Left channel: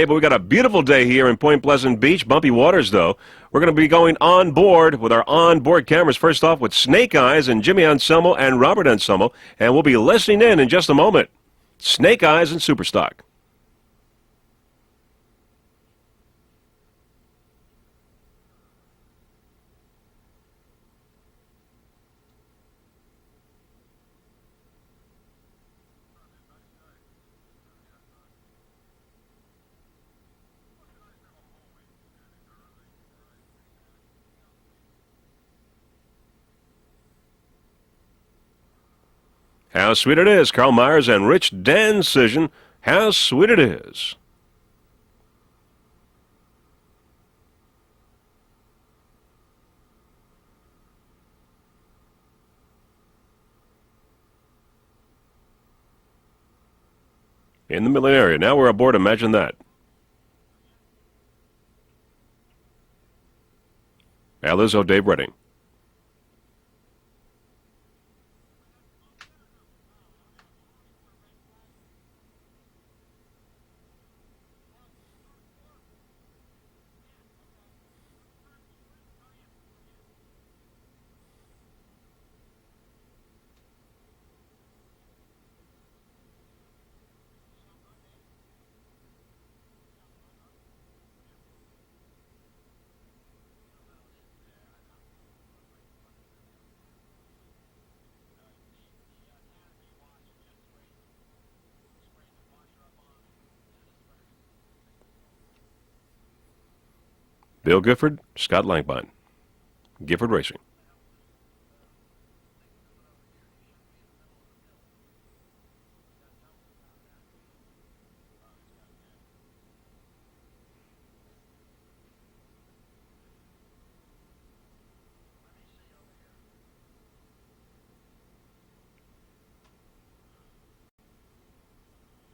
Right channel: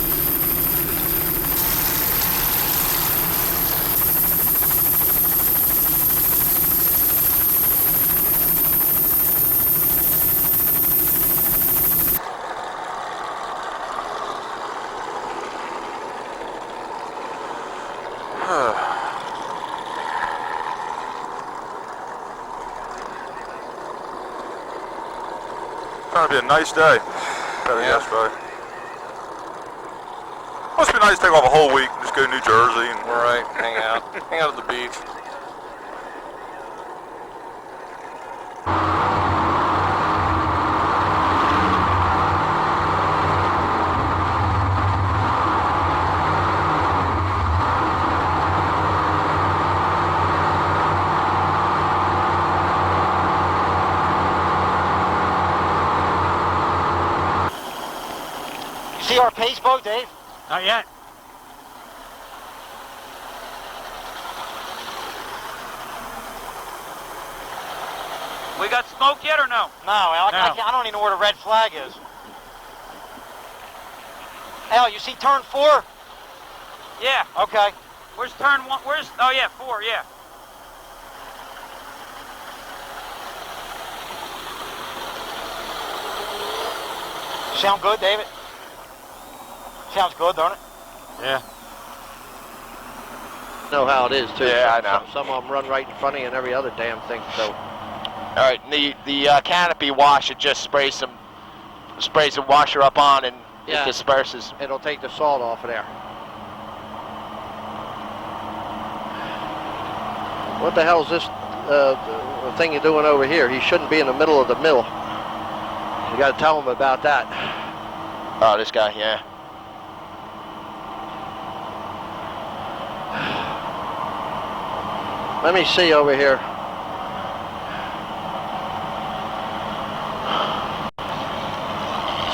Hey, but we got a beautiful day here in Point Pleasant Beach. Bumpy waters, though. We're going to be going on board with our on-board cameras. First off with Snake Eyes and Jimmy Anselmo and Robert Anselmo. And we'll be listening in just a moment. Snake Eyes and Superstar. Gonna be a nice day. Better yesterday. Must be nice to take off a whole week and just go to New Jersey and hang out at the beach. How sweet it is. Carl Myers and Rich Decision. How sweet it is. In the middle area. Now we're aboard. Imagine that. Powerboat, Dave? Not yet. Al Izzo, Dave Redding. We got smoke yet or no? No, Al, I don't even know where the red flag is. Al, you see turn 4? Yeah. Okay. Where's turn 1? Oh yeah, 4, yeah. Sound good, David? Sounds good, don't it? Yeah. Know how it is too. Yeah, I know. Some of them run right in front of you and every other damn thing. So. All right, the canopy wash, it just sprays some washer up on and it disperses. It'll take the salt off of there. Bill Gifford, Scott Langbein. Gifford Racing. What the hell is this the thing you're doing over here? He shouldn't be in the middle of the mill. You got to tell him about that. Oh, this guy, yeah. Let me see over here.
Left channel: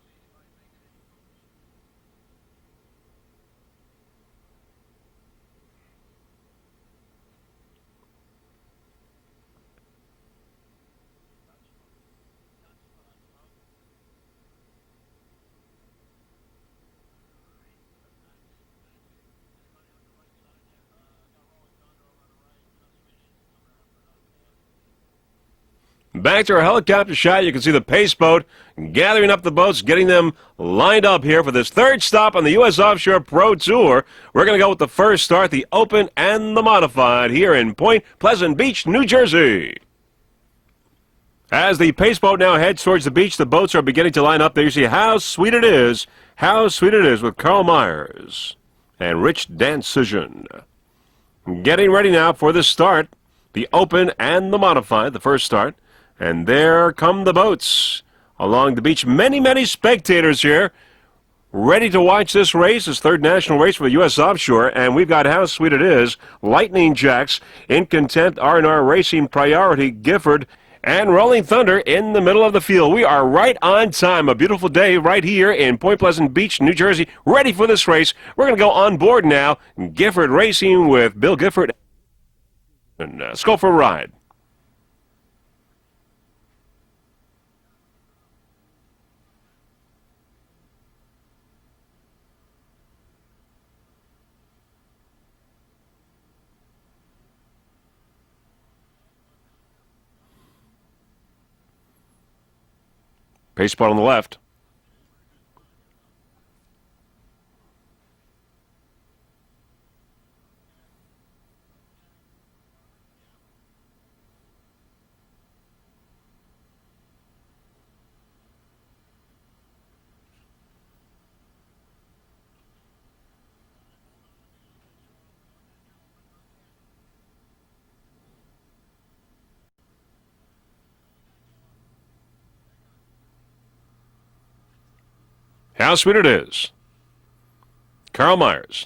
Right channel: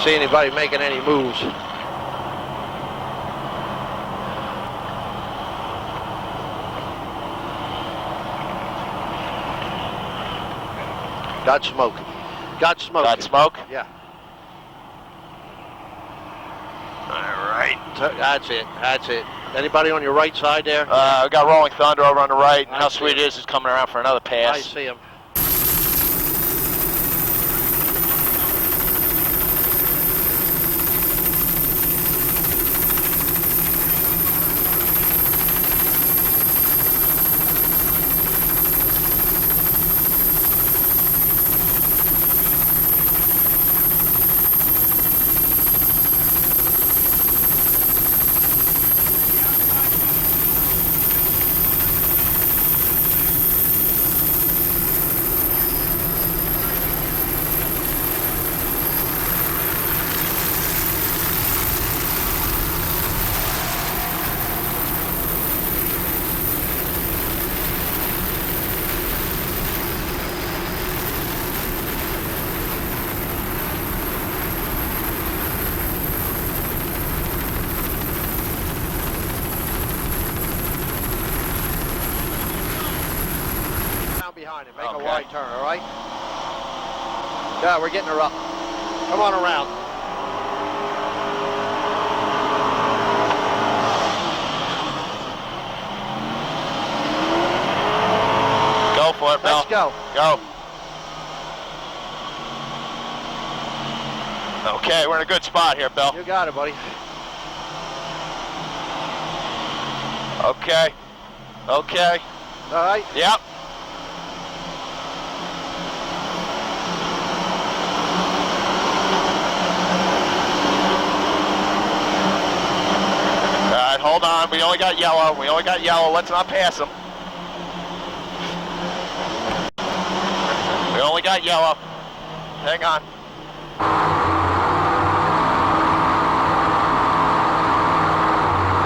See anybody making any moves. Got smoke. Got smoke. Got smoke? Yeah. All right. That's it. That's it. Anybody on your right side there? We got Rolling Thunder over on the right, and how sweet it is coming around for another pass. I see him. Back to our helicopter shot. You can see the pace boat gathering up the boats, getting them lined up here for this third stop on the U.S. Offshore Pro Tour. We're going to go with the first start, the open and the modified here in Point Pleasant Beach, New Jersey. As the pace boat now heads towards the beach, the boats are beginning to line up. There you see how sweet it is with Carl Myers and Rich Decision. Getting ready now for the start, the open and the modified, the first start. And there come the boats along the beach. Many, many spectators here ready to watch this race, this third national race for the U.S. Offshore. And we've got how sweet it is. Lightning Jacks, in content, R&R Racing, Priority, Gifford, and Rolling Thunder in the middle of the field. We are right on time. A beautiful day right here in Point Pleasant Beach, New Jersey, ready for this race. We're going to go on board now. Gifford Racing with Bill Gifford. Let's go for a ride. Down behind him. Make a wide turn, all right? Yeah, we're getting her up. Come on around. Go for it, Bill. Let's go. Go. Pace boat on the left. Okay, we're in a good spot here, Bill. You got it, buddy. Okay. Okay. All right. Yep. All right, hold on. We only got yellow. Let's not pass them. We only got yellow. Hang on. How sweet it is. Carl Myers.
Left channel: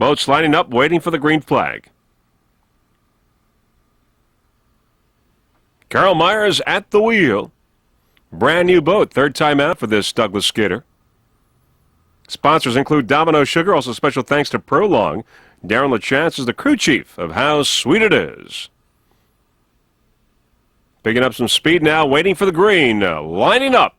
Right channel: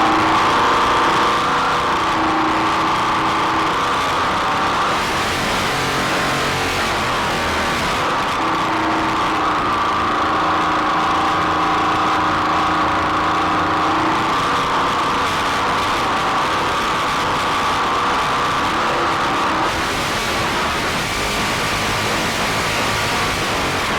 Boats lining up, waiting for the green flag. Carl Myers at the wheel. Brand new boat, third time out for this Douglas Skidder. Sponsors include Domino Sugar, also special thanks to Prolong. Darren LaChance is the crew chief of How Sweet It Is. Picking up some speed now, waiting for the green, lining up.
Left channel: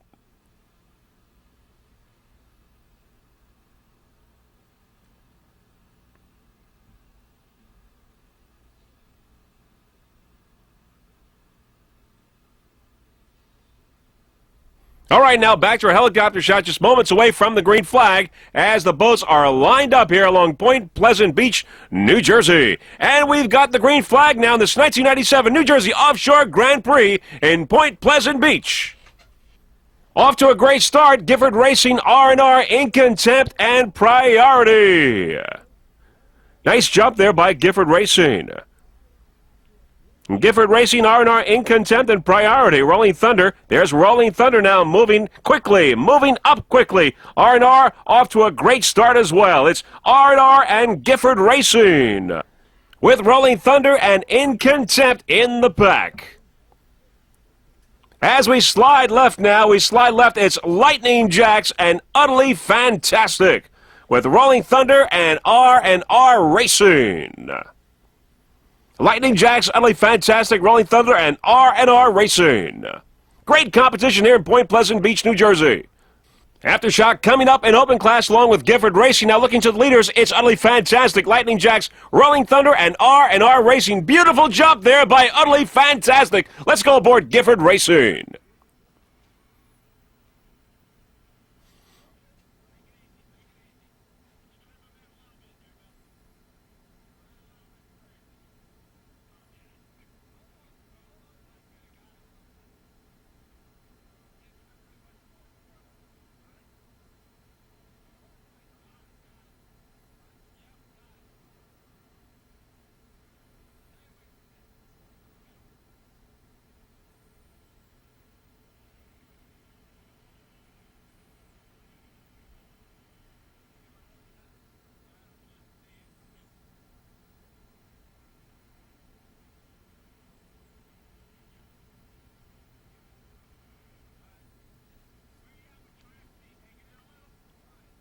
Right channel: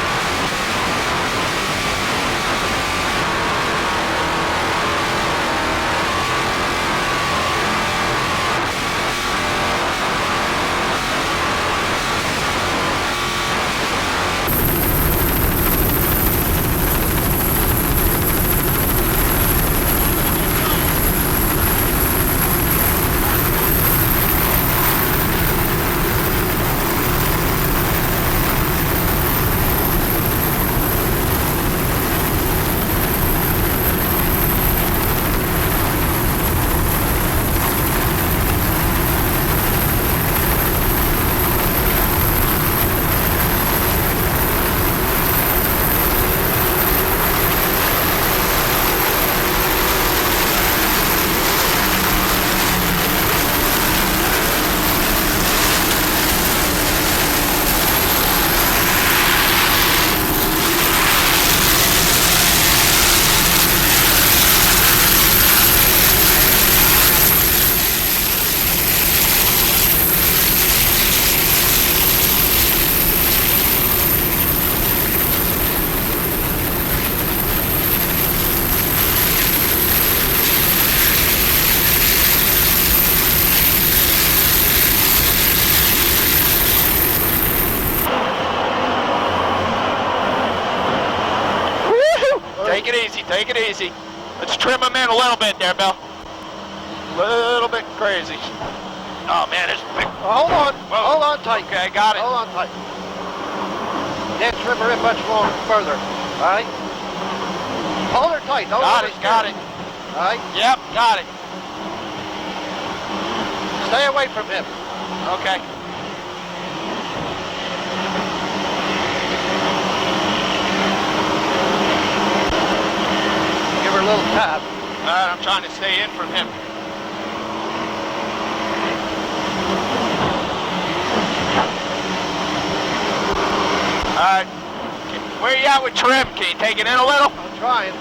All right, now back to our helicopter shot just moments away from the green flag as the boats are lined up here along Point Pleasant Beach, New Jersey. And we've got the green flag now in this 1997 New Jersey Offshore Grand Prix in Point Pleasant Beach. Off to a great start, Gifford Racing R&R in contempt and priority. Nice jump there by Gifford Racing. Gifford Racing R&R in contempt and priority. Rolling Thunder. There's Rolling Thunder now moving quickly, moving up quickly. R&R off to a great start as well. It's R&R and Gifford Racing with Rolling Thunder and in contempt in the back. As we slide left now, it's Lightning Jacks and Utterly Fantastic with Rolling Thunder and R&R Racing. Lightning Jacks, Utterly Fantastic, Rolling Thunder, and R&R Racing. Great competition here in Point Pleasant Beach, New Jersey. Aftershock coming up in open class along with Gifford Racing. Now looking to the leaders, it's Utterly Fantastic, Lightning Jacks, Rolling Thunder, and R&R Racing. Beautiful jump there by Utterly Fantastic. Let's go aboard Gifford Racing. Take it easy, take it easy. Let's trim them in a little bit there, Bill. A little bit crazy. Oh man, it's big. Hold on. Whoa. Hold on tight. Okay, got it. Hold on tight. Can't trim her in much longer, further. All right? Hold her tight. Don't got it, got it. All right? Yep, got it. Stay away from him. Okay. Give her a little tap. All right, I'm trying to stay in from him. All right. Where are you at with trim? Can you take it in a little? I'm trying.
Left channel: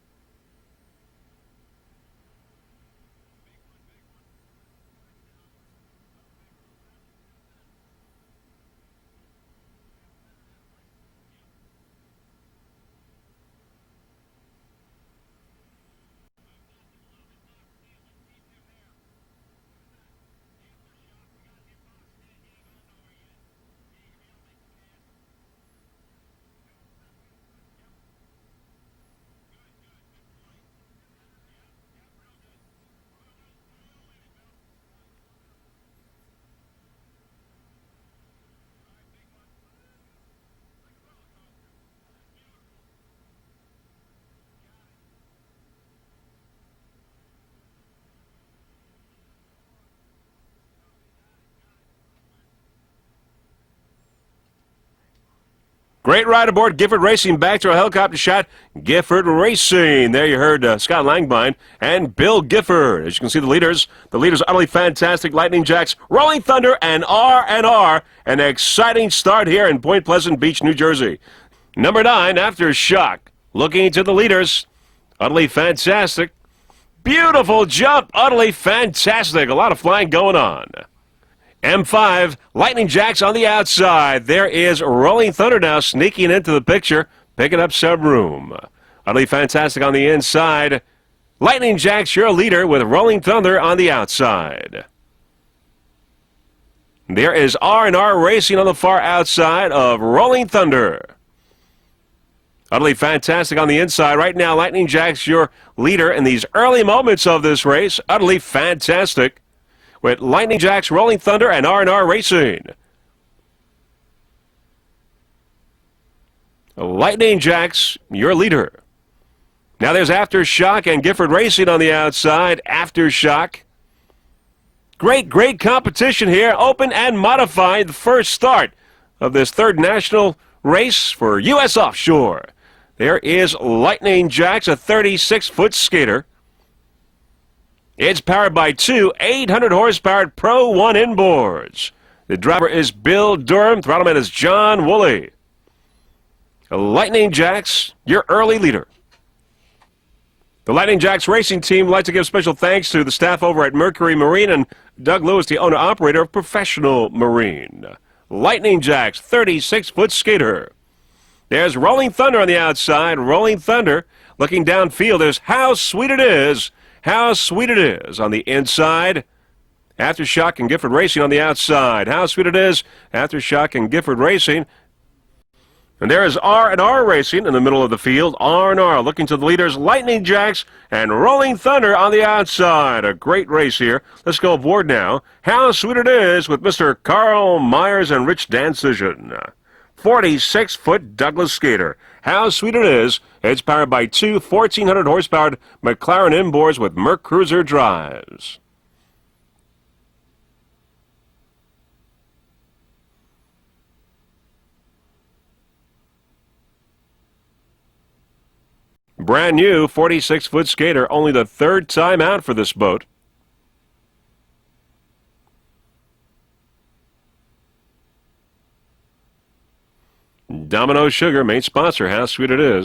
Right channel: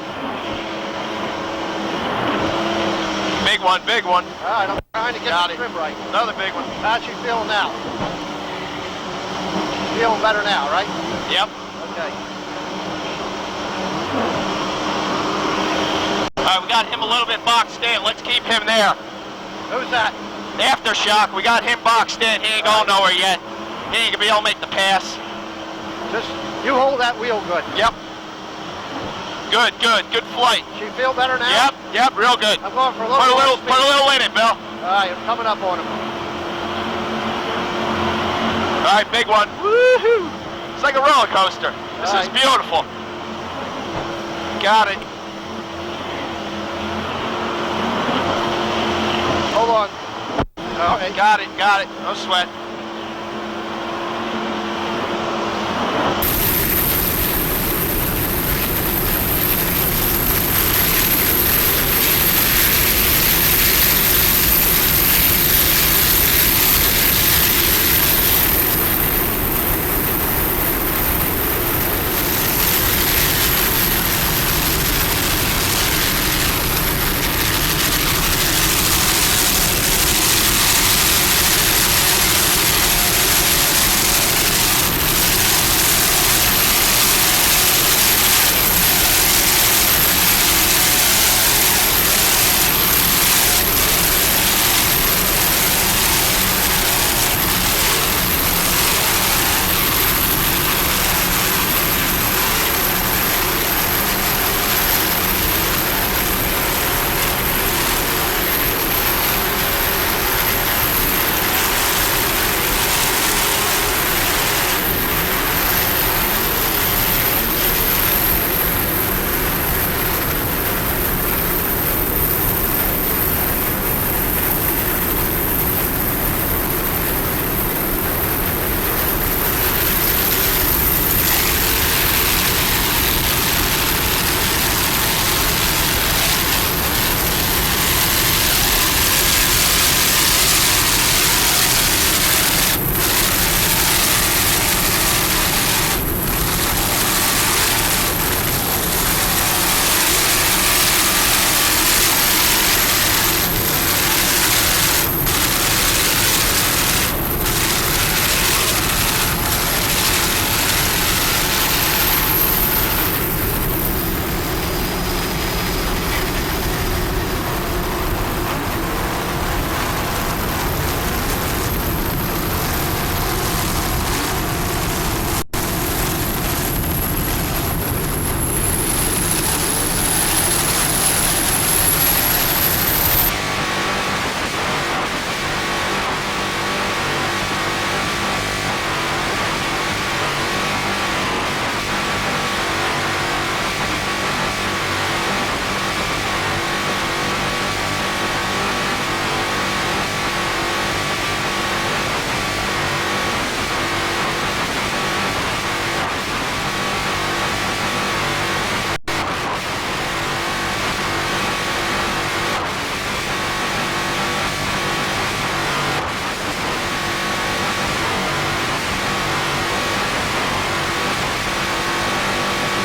Big one, big one. All right, I'm trying to get the trim right. Another big one. How's she feeling now? Feeling better now, right? Yep. Okay. All right, we got him a little bit boxed in. Let's keep him there. Who's that? Aftershock, we got him boxed in. He ain't going nowhere yet. He ain't gonna be able to make the pass. Just, you hold that wheel good. Yep. Good, good, good flight. She feel better now? Yep, yep, real good. I'm going for a Put little a little in it, Bill. All right, I'm coming up on him. All right, big one. Woohoo! It's like a roller coaster. This is beautiful. Got it. Hold on. All right. Got it, got it. No sweat. Great ride aboard Gifford Racing. Back to our helicopter shot. Gifford Racing. There you heard Scott Langbein and Bill Gifford. As you can see the leaders. The leaders are Utterly Fantastic, Lightning Jacks, Rolling Thunder, and R&R. An exciting start here in Point Pleasant Beach, New Jersey. Number 9, Aftershock. Looking to the leaders. Utterly Fantastic. Beautiful jump. Utterly Fantastic. A lot of flying going on. M5, Lightning Jacks on the outside. There is Rolling Thunder now sneaking into the picture, picking up some room. Utterly Fantastic on the inside. Lightning Jacks, your leader, with Rolling Thunder on the outside. There is R&R Racing on the far outside of Rolling Thunder. Utterly Fantastic on the inside. Right now, Lightning Jacks, your leader in these early moments of this race. Utterly Fantastic with Lightning Jacks, Rolling Thunder, and R&R Racing. Lightning Jacks, your leader. Now there's Aftershock and Gifford Racing on the outside. Aftershock. Great competition here. Open and modified first start of this third national race for U.S. Offshore. There is Lightning Jacks, a 36-foot skater. It's powered by two 800-horsepower Pro 1 inboards. The driver is Bill Durham. Throttle is John Woolley. Lightning Jacks, your early leader. The Lightning Jacks racing team would like to give special thanks to the staff over at Mercury Marine and Doug Lewis, the owner-operator of Professional Marine. Lightning Jacks 36-foot skater. There's Rolling Thunder on the outside. Rolling Thunder looking downfield. There's How Sweet It Is. How Sweet It Is on the inside. Aftershock and Gifford Racing on the outside. How Sweet It Is. Aftershock and Gifford Racing. And there is R&R Racing in the middle of the field. R&R looking to the leaders, Lightning Jacks and Rolling Thunder on the outside. A great race here. Let's go aboard now. How Sweet It Is with Mr. Carl Myers and Rich Dancision. 46-foot Douglas skater. How Sweet It Is. It's powered by two 1,400 horsepower McLaren inboards with Merc Cruiser drive. Brand new 46-foot skater, only the third time out for this boat. Domino Sugar, main sponsor. How Sweet It Is.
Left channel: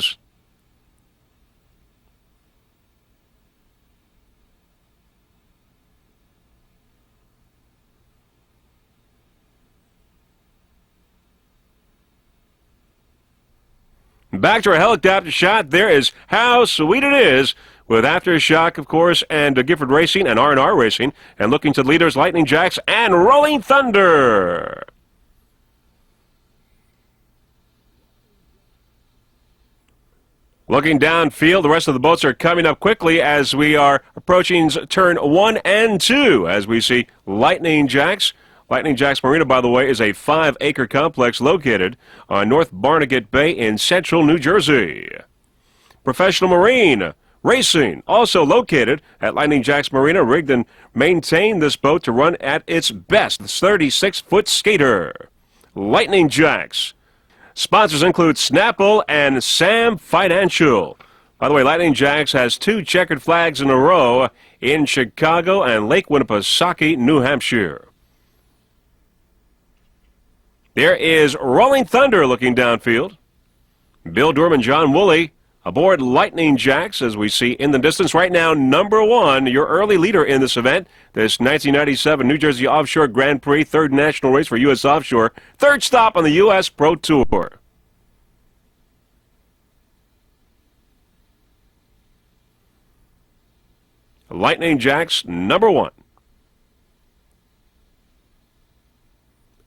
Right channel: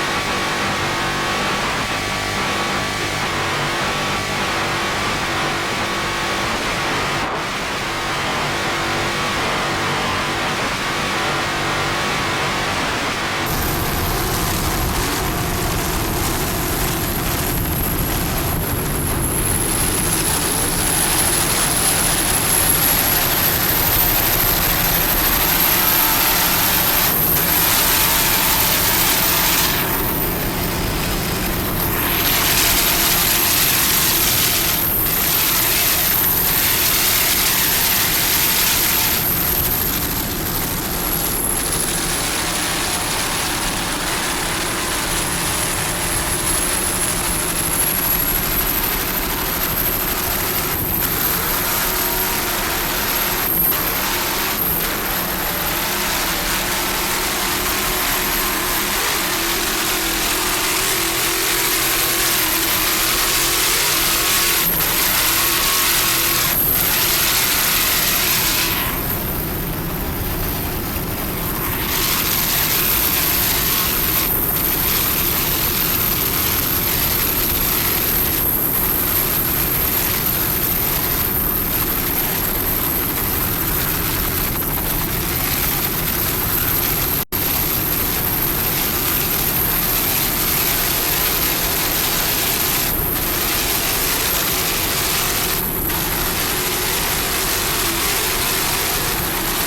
Back to our helicopter shot. There is How Sweet It Is with Aftershock, of course, and Gifford Racing and R&R Racing. And looking to leaders, Lightning Jacks and Rolling Thunder. Looking downfield, the rest of the boats are coming up quickly as we are approaching turn 1 and 2 as we see Lightning Jacks. Lightning Jacks Marina, by the way, is a 5-acre complex located on North Barnegat Bay in central New Jersey. Professional Marine Racing, also located at Lightning Jacks Marina, rigged and maintained this boat to run at its best. 36-foot skater. Lightning Jacks. Sponsors include Snaffle and Sam Financial. By the way, Lightning Jacks has 2 checkered flags in a row in Chicago and Lake Winnipesaukee, New Hampshire. There is Rolling Thunder looking downfield. Bill Durham and John Woolley aboard Lightning Jacks as we see in the distance right now. Number 1, your early leader in this event. This 1997 New Jersey Offshore Grand Prix, 3rd national race for U.S. Offshore. 3rd stop on the U.S. Pro Tour. Lightning Jacks, number 1.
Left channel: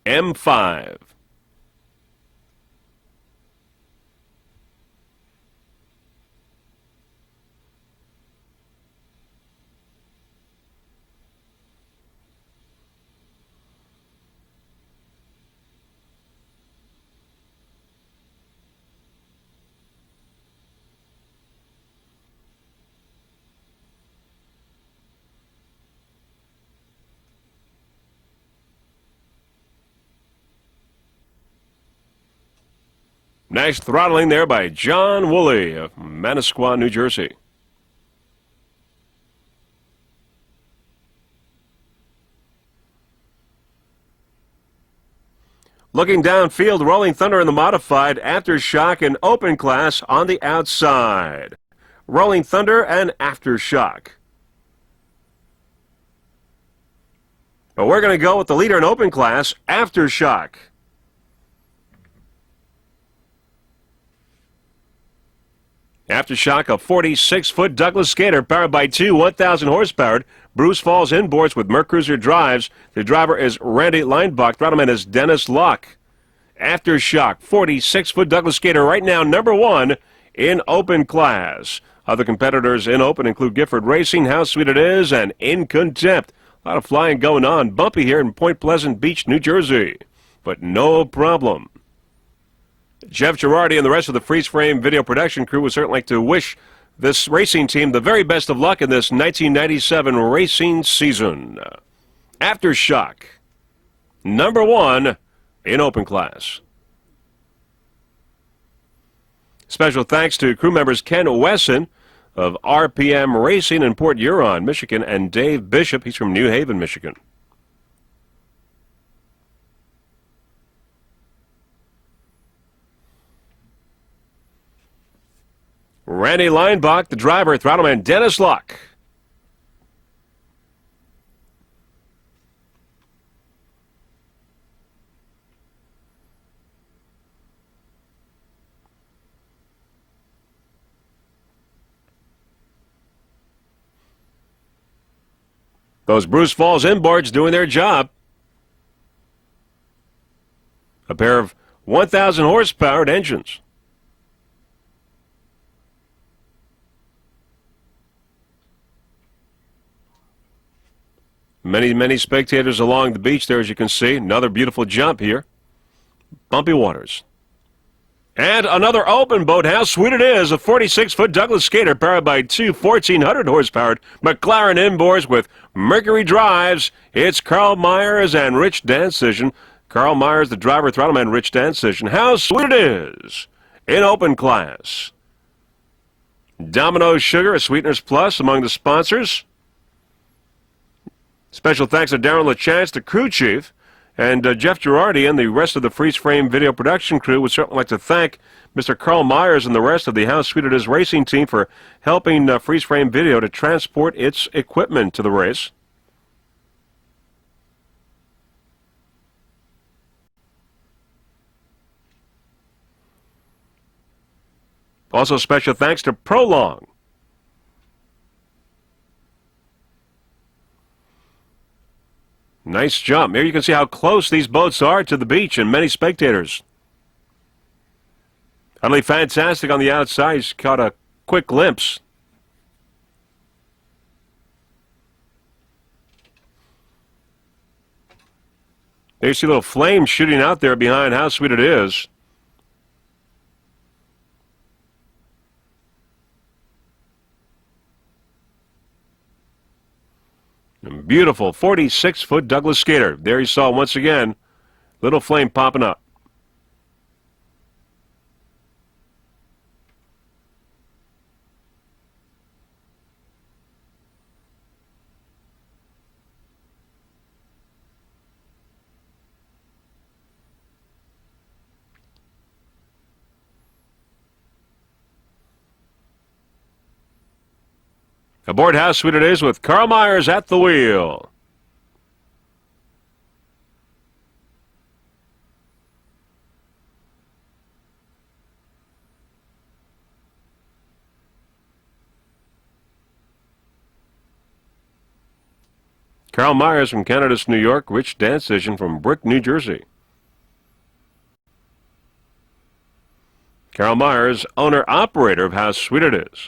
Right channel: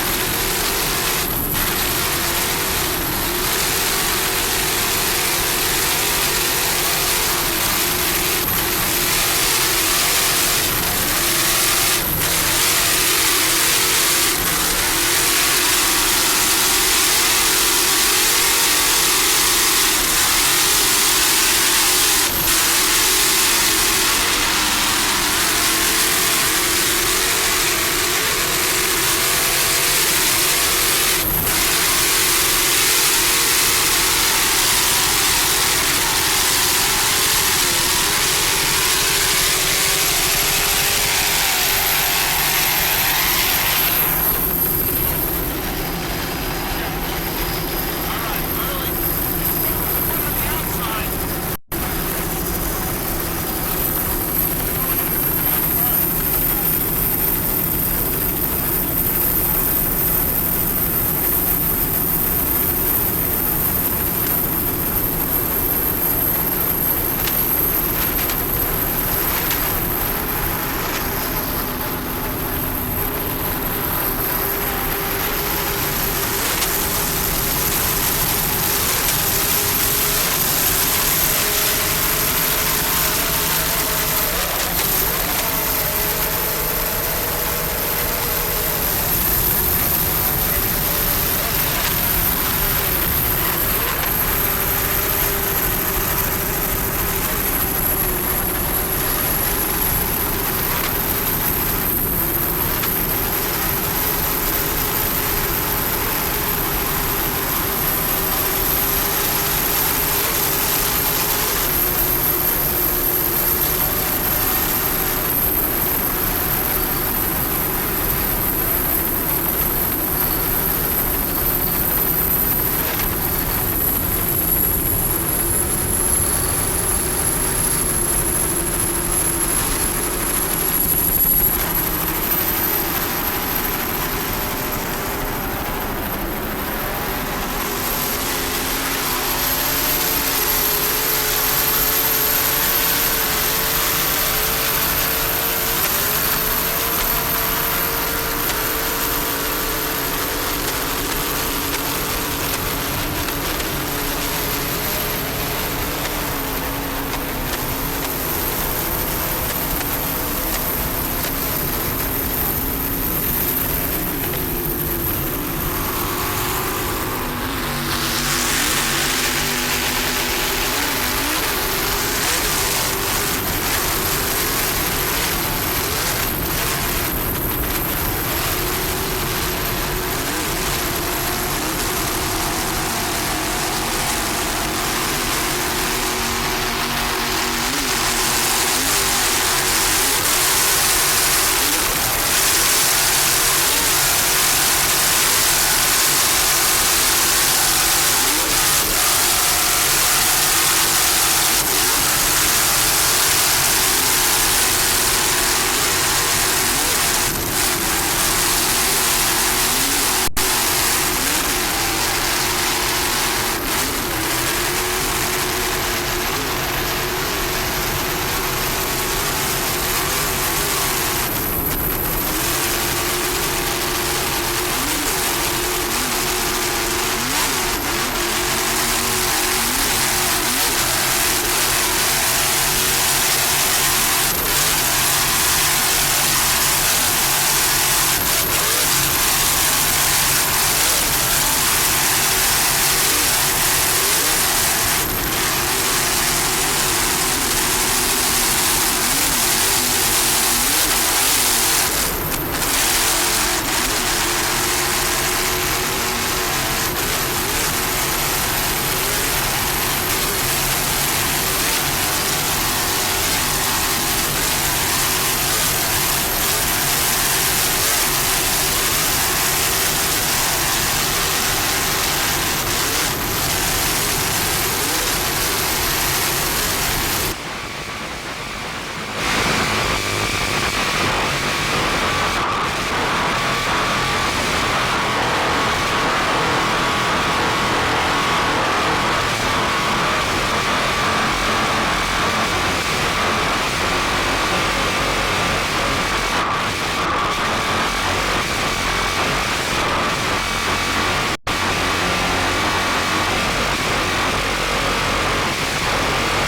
M5. Nice throttling there by John Woolley of Manasquan, New Jersey. Looking downfield, Rolling Thunder in the modified, Aftershock and Open class on the outside. Rolling Thunder and Aftershock. But we're going to go with the leader in Open class, Aftershock. Aftershock, a 46-foot Douglas skater powered by two 1,000 horsepower Bruce Falls inboards with Merc Cruiser drives. The driver is Randy Leinbach. Throttle is Dennis Locke. Aftershock, 46-foot Douglas skater right now, number 1 in Open class. Other competitors in Open include Gifford Racing, How Sweet It Is, and In Contempt. A lot of flying going on. Bumpy here in Point Pleasant Beach, New Jersey. But no problem. Jeff Girardi and the rest of the freeze frame video production crew would certainly like to wish this racing team the very best of luck in this 1997 racing season. Aftershock, number 1 in Open class. Special thanks to crew members Ken Wesson of RPM Racing in Port Huron, Michigan, and Dave Bishop. He's from New Haven, Michigan. Randy Leinbach, the driver, throttleman Dennis Locke. Both Bruce Ball's inboards doing their job. A pair of 1,000 horsepower engines. Many spectators along the beach there, as you can see. Another beautiful jump here. Bumpy waters. And another open boat. How sweet it is. A 46-foot Douglas skater powered by two 1,400 horsepower McLaren inboards with Mercury drives. It's Carl Myers and Rich Dancision. Carl Myers, the driver, throttleman, Rich Dancision. How sweet it is in open class. Domino's Sugar, a Sweetness Plus among the sponsors. Special thanks to Darren LaChance, the crew chief, and Jeff Girardi and the rest of the Freeze Frame video production crew. We'd certainly like to thank Mr. Carl Myers and the rest of the How Sweet It Is racing team for helping Freeze Frame Video to transport its equipment to the race. Also special thanks to Prolong. Nice jump. There you can see how close these boats are to the beach and many spectators. Really fantastic on the outside. He's caught a quick glimpse. There you see little flames shooting out there behind How Sweet It Is. Beautiful 46-foot Douglas skater. There you saw once again, little flame popping up. Aboard How Sweet It Is with Carl Myers at the wheel. Carl Myers from Canada's New York, Rich Dancision from Brick, New Jersey. Carl Myers, owner-operator of How Sweet It Is.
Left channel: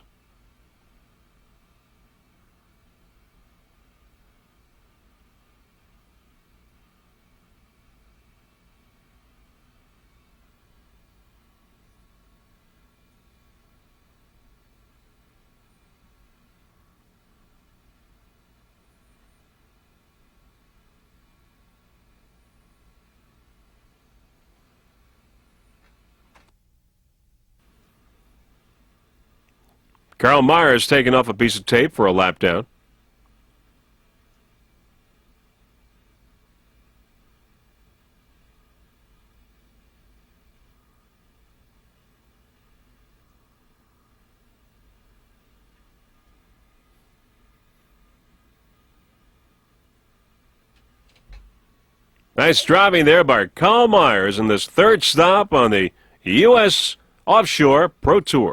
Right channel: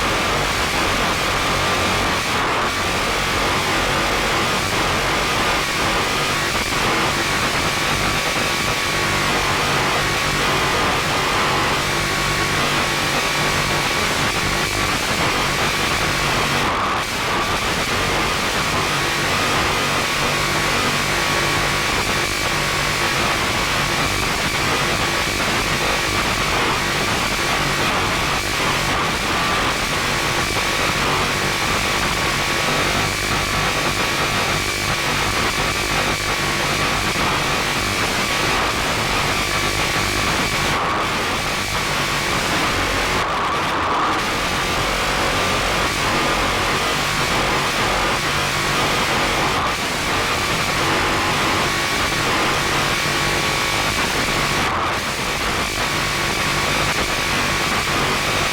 Carl Myers taking off a piece of tape for a lap down. Nice driving there by Carl Myers in this third stop on the U.S. Offshore Pro Tour.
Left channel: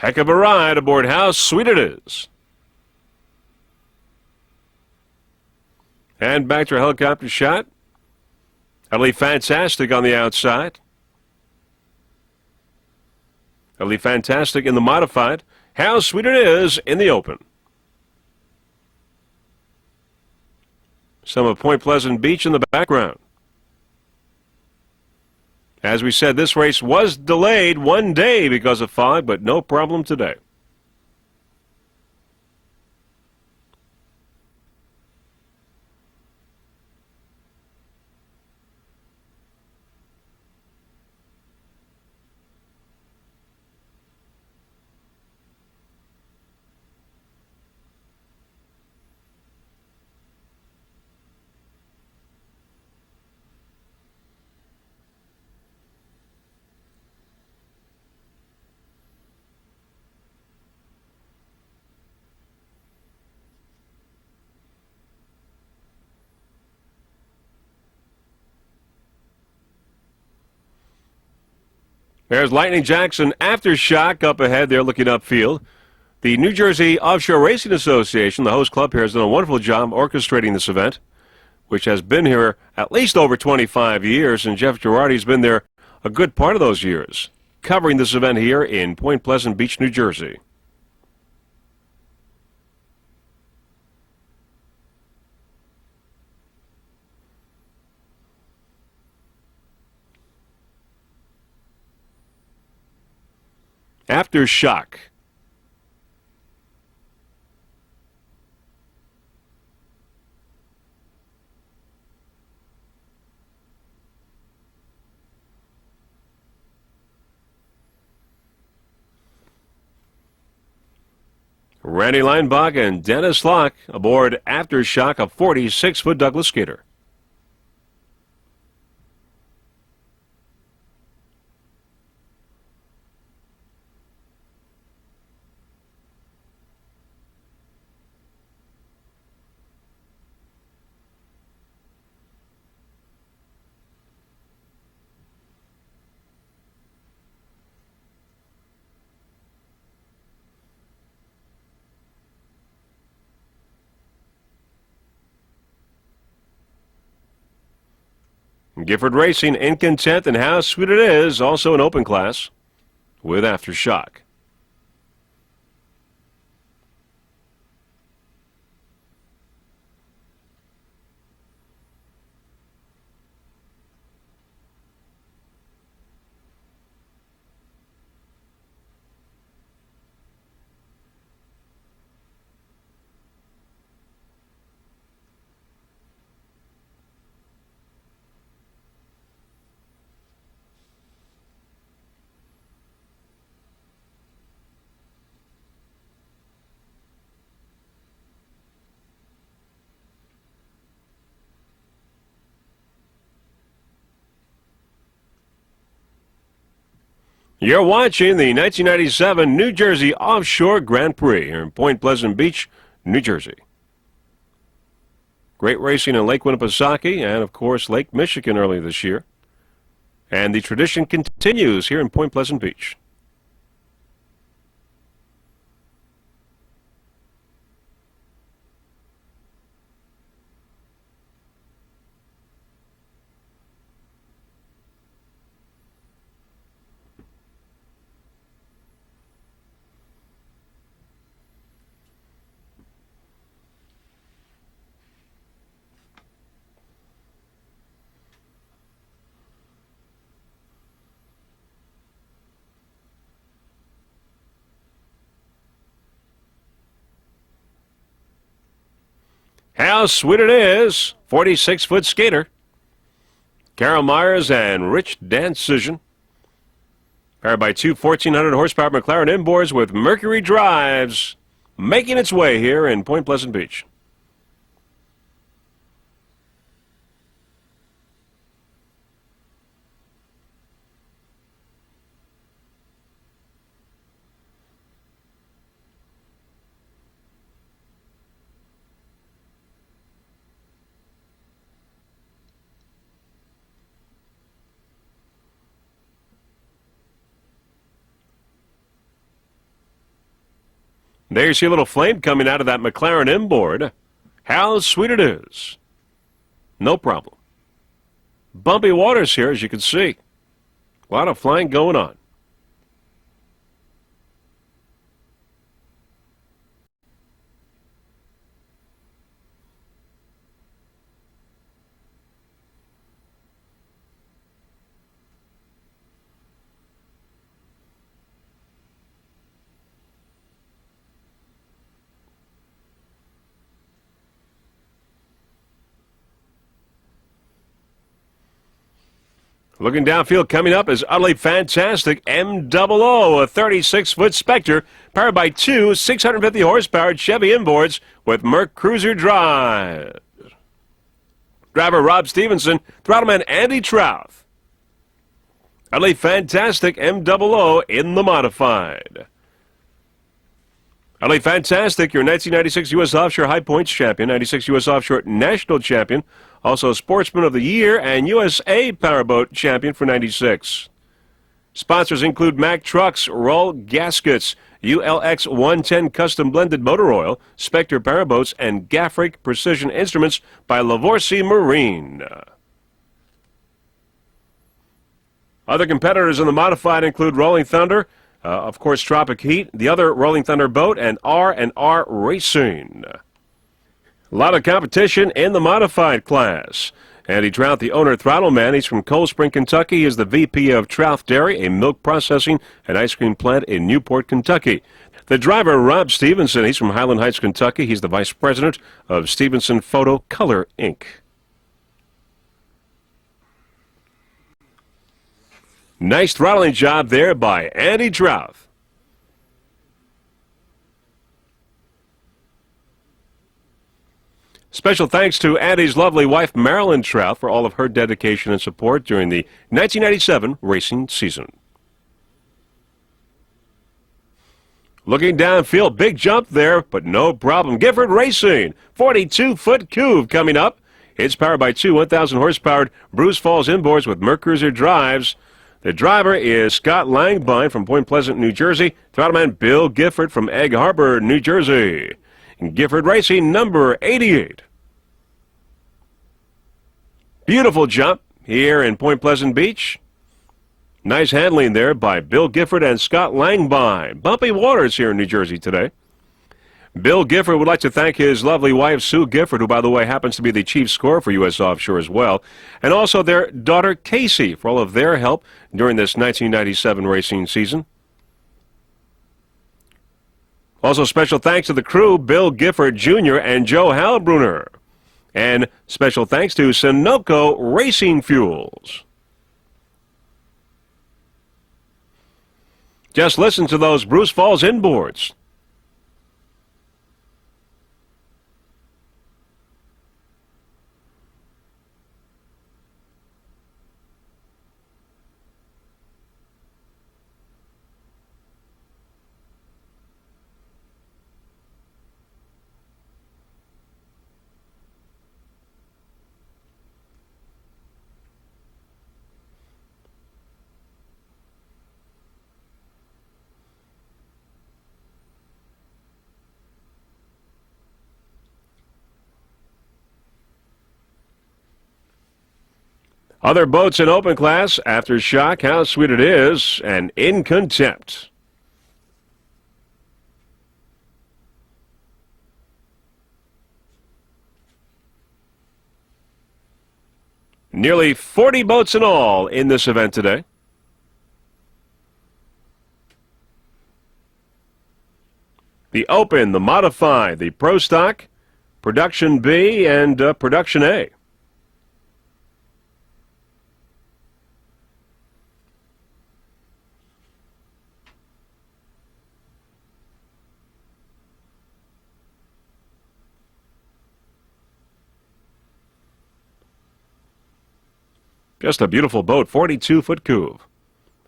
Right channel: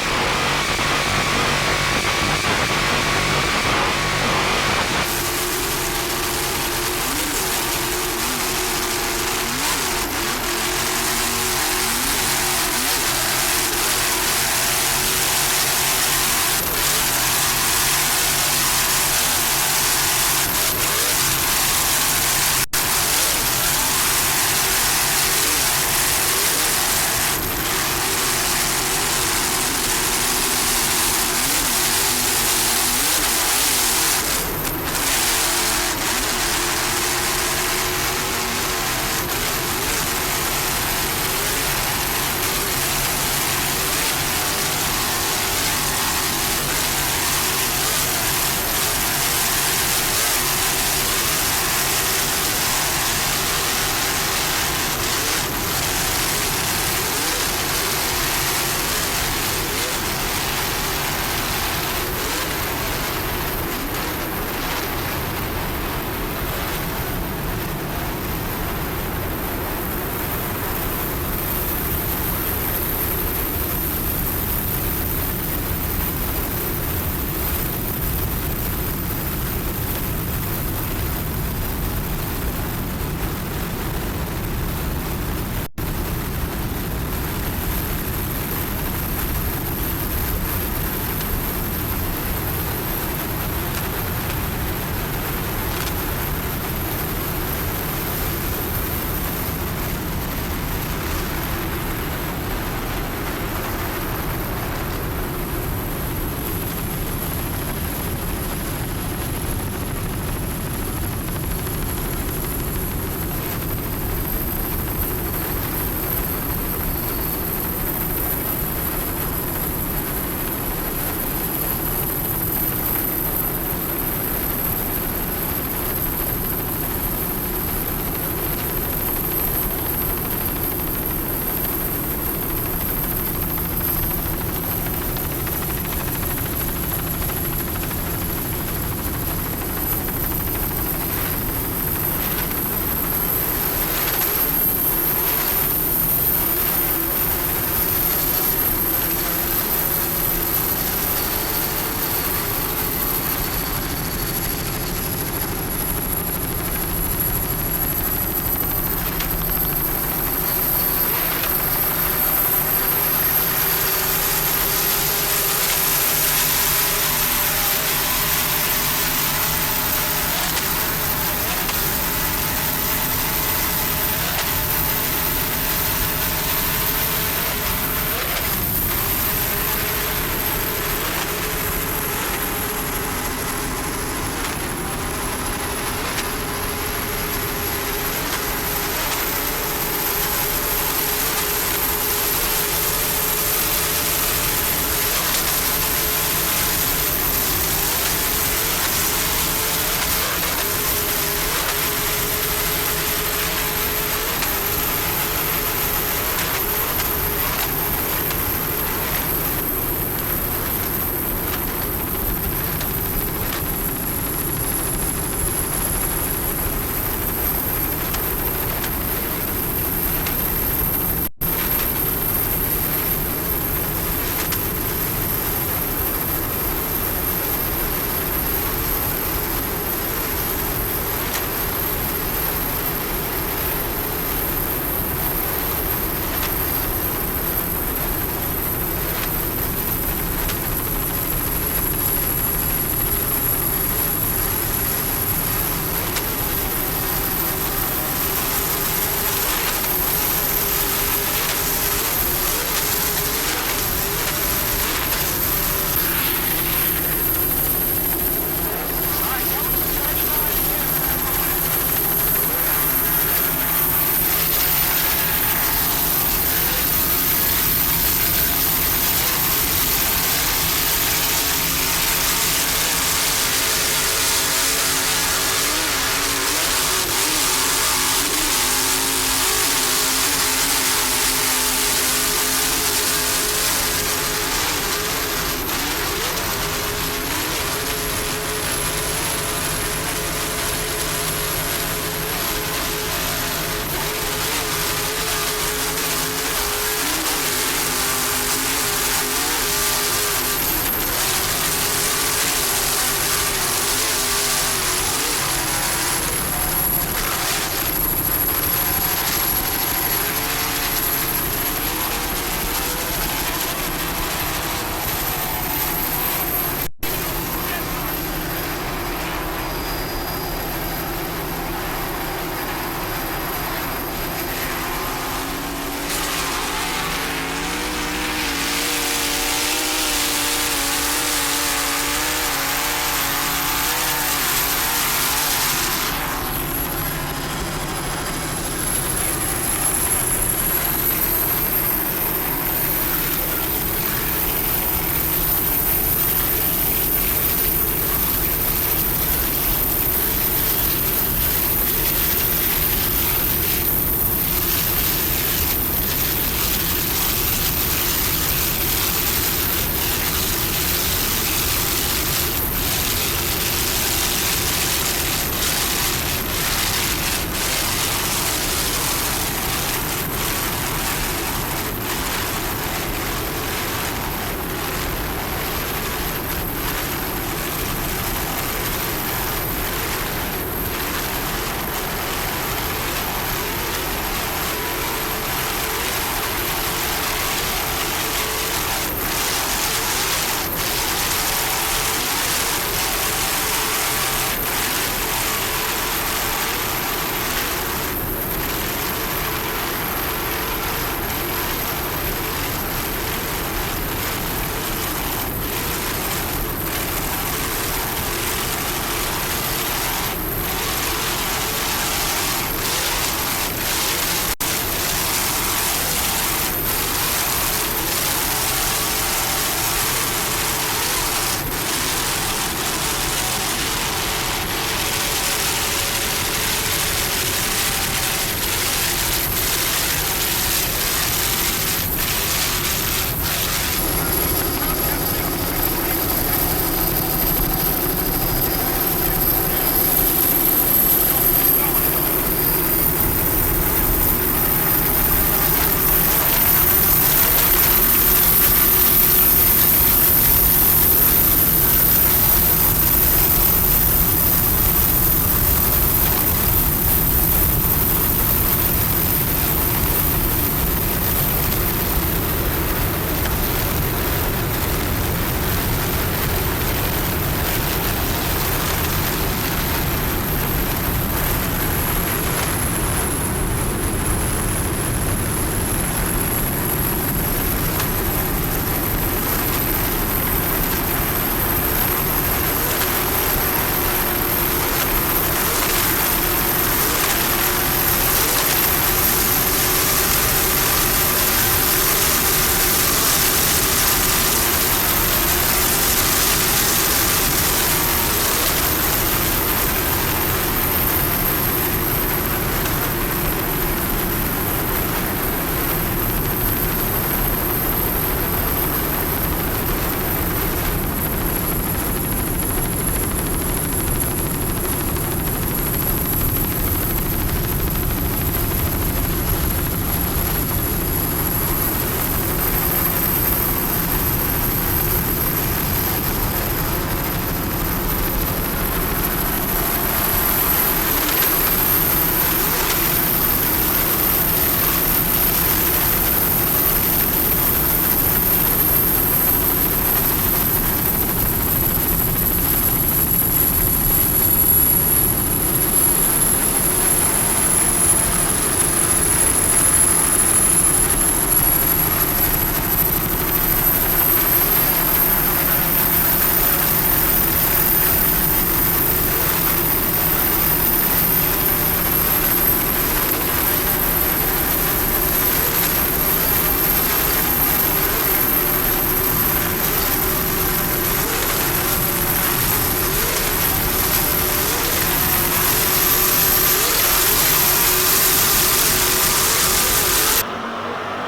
Heck of a ride aboard How Sweet It Is. And back to a helicopter shot. Utterly fantastic on the outside. Utterly fantastic in the modified. How Sweet It Is in the open. Some of Point Pleasant Beach in the background. As we said, this race was delayed one day because of fog, but no problem today. There's Lightning Jackson Aftershock up ahead there looking upfield. The New Jersey Offshore Racing Association, the host club here, has done a wonderful job orchestrating this event, which has been here at least over 25 years, and Jeff Girardi's been there a good part of those years, covering this event here in Point Pleasant Beach, New Jersey. Aftershock. Randy Leinbach and Dennis Locke aboard Aftershock, a 46-foot Douglas skater. Gifford Racing in content, and how sweet it is, also an open class with Aftershock. You're watching the 1997 New Jersey Offshore Grand Prix here in Point Pleasant Beach, New Jersey. Great racing in Lake Winnipesaukee and, of course, Lake Michigan early this year. And the tradition continues here in Point Pleasant Beach. How sweet it is. 46-foot skater. Carol Myers and Rich Dancision. Powered by two 1,400 horsepower McLaren inboards with Mercury drives, making its way here in Point Pleasant Beach. There you see a little flame coming out of that McLaren inboard. How sweet it is. No problem. Bumpy waters here, as you can see. A lot of flying going on. Looking downfield, coming up is utterly fantastic MOO, a 36-foot Spectre powered by two 650 horsepower Chevy inboards with Merc Cruiser drive. Driver Rob Stevenson, Throttleman Andy Trout. Utterly fantastic MOO in the modified. Utterly fantastic, your 1996 U.S. Offshore High Points champion, 96 U.S. Offshore National champion, also Sportsman of the Year and USA Powerboat champion for 96. sponsors include Mack Trucks, Roll Gaskets, ULX 110 Custom Blended Motor Oil, Spectre Powerboats, and Gaffrick Precision Instruments by Lavorsi Marine. Other competitors in the modified include Rolling Thunder, of course Tropic Heat, the other Rolling Thunder boat, and R&R Racing. A lot of competition in the modified class. Andy Trout, the owner, throttle man. He's from Cold Spring, Kentucky. He is the VP of Trout Dairy, a milk processing and ice cream plant in Newport, Kentucky. The driver, Rob Stevenson. He's from Highland Heights, Kentucky. He's the vice president of Stevenson Photo Color, Inc. Nice throttling job there by Andy Trout. Special thanks to Andy's lovely wife, Marilyn Trout, for all of her dedication and support during the 1997 racing season. Looking downfield, big jump there, but no problem. Gifford Racing, 42-foot coupe coming up. It's powered by two 1,000 horsepower Bruce Falls inboards with Mercruiser drives. The driver is Scott Langvine from Point Pleasant, New Jersey. Throttle Bill Gifford from Egg Harbor, New Jersey. Gifford Racing, number 88. Beautiful jump here in Point Pleasant Beach. Nice handling there by Bill Gifford and Scott Langvine. Bumpy waters here in New Jersey today. Bill Gifford would like to thank his lovely wife, Sue Gifford, who, by the way, happens to be the chief scorer for U.S. Offshore as well, and also their daughter, Casey, for all of their help during this 1997 racing season. Also, special thanks to the crew, Bill Gifford Jr. and Joe Halbrunner. And special thanks to Sunoco Racing Fuel. Just listen to those Bruce Falls inboards. Other boats in open class, Aftershock, How Sweet It Is, and In Contempt. Nearly 40 boats in all in this event today. The Open, the Modified, the Pro Stock, Production V, and Production A. Just a beautiful boat, 42-foot coupe.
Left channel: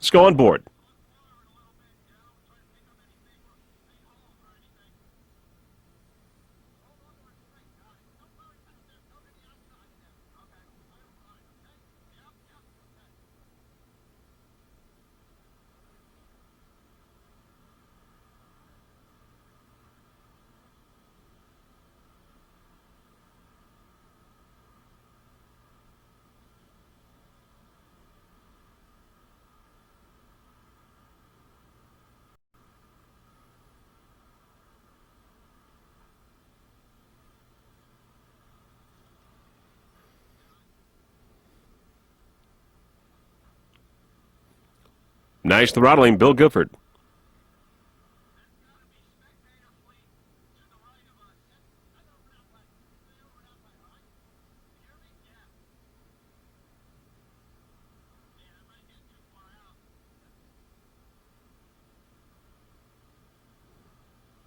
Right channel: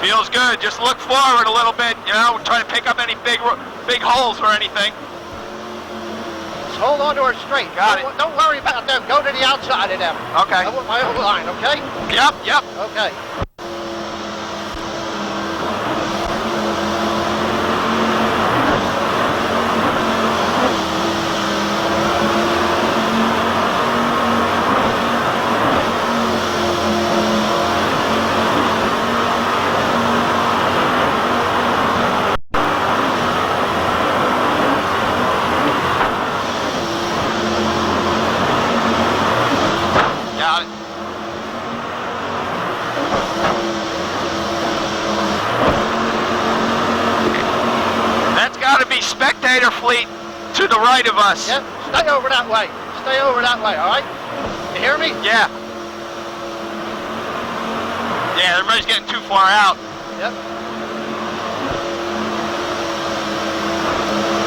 Feels good. Just look forward a little bit, you know, try to pick up any big holes or anything. Just hold on to her straight. Got it. Don't worry about them. Go to the outside of them. Okay. I want my own line, okay? Yep. Okay. Throttling Bill Gifford. That's got to be spectator fleet to the right of us. Yep, stay over that way. Stay over that way, all right? You hear me? Yeah. Yeah, everybody's getting too far out. Yep.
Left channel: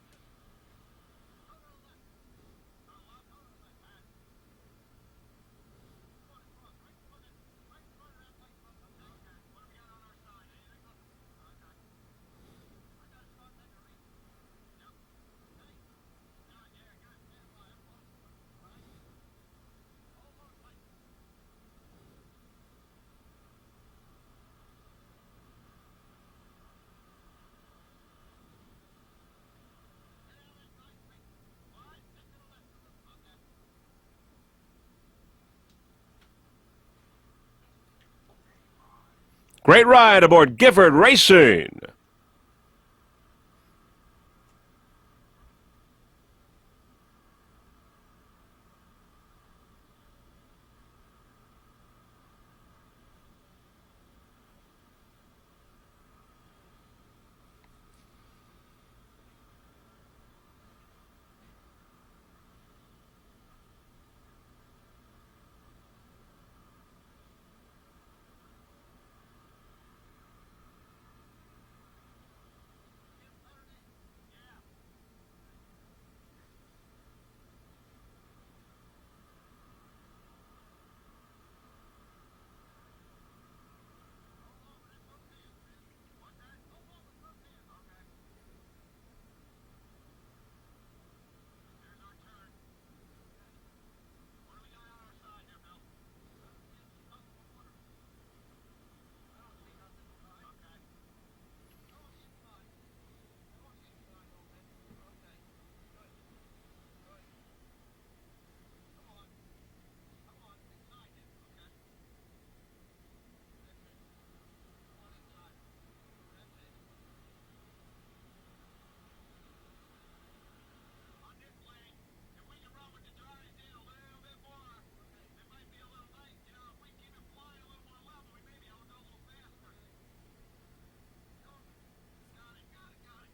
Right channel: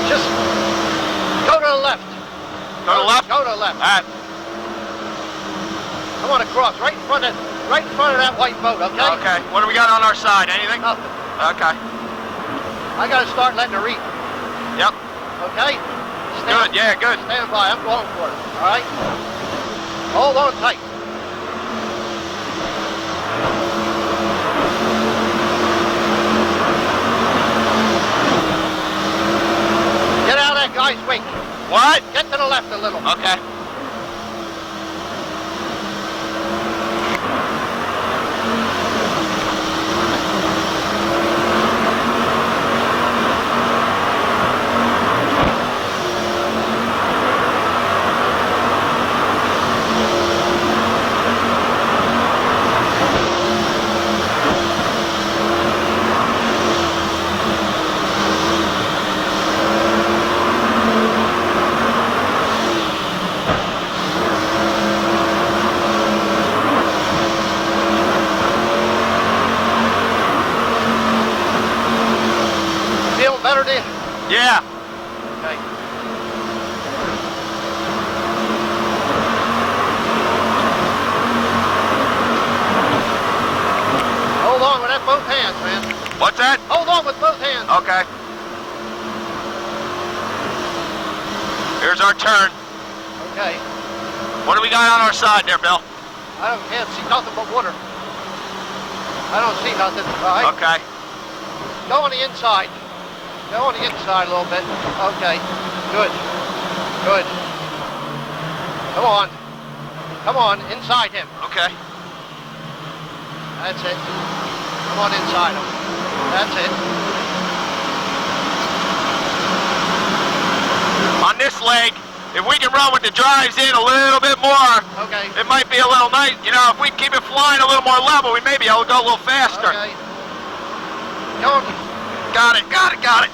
Just go to the left. Go to the left? Go to the left. All right. I want to cross right in front of that white boat, okay? Okay. What do we got on our side? Anything? Nothing. Okay. I got to start letting her reap. Yep. Okay? Good, yeah, good. Stand by. I'm going for it, all right? Hold on tight. What? Get to the left a little. Okay. Great ride aboard Gifford Racing. Feel better, do you? Yeah. Okay. Hold on with that both hands, man. What's that? Hold on with both hands. Okay. Here's our turn. Okay. What do we got on our side there, Bill? Can't see nothing but water. I don't see nothing. All right. Okay. Go on the inside. Go on the inside a little bit. Okay. Good. Good. Come on. Come on. Inside him. Okay. That's it. Come on inside him. That's it. On this leg, if we can run with the drives in a little bit more, Okay. it might be a little nice. You know, if we keep it flying a little more level, we may be able to go a little faster. Okay. Go on. Got it, got it, got it.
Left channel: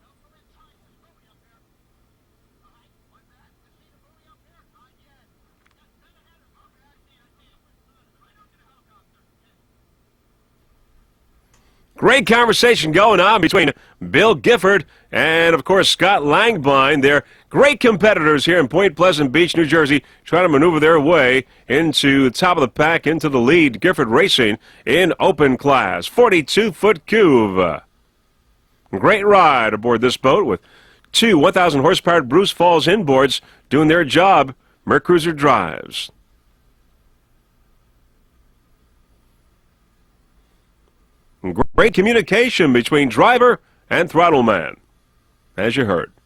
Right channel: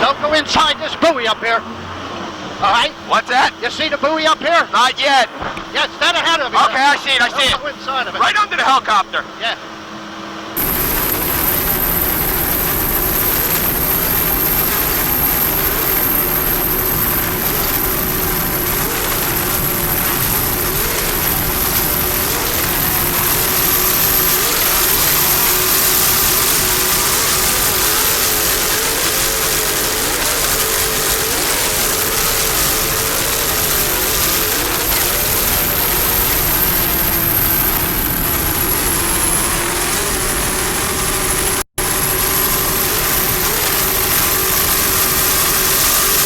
Don't go inside this buoy up here. All right? What's that? You see the buoy up here? Not yet. Yeah, stand ahead of it. Okay, I see it, I see Don't it. go inside of it. Right under the helicopter. Yeah. Great conversation going on between Bill Gifford and, of course, Scott Langbein. They're great competitors here in Point Pleasant Beach, New Jersey, trying to maneuver their way into the top of the pack, into the lead. Gifford Racing in open class, 42-foot cube. Great ride aboard this boat with two 1,000 horsepower Bruce Falls inboards doing their job. Mercruiser drives. Great communication between driver and throttle man, as you heard.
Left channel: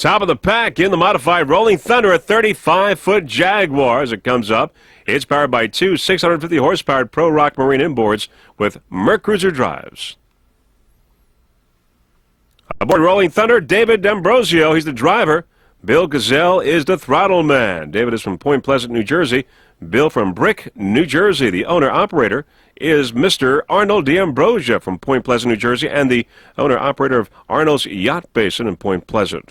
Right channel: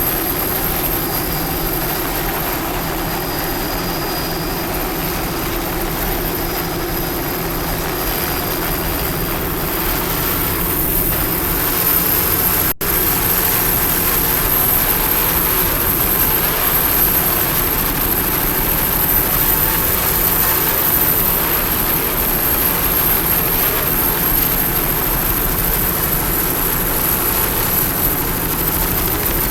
Top of the pack in the modified Rolling Thunder, a 35-foot Jaguar as it comes up. It's powered by two 650 horsepower Pro Rock Marine inboards with Mercruiser drives. Aboard Rolling Thunder, David D'Ambrosio, he's the driver. Bill Gazelle is the throttle man. David is from Point Pleasant, New Jersey. Bill from Brick, New Jersey. The owner-operator is Mr. Arnold D'Ambrosio from Point Pleasant, New Jersey, and the owner-operator of Arnold's Yacht Basin in Point Pleasant.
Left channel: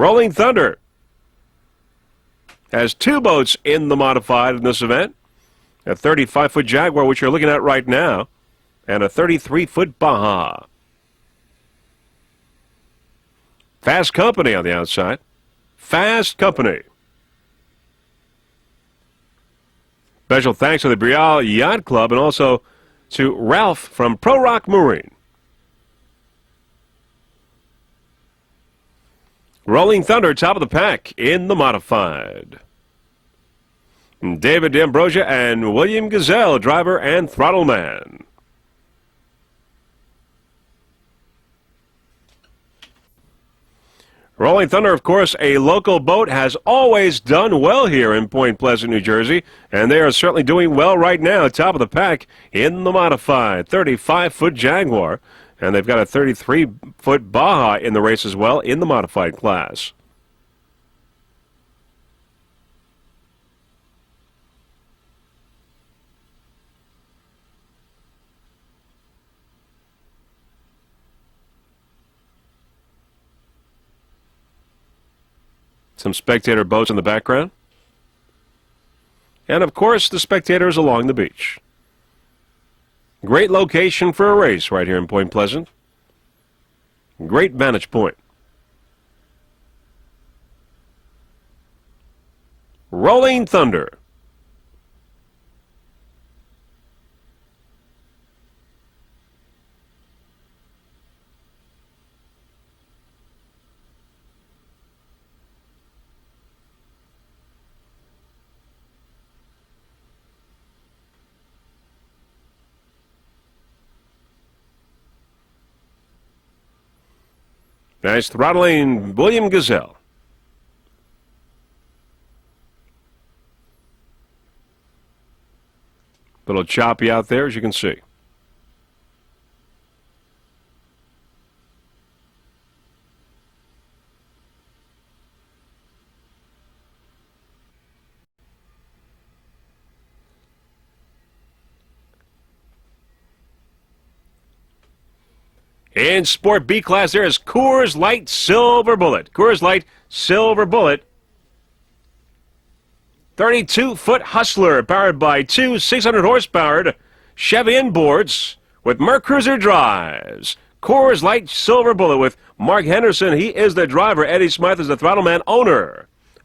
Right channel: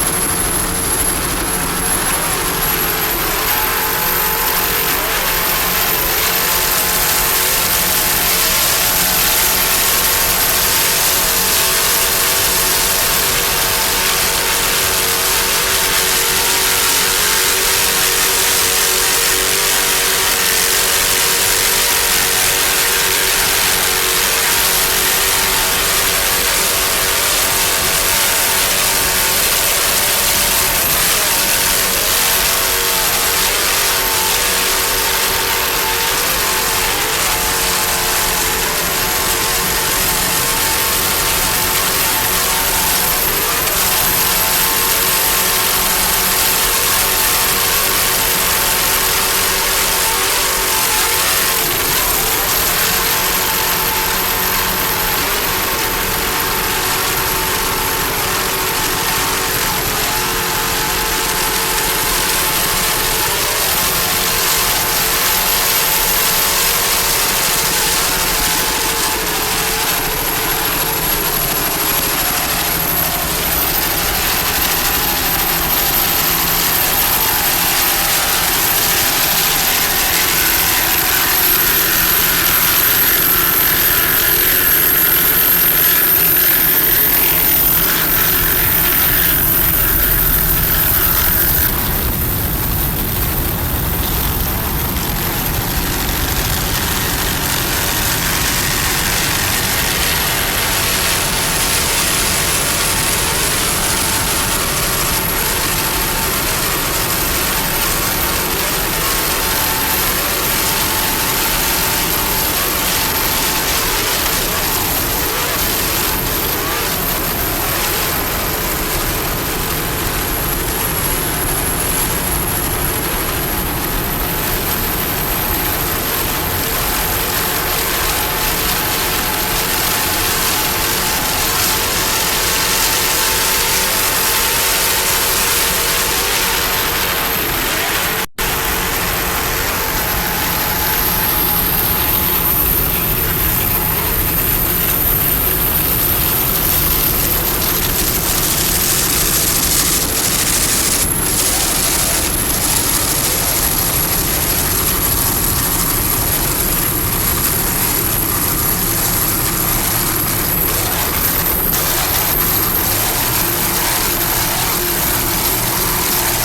Rolling Thunder has two boats in the modified in this event. A 35-foot Jaguar, which you're looking at right now, and a 33-foot Baja. Fast Company on the outside. Fast Company. Special thanks to the Brielle Yacht Club and also to Ralph from Pro Rock Mooring. Rolling Thunder, top of the pack in the modified. David D'Ambrosio and William Gazelle, driver and throttle man. Rolling Thunder, of course, a local boat, has always done well here in Point Pleasant, New Jersey, and they are certainly doing well right now. Top of the pack in the modified 35-foot Jaguar, and they've got a 33 30-foot Baja in the race as well in the modified class. Some spectator bows in the background. And of course, the spectators along the beach. Great location for a race right here in Point Pleasant. Great vantage point. Rolling Thunder. Nice throttling, William Gazette. A little choppy out there, as you can see. In Sport B class, there is Coors Light Silver Bullet. Coors Light Silver Bullet. 32-foot Hustler, powered by two 600-horsepower Chevy inboards with Mercruiser drives. Coors Light Silver Bullet with Mark Henderson. He is the driver. Eddie Smythe is the Throttleman owner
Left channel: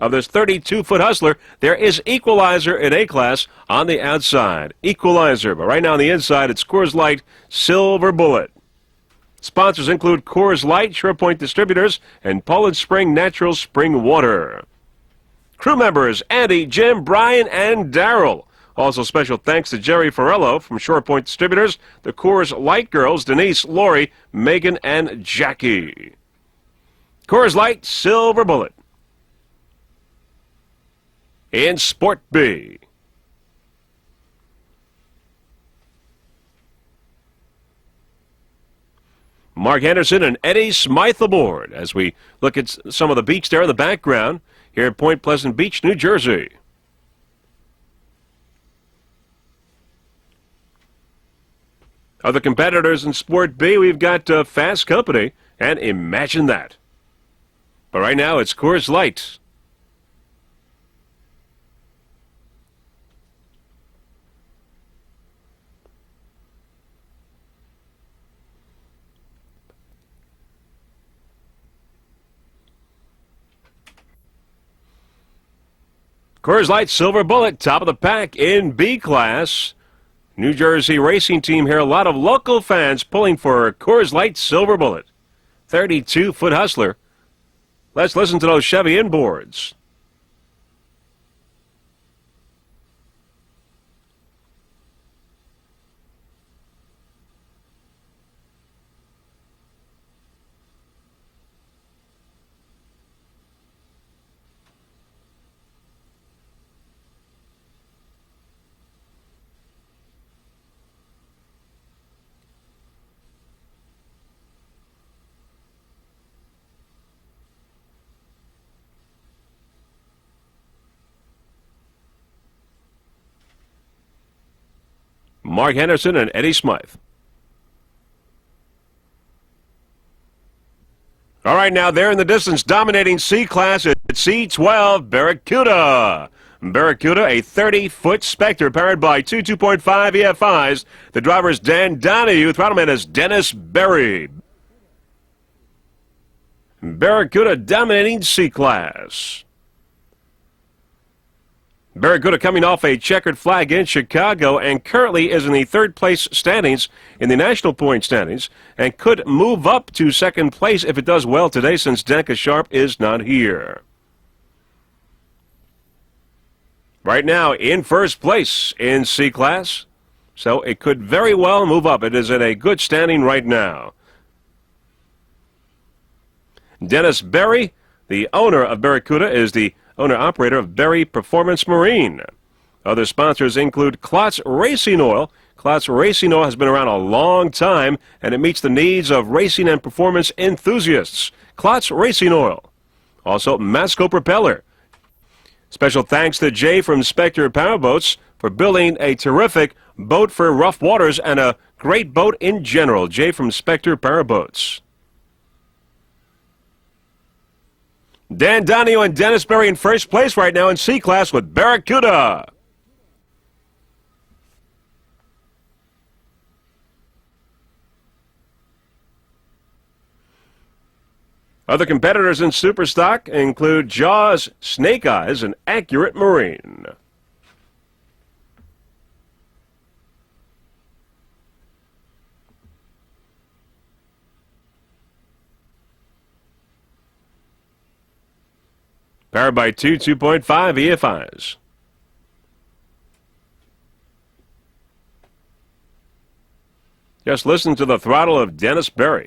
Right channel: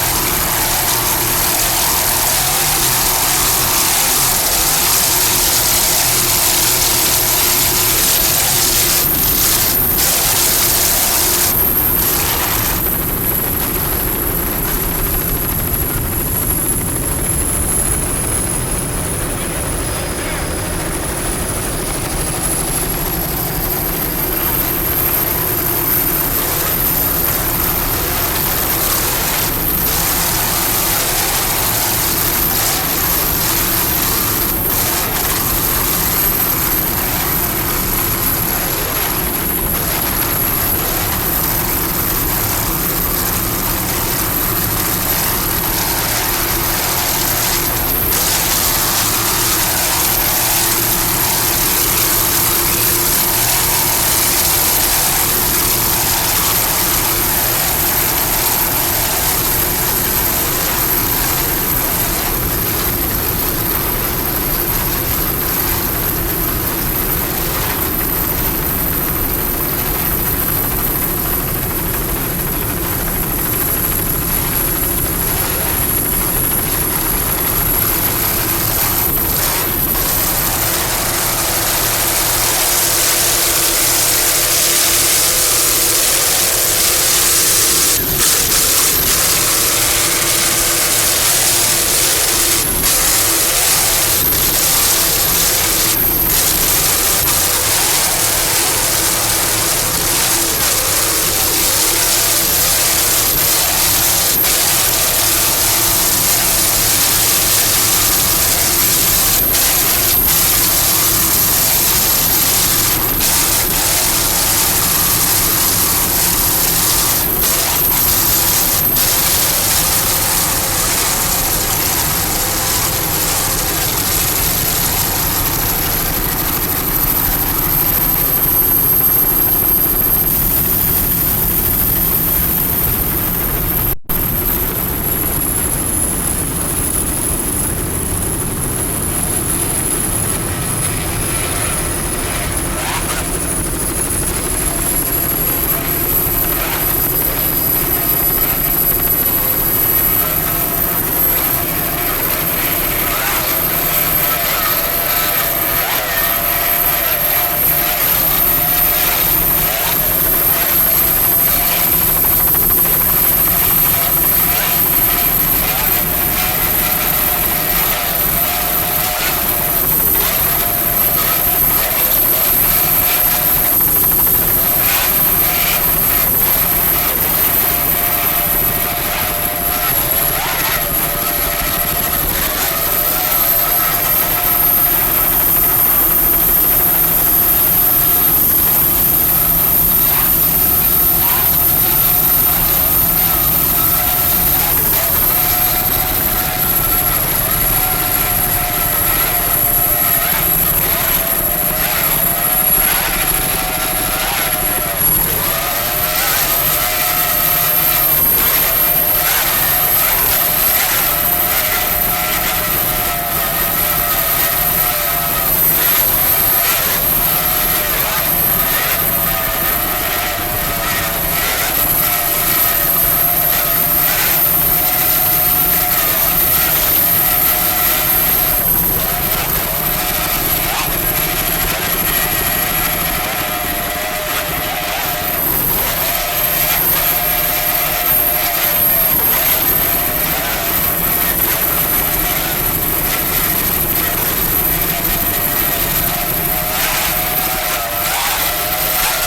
of the 32-foot Hustler. There is equalizer in A class on the outside. Equalizer. But right now on the inside, it's Coors Light Silver Bullet. Sponsors include Coors Light, SurePoint Distributors, and Poland Spring Natural Spring Water. Crew members Andy, Jim, Brian, and Daryl. Also special thanks to Jerry Farello from SurePoint Distributors, the Coors Light girls, Denise, Lori, Megan, and Jackie. Coors Light Silver Bullet. In Sport B. Mark Henderson and Eddie Smythe aboard as we look at some of the beach there in the background here in Point Pleasant Beach, New Jersey. Other competitors in Sport B, we've got Fast Company and Imagine That. But right now, it's Coors Light. Coors Light Silver Bullet, top of the pack in B class. New Jersey racing team here. A lot of local fans pulling for Coors Light Silver Bullet. 32-foot Hustler. Let's listen to those Chevy inboards. Mark Henderson and Eddie Smythe. All right, now there in the distance, dominating C class at C12, Barracuda. Barracuda, a 30-foot Spectre powered by two 2.5 EFIs. The driver is Dan Donahue. Throttleman is Dennis Berry. Barracuda dominating C class. Barracuda coming off a checkered flag in Chicago and currently is in the third place standings in the national point standings and could move up to second place if it does well today since Danica Sharp is not here. Right now in first place in C class, so it could very well move up. It is in a good standing right now. Dennis Berry, the owner of Barracuda, is the owner-operator of Berry Performance Marine. Other sponsors include Klotz Racing Oil, Klotz Racing Oil has been around a long time, and it meets the needs of racing and performance enthusiasts. Klotz Racing Oil. Also, Masco Propeller. Special thanks to Jay from Spectre Powerboats for building a terrific boat for rough waters and a great boat in general. Jay from Spectre Powerboats. Dan Donio and Dennis Ferry in first place right now in C-Class with Barracuda. Other competitors in Superstock include Jaws, Snake Eyes, and Accurate Marine. Powered by two 2.5 EFIs. Just listen to the throttle of Dennis Ferry.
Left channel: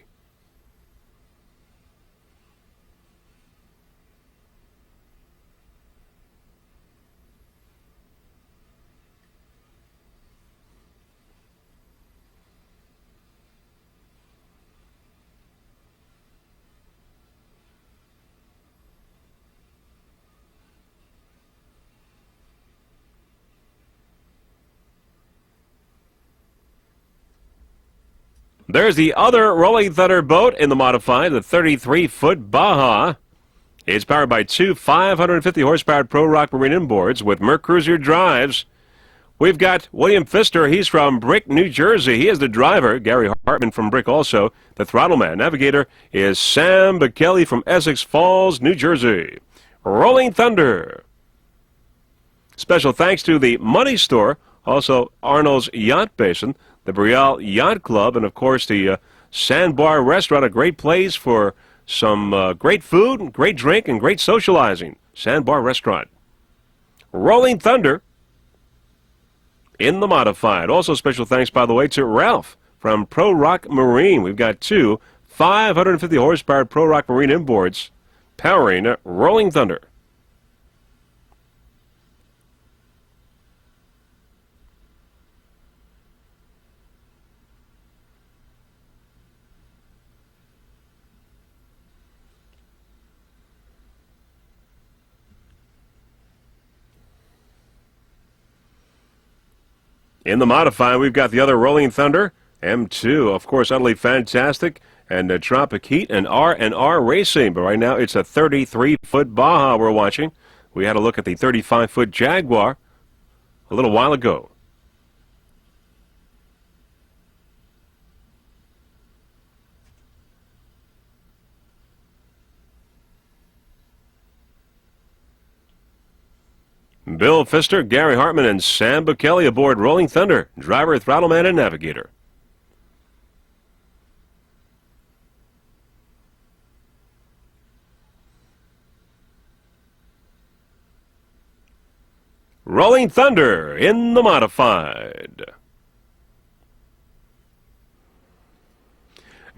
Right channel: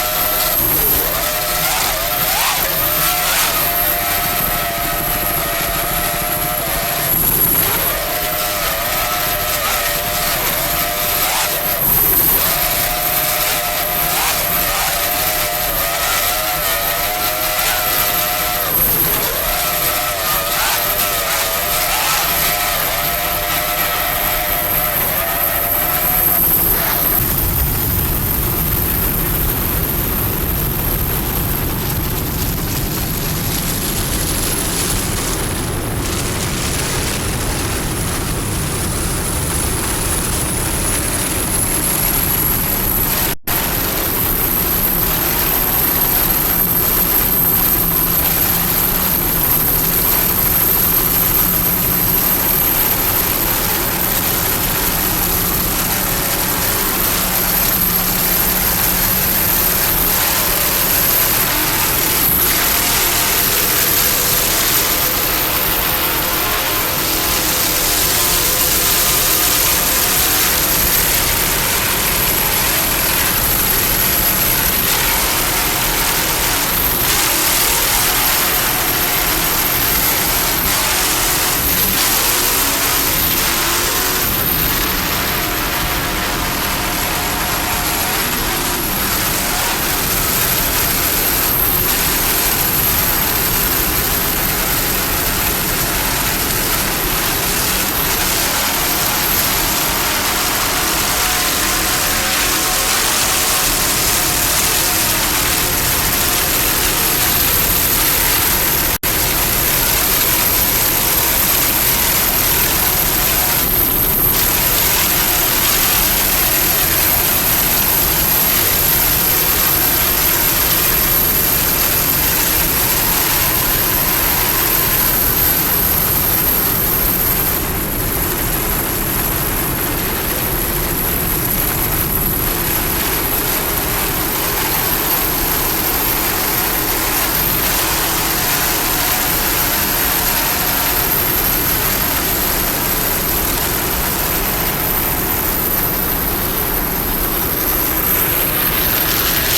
There's the other Rolling Thunder boat in the modified, the 33-foot Baja. It's powered by two 550-horsepower Pro Rock Marine inboards with Mercruiser drives. We've got William Pfister. He's from Brick, New Jersey. He is the driver. Gary Hartman from Brick also, the throttle man. Navigator is Sam Bekele from Essex Falls, New Jersey. Rolling Thunder. Special thanks to the Money Store, also Arnold's Yacht Station, the Brielle Yacht Club, and of course the Sandbar Restaurant, a great place for some great food, great drink, and great socializing. Sandbar Restaurant. Rolling Thunder in the modified. Also special thanks, by the way, to Ralph from Pro Rock Marine. We've got two 550 horsepower Pro Rock Marine inboards powering Rolling Thunder. In the modified, we've got the other Rolling Thunder and two, of course, utterly fantastic, and the Tropic Heat and R&R Racing. But right now, it's the 33-foot Baja we're watching. We had a look at the 35-foot Jaguar a little while ago. Bill Pfister, Gary Hartman, and Sam Bekele aboard Rolling Thunder. Driver, throttle man, and navigator. Rolling Thunder in the modified.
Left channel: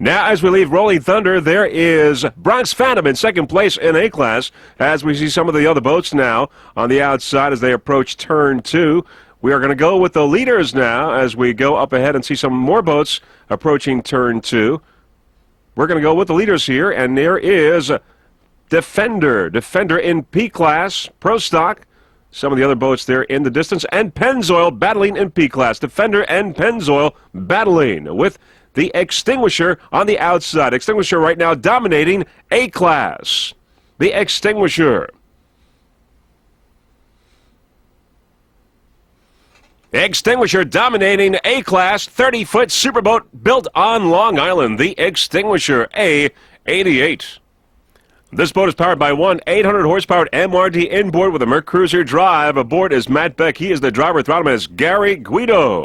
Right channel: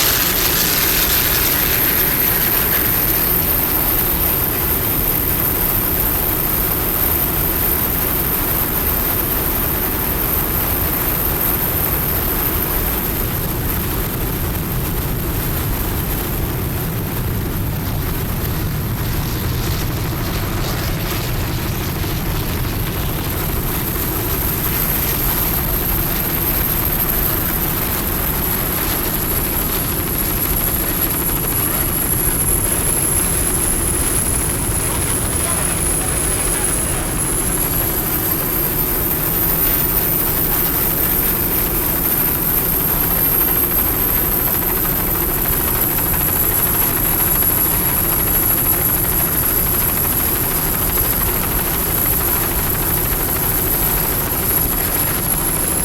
Now, as we leave Rolling Thunder, there is Bronx Phantom in second place in A-Class. As we see some of the other boats now on the outside as they approach turn 2. We are going to go with the leaders now as we go up ahead and see some more boats approaching turn 2. We're going to go with the leaders here, and there is Defender in P-Class, Pro Stock. Some of the other boats there in the distance, and Pennzoil battling in P-Class. Defender and Pennzoil battling with the Extinguisher on the outside. Extinguisher right now dominating A-Class. The Extinguisher. The Extinguisher dominating A-Class 30-foot superboat built on Long Island. The Extinguisher A88. This boat is powered by one 800-horsepower MRD inboard with a Mercruiser drive. Aboard is Matt Beck. He is the driver. Throttle is Gary Guido.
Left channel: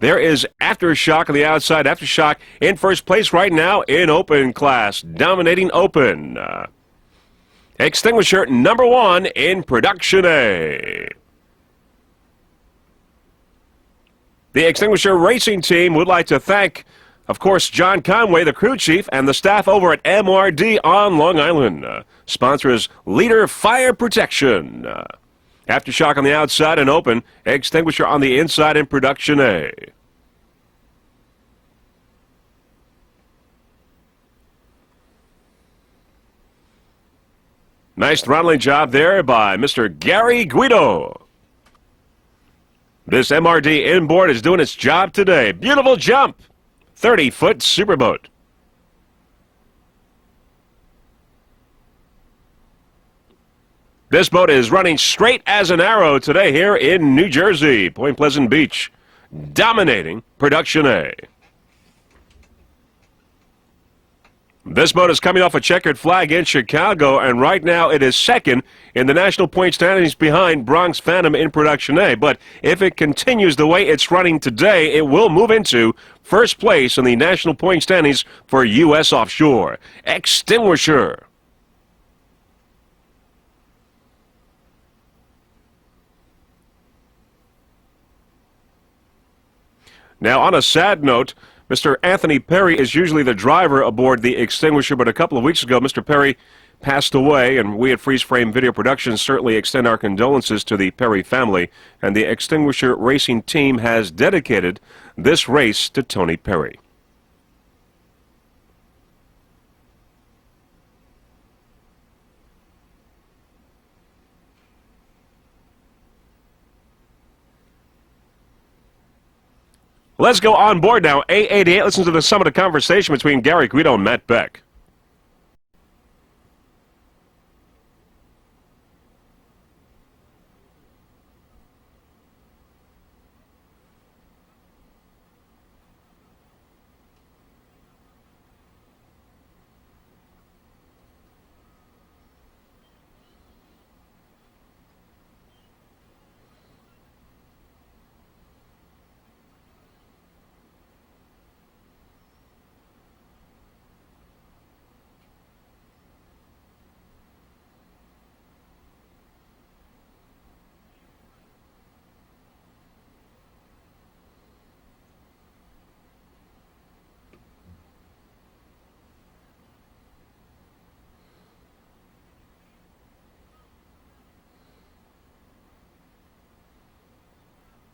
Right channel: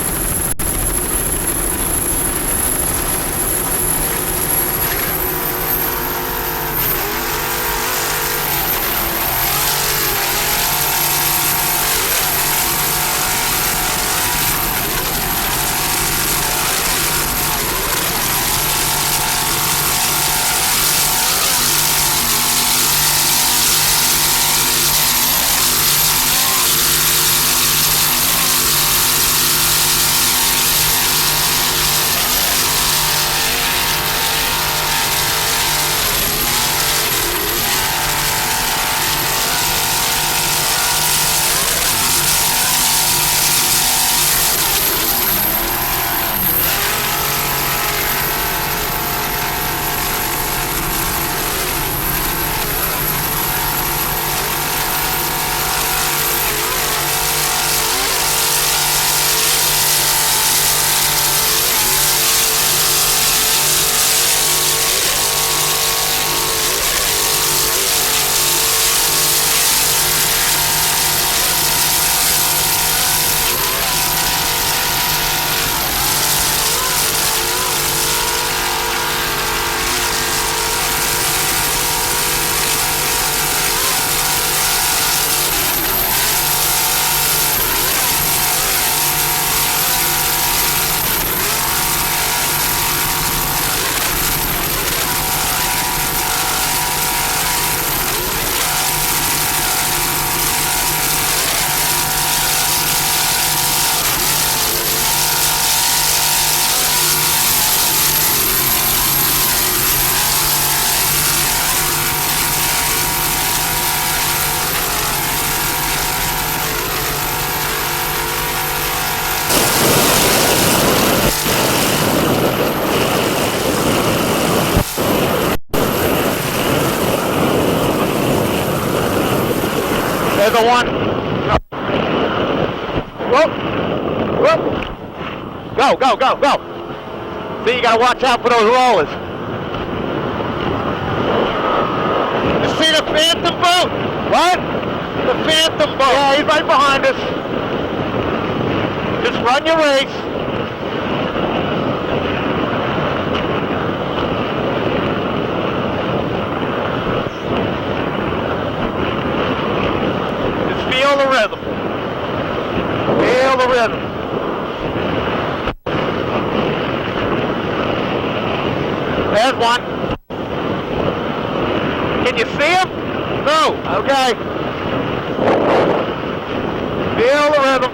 There is Aftershock on the outside. Aftershock in first place right now in Open Class. Dominating Open. Extinguisher number 1 in Production A. The Extinguisher Racing Team would like to thank, of course, John Conway, the crew chief, and the staff over at MRD on Long Island. Sponsors Leader Fire Protection. Aftershock on the outside and Open. Extinguisher on the inside in Production A. Nice throttling job there by Mr. Gary Guido. This MRD inboard is doing its job today. Beautiful jump. 30-foot superboat. This boat is running straight as an arrow today here in New Jersey, Point Pleasant Beach. Dominating Production A. This boat is coming off a checkered flag in Chicago, and right now it is second in the national point standings behind Bronx Phantom in Production A. But if it continues the way it's running today, it will move into first place in the national point standings for U.S. Offshore. Extinguisher. Now, on a sad note, Mr. Anthony Perry is usually the driver aboard the Extinguisher, but a couple of weeks ago, Mr. Perry passed away, and we at Freeze Frame Video Productions certainly extend our condolences to the Perry family, and the Extinguisher racing team has dedicated this race to Tony Perry. Let's go on board now. 888. Listen to some of the conversation between Gary Guido and Matt Beck. There's a one. Whoop. Whoop. Go, go, go, go. See, you gotta watch out for those rollers. You see the Phantom boat? What? The Phantom boat. Yeah, he's right behind us. Just run your race. Just feel the rhythm. Feel the rhythm. There's one. Can you see him? No. Okay. Feel the rhythm.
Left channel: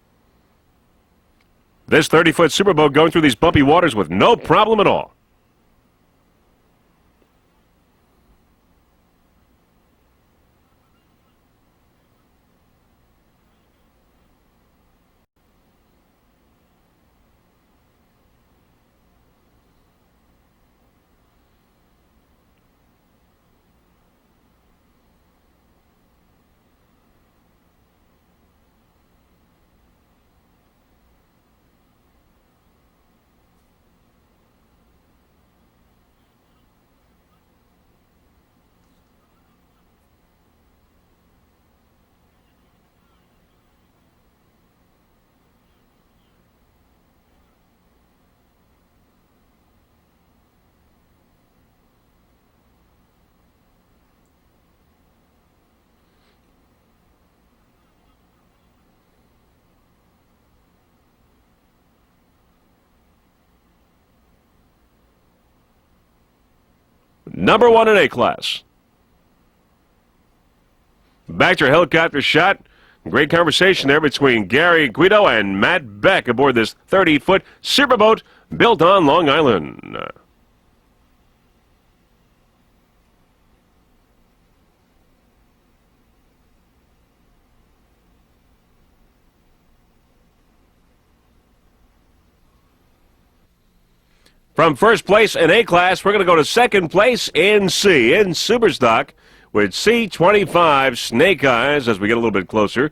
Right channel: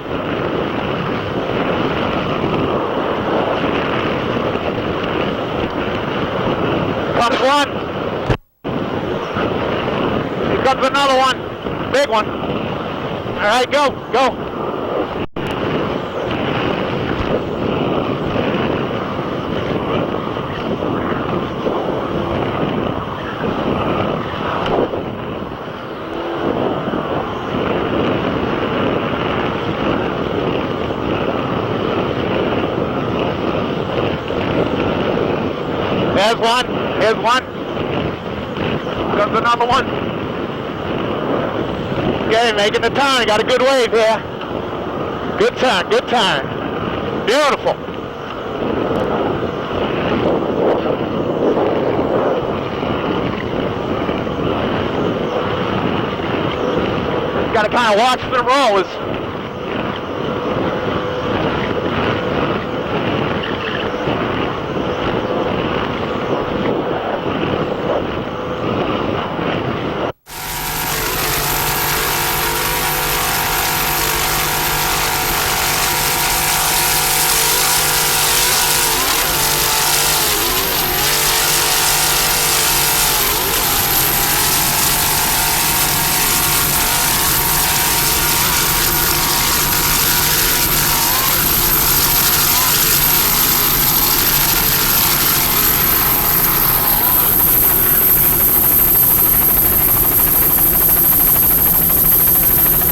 This 30-foot superboat going through these bumpy waters with no problem at all. Comes one. Here comes another one. Big one. All right, go, go. There's one. Here's one. Comes another one. Okay, making the turn. Got a good wave here. Good turn, good turn. Beautiful. Got to kind of watch the rollers. Number one in A-class. Back to helicopter shot. Great conversation there between Gary Guido and Matt Beck aboard this 30-foot superboat built on Long Island. From first place in A-class, we're going to go to second place in C, in Superstock, with C25 Snake Eyes as we get a little bit closer.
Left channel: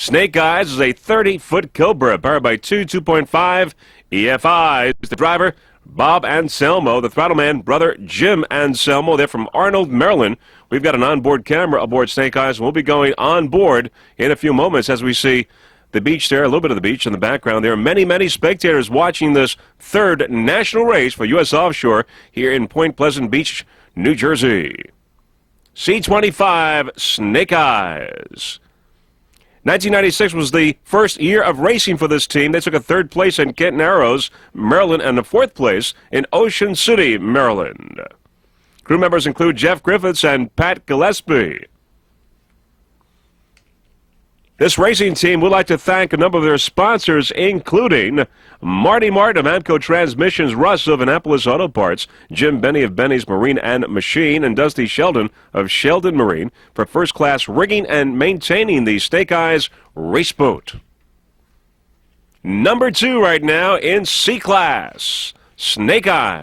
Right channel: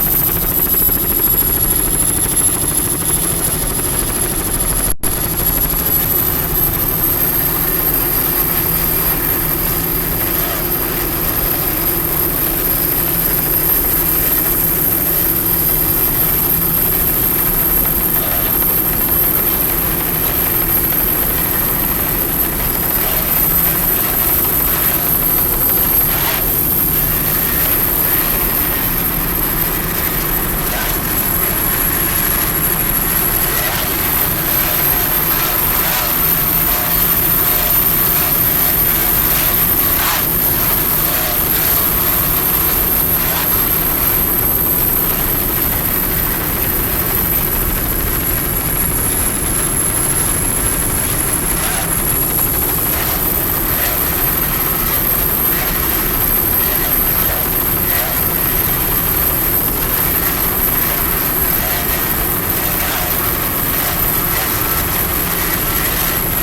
Snake Eyes is a 30-foot Cobra, powered by 2.5 EFIs. The driver, Bob Anselmo. The throttle man, brother Jim Anselmo. They're from Arnold, Maryland. We've got an onboard camera aboard Snake Eyes. We'll be going on board in a few moments as we see the beach there, a little bit of the beach in the background. There are many, many spectators watching this third national race for U.S. Offshore here in Point Pleasant Beach, New Jersey. C25 Snake Eyes. 1996 was the first year of racing for this team. They took a third place in Kent Narrows, Maryland, and the fourth place in Ocean City, Maryland. Crew members include Jeff Griffiths and Pat Gillespie. This racing team would like to thank a number of their sponsors, including Marty Martin of Amco Transmissions, Russ of Annapolis Auto Parts, Jim Benny of Benny's Marine and Machine, and Dusty Sheldon of Sheldon Marine for first-class rigging and maintaining the Snake Eyes race boat. Number 2 right now in C-Class, Snake Eyes.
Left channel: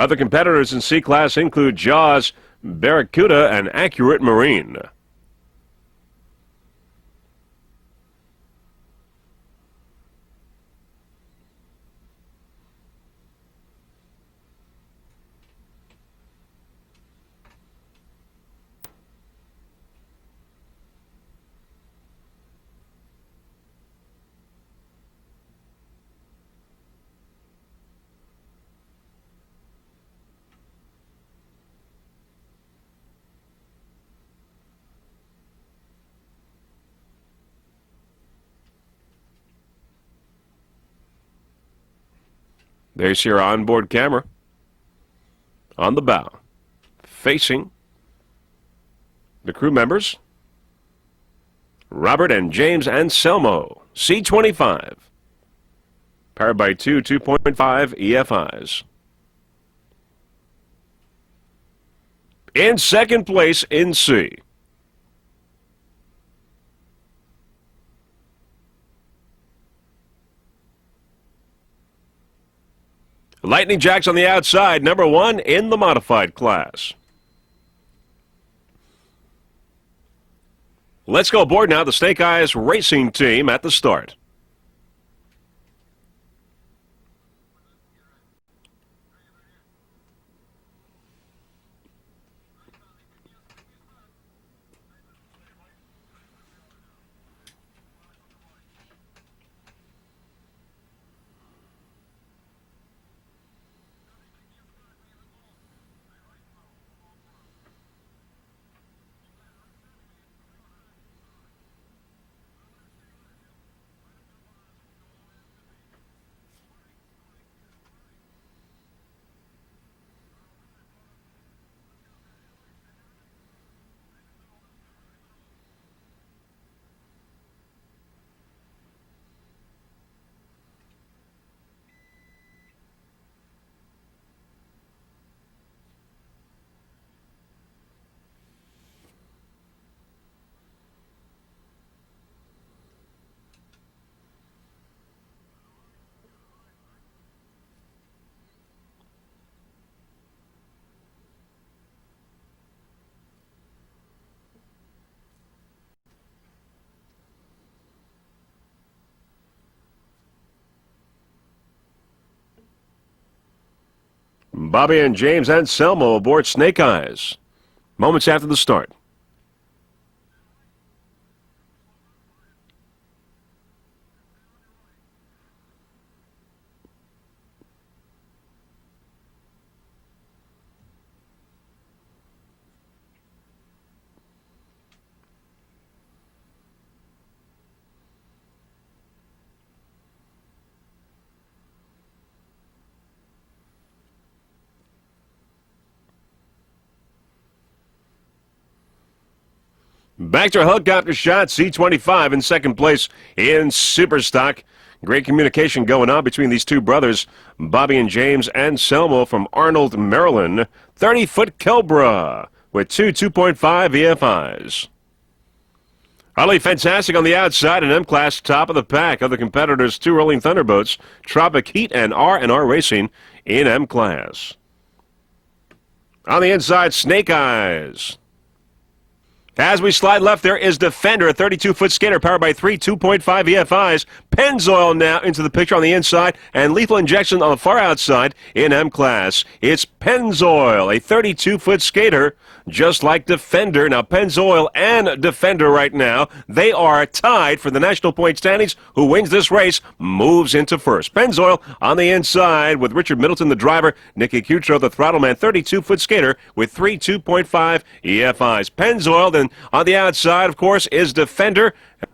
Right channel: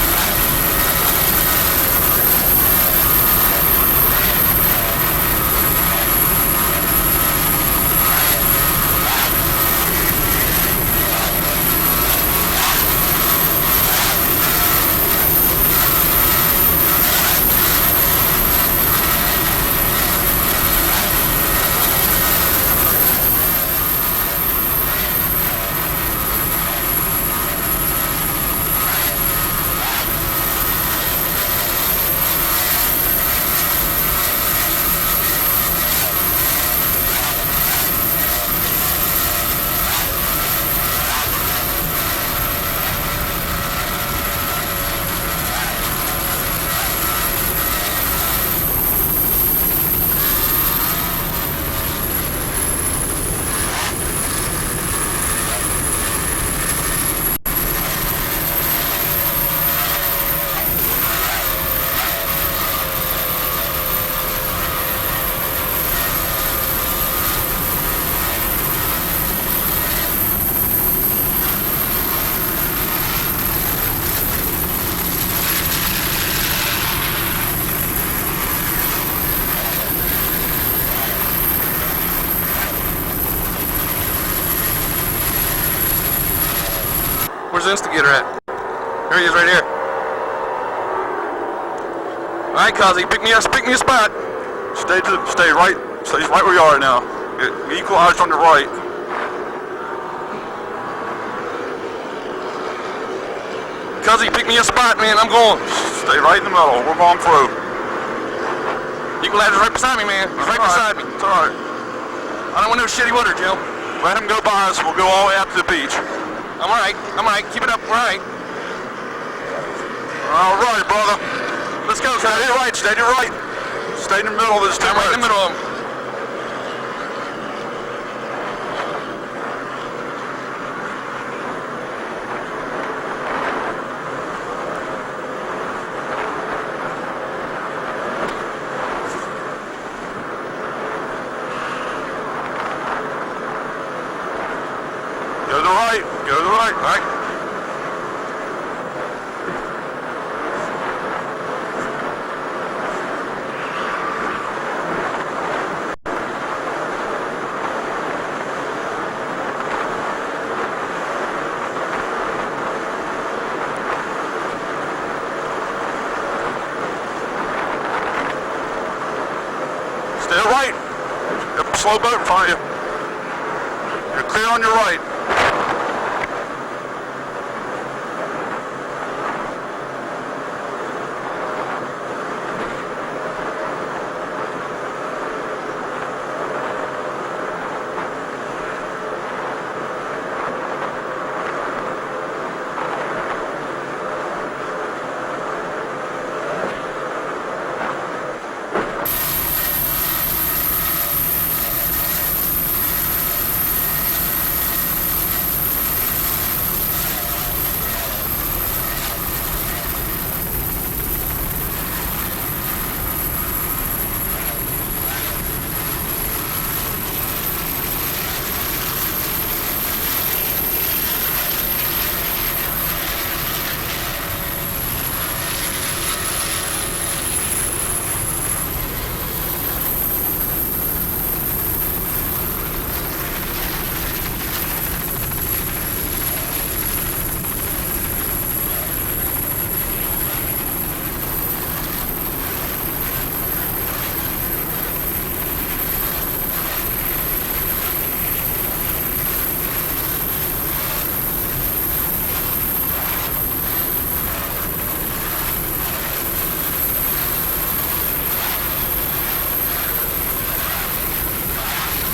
Other competitors in C-Class include Jaws, Barracuda, and Accurate Marine. There's your onboard camera on the bow, facing the crew members, Robert and James Anselmo, C-25, powered by two 2.5 EFIs. In second place in C. Lightning Jacks on the outside, number 1 in the modified class. Let's go aboard now, the Snake Eyes racing team at the start. Where's the instigator at? Here he is, right here. All right, Kazi, pick me a spot. Stay right where you are now. Get equalized on the right. Kazi, pick me a spot, man. I'm going. Stay right in the middle. We're going through. Equalizer's right beside me, man. He's right beside me. It's all right. I don't want no shitty water, Jim. Let him go by us. We'll go all the way out to the beach. I'm all right. Keep it up. All right. All right, brother. Let's go. Stay to the right. Stay to the right. Stay in the middle of this. Stay right in the middle of them. Go to the right. Go to the right. All right. Bobby and James Anselmo aboard Snake Eyes. Moments after the start. Stay right. Yep, slow boat in front of you. You're clear on your right. Back to helicopter shot, C-25 in second place in Super Stock. Great communication going on between these two brothers, Bobby and James Anselmo from Arnold, Maryland. 30-foot Cobra with two 2.5 EFIs. Utterly fantastic on the outside, and M-Class top of the pack. Other competitors, 2 Rolling Thunderboats, Tropic Heat and R&R Racing in M-Class. On the inside, Snake Eyes. As we slide left, there is Defender, a 32-foot skater powered by 3 2.5 EFIs. Pennzoil now into the picture on the inside, and Lethal Injection on the far outside in M-Class. It's Pennzoil, a 32-foot skater, just like Defender. Now, Pennzoil and Defender right now, they are tied for the national point standings. Who wins this race moves into first. Pennzoil on the inside with Richard Middleton, the driver. Nicky Cutro, the throttle man, 32-foot skater with 3 2.5 EFIs. Pennzoil then on the outside, of course, is Defender.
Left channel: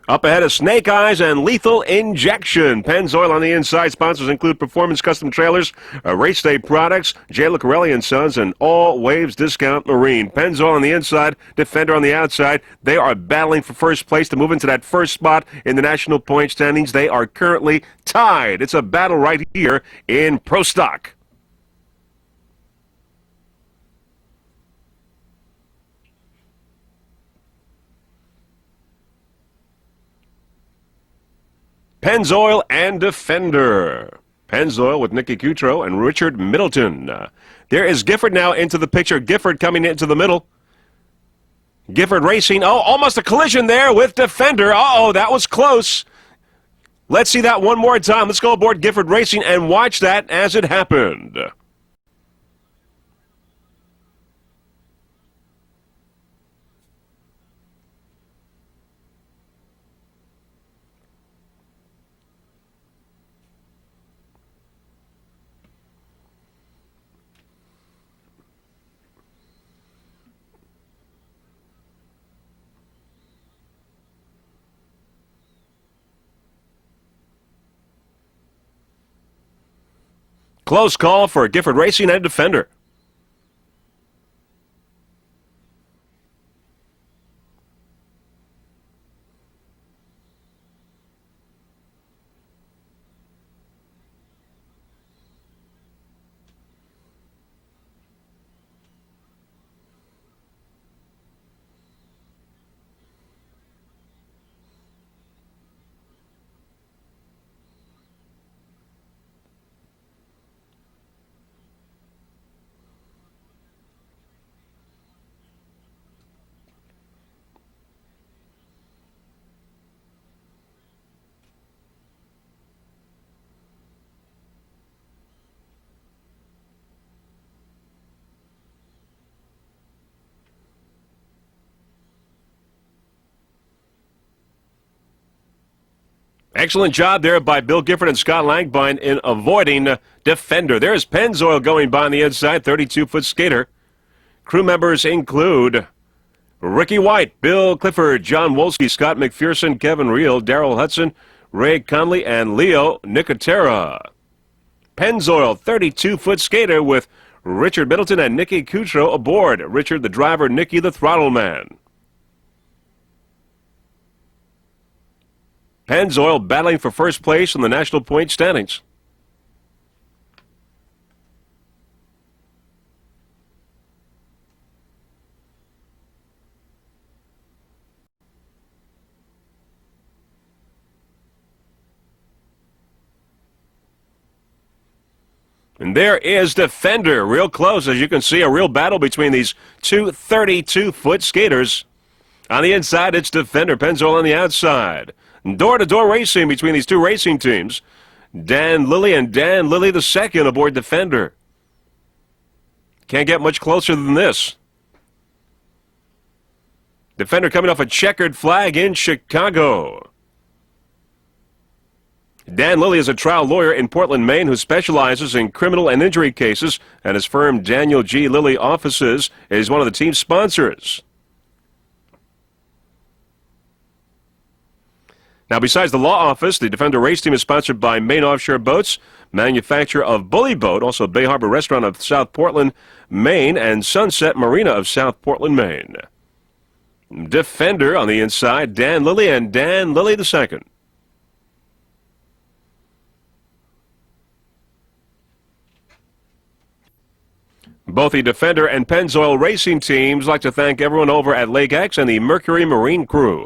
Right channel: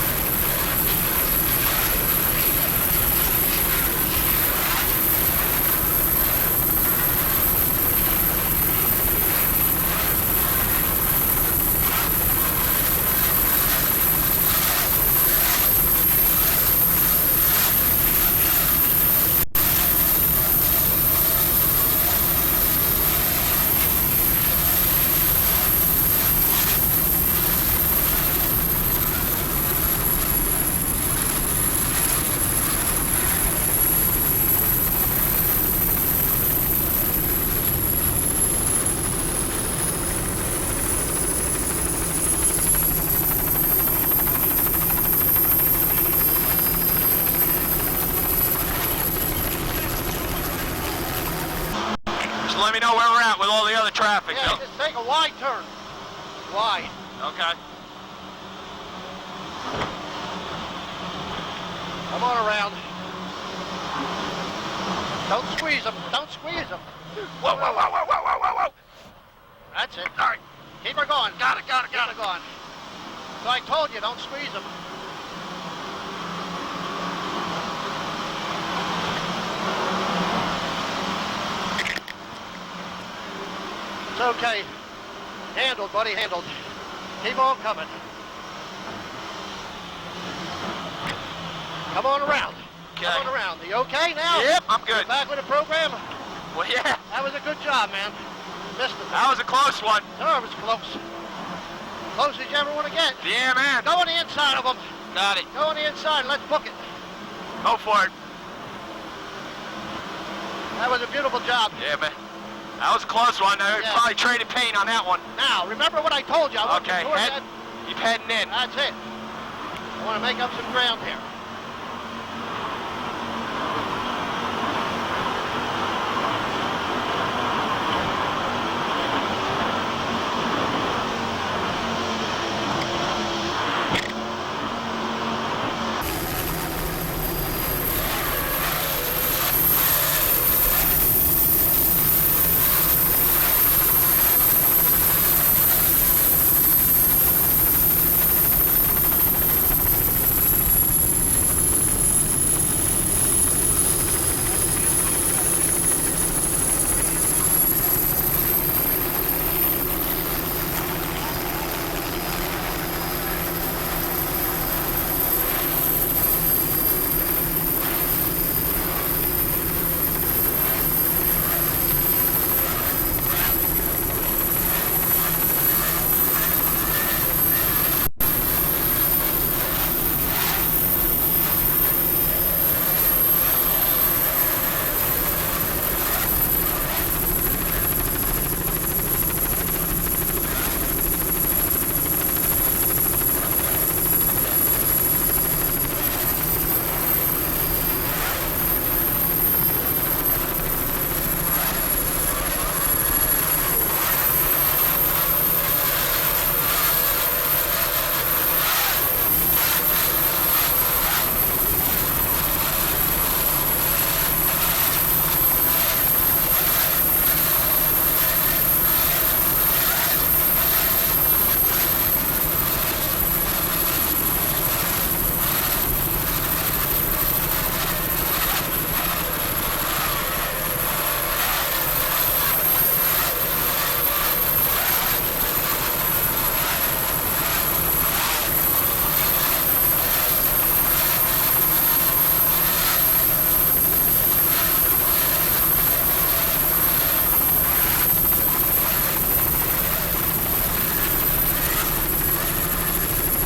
Up ahead is Snake Eyes and Lethal Injection. Pennzoil on the inside. Sponsors include Performance Custom Trailers, Race Day Products, J. Lucarelli & Sons, and All Waves Discount Marine. Pennzoil on the inside, Defender on the outside. They are battling for first place to move into that first spot in the national point standings. They are currently tied. It's a battle right here in Pro Stock. Pennzoil and Defender. Pennzoil with Nicky Coutreau and Richard Middleton. There is Gifford now into the picture. Gifford coming into the middle. Gifford racing. Oh, almost a collision there with Defender. Uh-oh, that was close. Let's see that one more time. Let's go aboard Gifford Racing and watch that as it happened. Just let me know where we're at with all the other traffic. Yeah, just take a wide turn. Wide. Okay. Come on around. Don't squeeze them. Don't squeeze them. Whoa, whoa, whoa, whoa, whoa, whoa, whoa, whoa. That's it. All right. Keep her going. Got it, got it, got Keep it. her going. So I told you, don't squeeze them. Close call for Gifford Racing and Defender. It's okay. Handled, buddy, handled. Keep on coming. Come on around. Okay. Come on around. You okay now? Yep, I'm good. You back with the program? Well, yeah, That was a good job, man. Missed it. that was a close one. No, it was close. Close as you ever want to get. Yeah, man. Go on the inside of them. Got it. Go on the inside and let's book it. Go for it. That was a beautiful job. Yeah, man. That was a close one. I Yeah. probably traded paint on that one. Now, remember what I told you. I want Okay, you towards head, that. keep heading in. That's it. I want to make up some ground here. Excellent job there by Bill Gifford and Scott Langbein in avoiding Defender. There's Pennzoil going by on the inside, 32-foot skater. Crew members include Ricky White, Bill Clifford, John Wolski, Scott McPherson, Kevin Reel, Darrell Hudson, Ray Conley, and Leo Nicotera. Pennzoil, 32-foot skater with Richard Middleton and Nicky Coutreau aboard. Richard the driver, Nicky the throttle man. Pennzoil battling for first place in the national point standings. And there is Defender, real close. As you can see, a real battle between these two 32-foot skaters. On the inside, it's Defender. Pennzoil on the outside. Door-to-door racing between these two racing teams. Dan Lilly and Dan Lilly II aboard Defender. Can't get much closer than this. Defender coming off a checkered flag in Chicago. Dan Lilly is a trial lawyer in Portland, Maine, who specializes in criminal and injury cases, and his firm Daniel G. Lilly Offices is one of the team's sponsors. Now, besides the law office, the Defender race team is sponsored by Maine Offshore Boats, manufacturer of Bully Boat, also Bay Harbor Restaurant of South Portland, Maine, and Sunset Marina of South Portland, Maine. Defender on the inside, Dan Lilly and Dan Lilly II. Both the Defender and Pennzoil racing teams like to thank everyone over at Lake X and the Mercury Marine crew.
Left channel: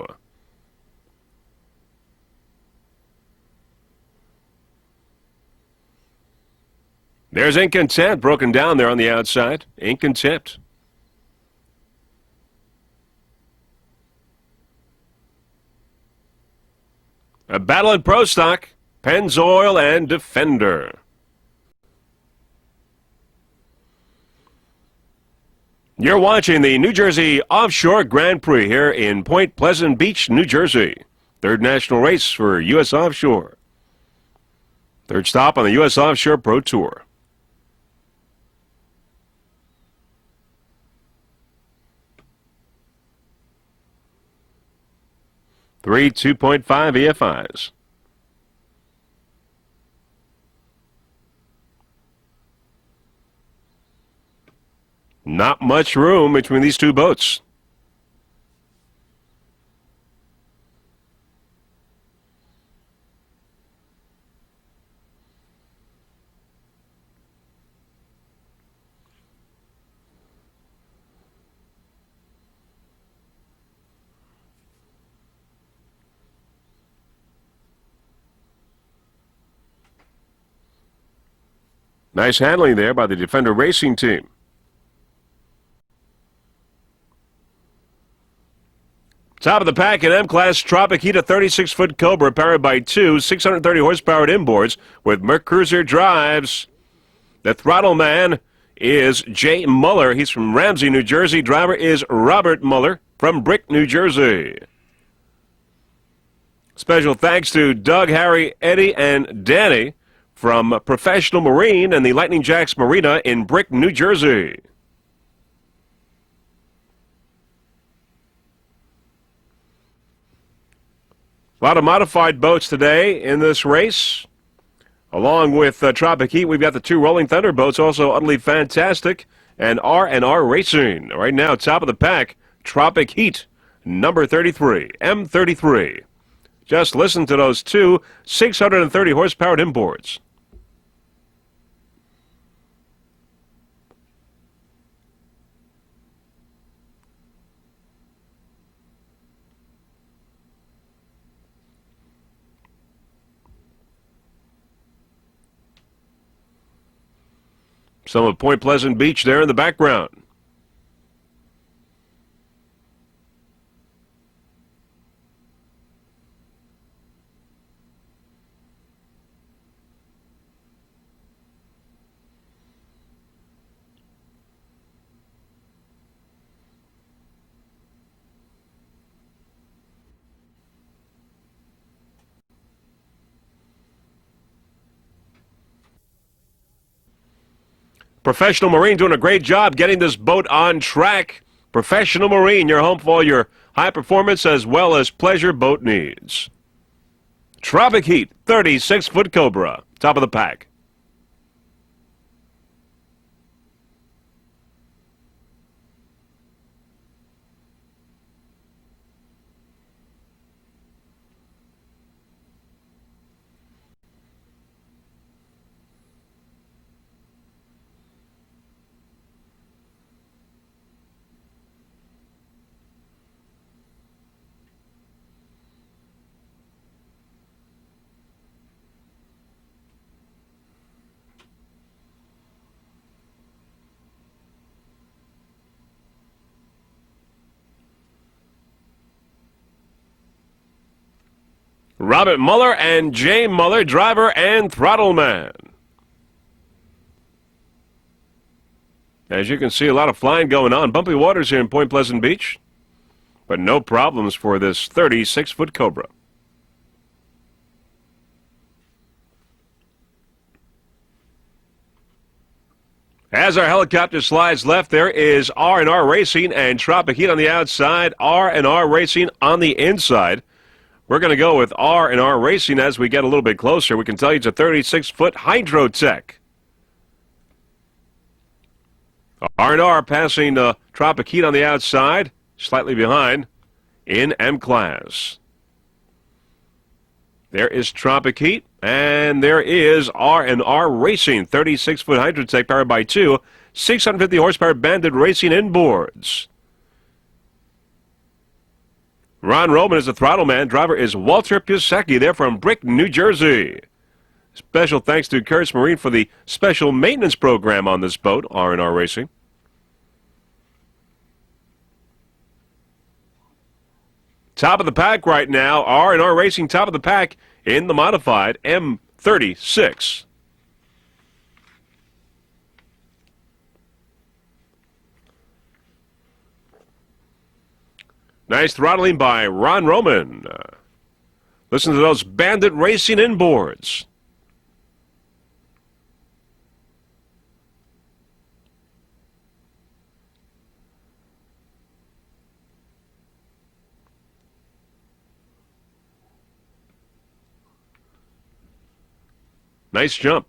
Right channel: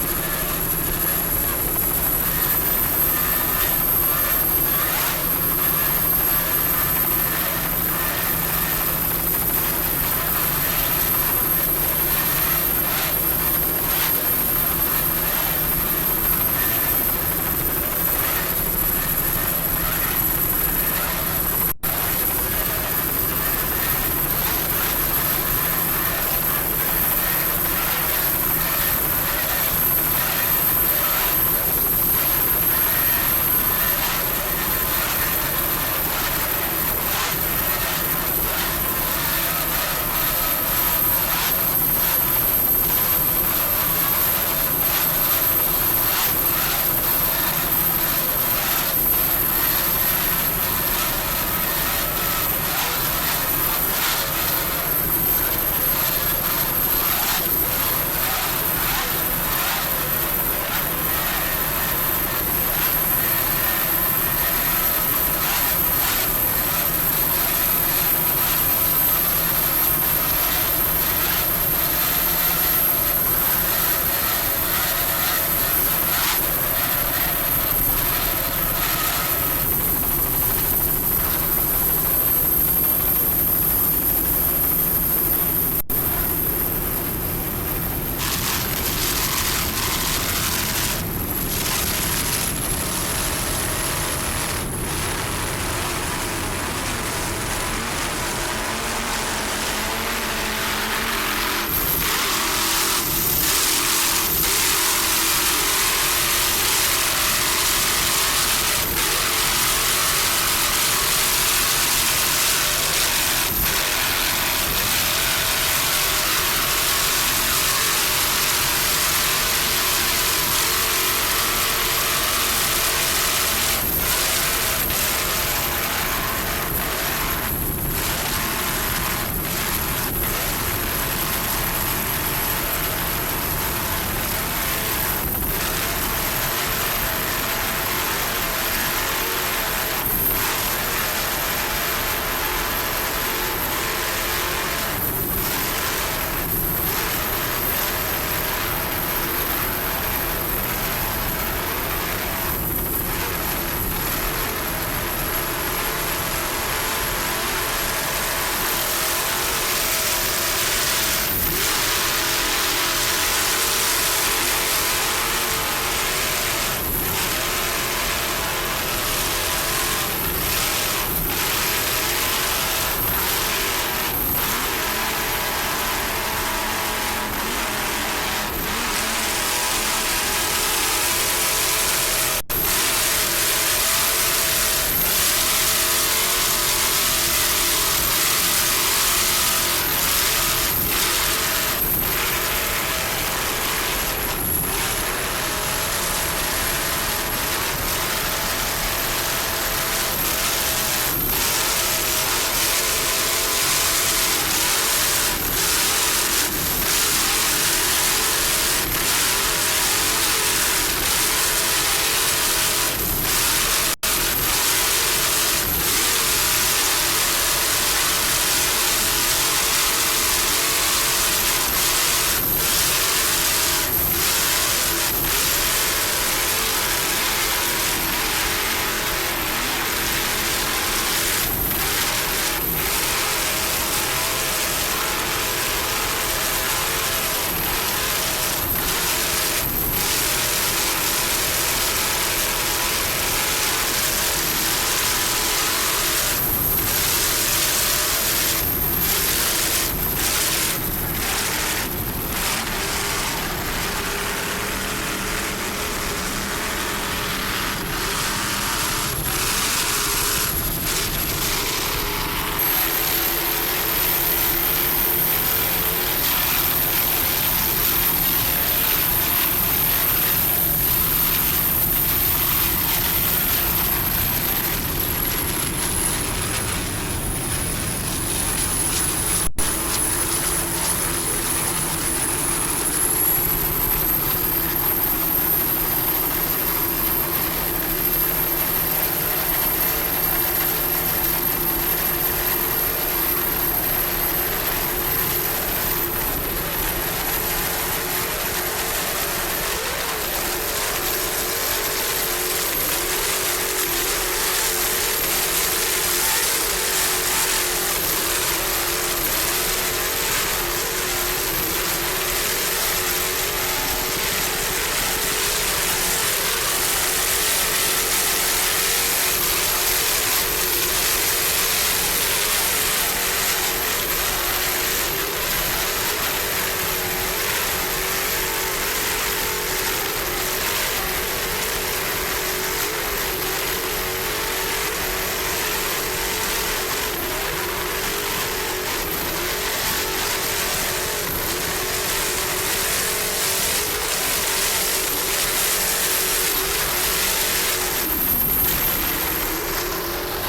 There's Ink Intent broken down there on the outside. Ink Intent. A battle in Pro Stock. Pennzoil and Defender. You're watching the New Jersey Offshore Grand Prix here in Point Pleasant Beach, New Jersey. Third national race for U.S. Offshore. Third stop on the U.S. Offshore Pro Tour. Three 2.5 EFIs. Not much room between these two boats. Nice handling there by the Defender Racing team. Top of the pack in M-Class Tropic Heat, a 36-foot Cobra powered by two 630 horsepower inboards with Merc Cruiser drives. The throttle man is Jay Muller. He's from Ramsey, New Jersey. Driver is Robert Muller from Brick, New Jersey. Special thanks to Doug, Harry, Eddie, and Danny from Professional Marine and the Lightning Jacks Marina in Brick, New Jersey. A lot of modified boats today in this race. Along with Tropic Heat, we've got the two Rolling Thunder boats, also Utterly Fantastic and R&R Racing. Right now, top of the pack, Tropic Heat, number 33, M33. Just listen to those two 630 horsepower inboards. Some of Point Pleasant Beach there in the background. Professional Marine doing a great job getting this boat on track. Professional Marine, your home for all your high performance as well as pleasure boat needs. Tropic Heat, 36-foot Cobra, top of the pack. Robert Muller and Jay Muller, driver and throttle man. As you can see, a lot of flying going on. Bumpy waters here in Point Pleasant Beach, but no problems for this 36-foot Cobra. As our helicopter slides left, there is R&R Racing and Tropic Heat on the outside, R&R Racing on the inside. We're going to go with R&R Racing as we get a little bit closer. We can tell you it's a 36-foot Hydrotech. R&R passing Tropic Heat on the outside, slightly behind in M-Class. There is Tropic Heat, and there is R&R Racing, 36-foot Hydrotech powered by two 650 horsepower Bandit Racing inboards. Ron Roman is the throttle man. Driver is Walter Pisecki. They're from Brick, New Jersey. Special thanks to Kurtz Marine for the special maintenance program on this boat, R&R Racing. Top of the pack right now, R&R Racing, top of the pack in the modified M36. Nice throttling by Ron Roman. Listen to those Bandit Racing inboards. Nice jump.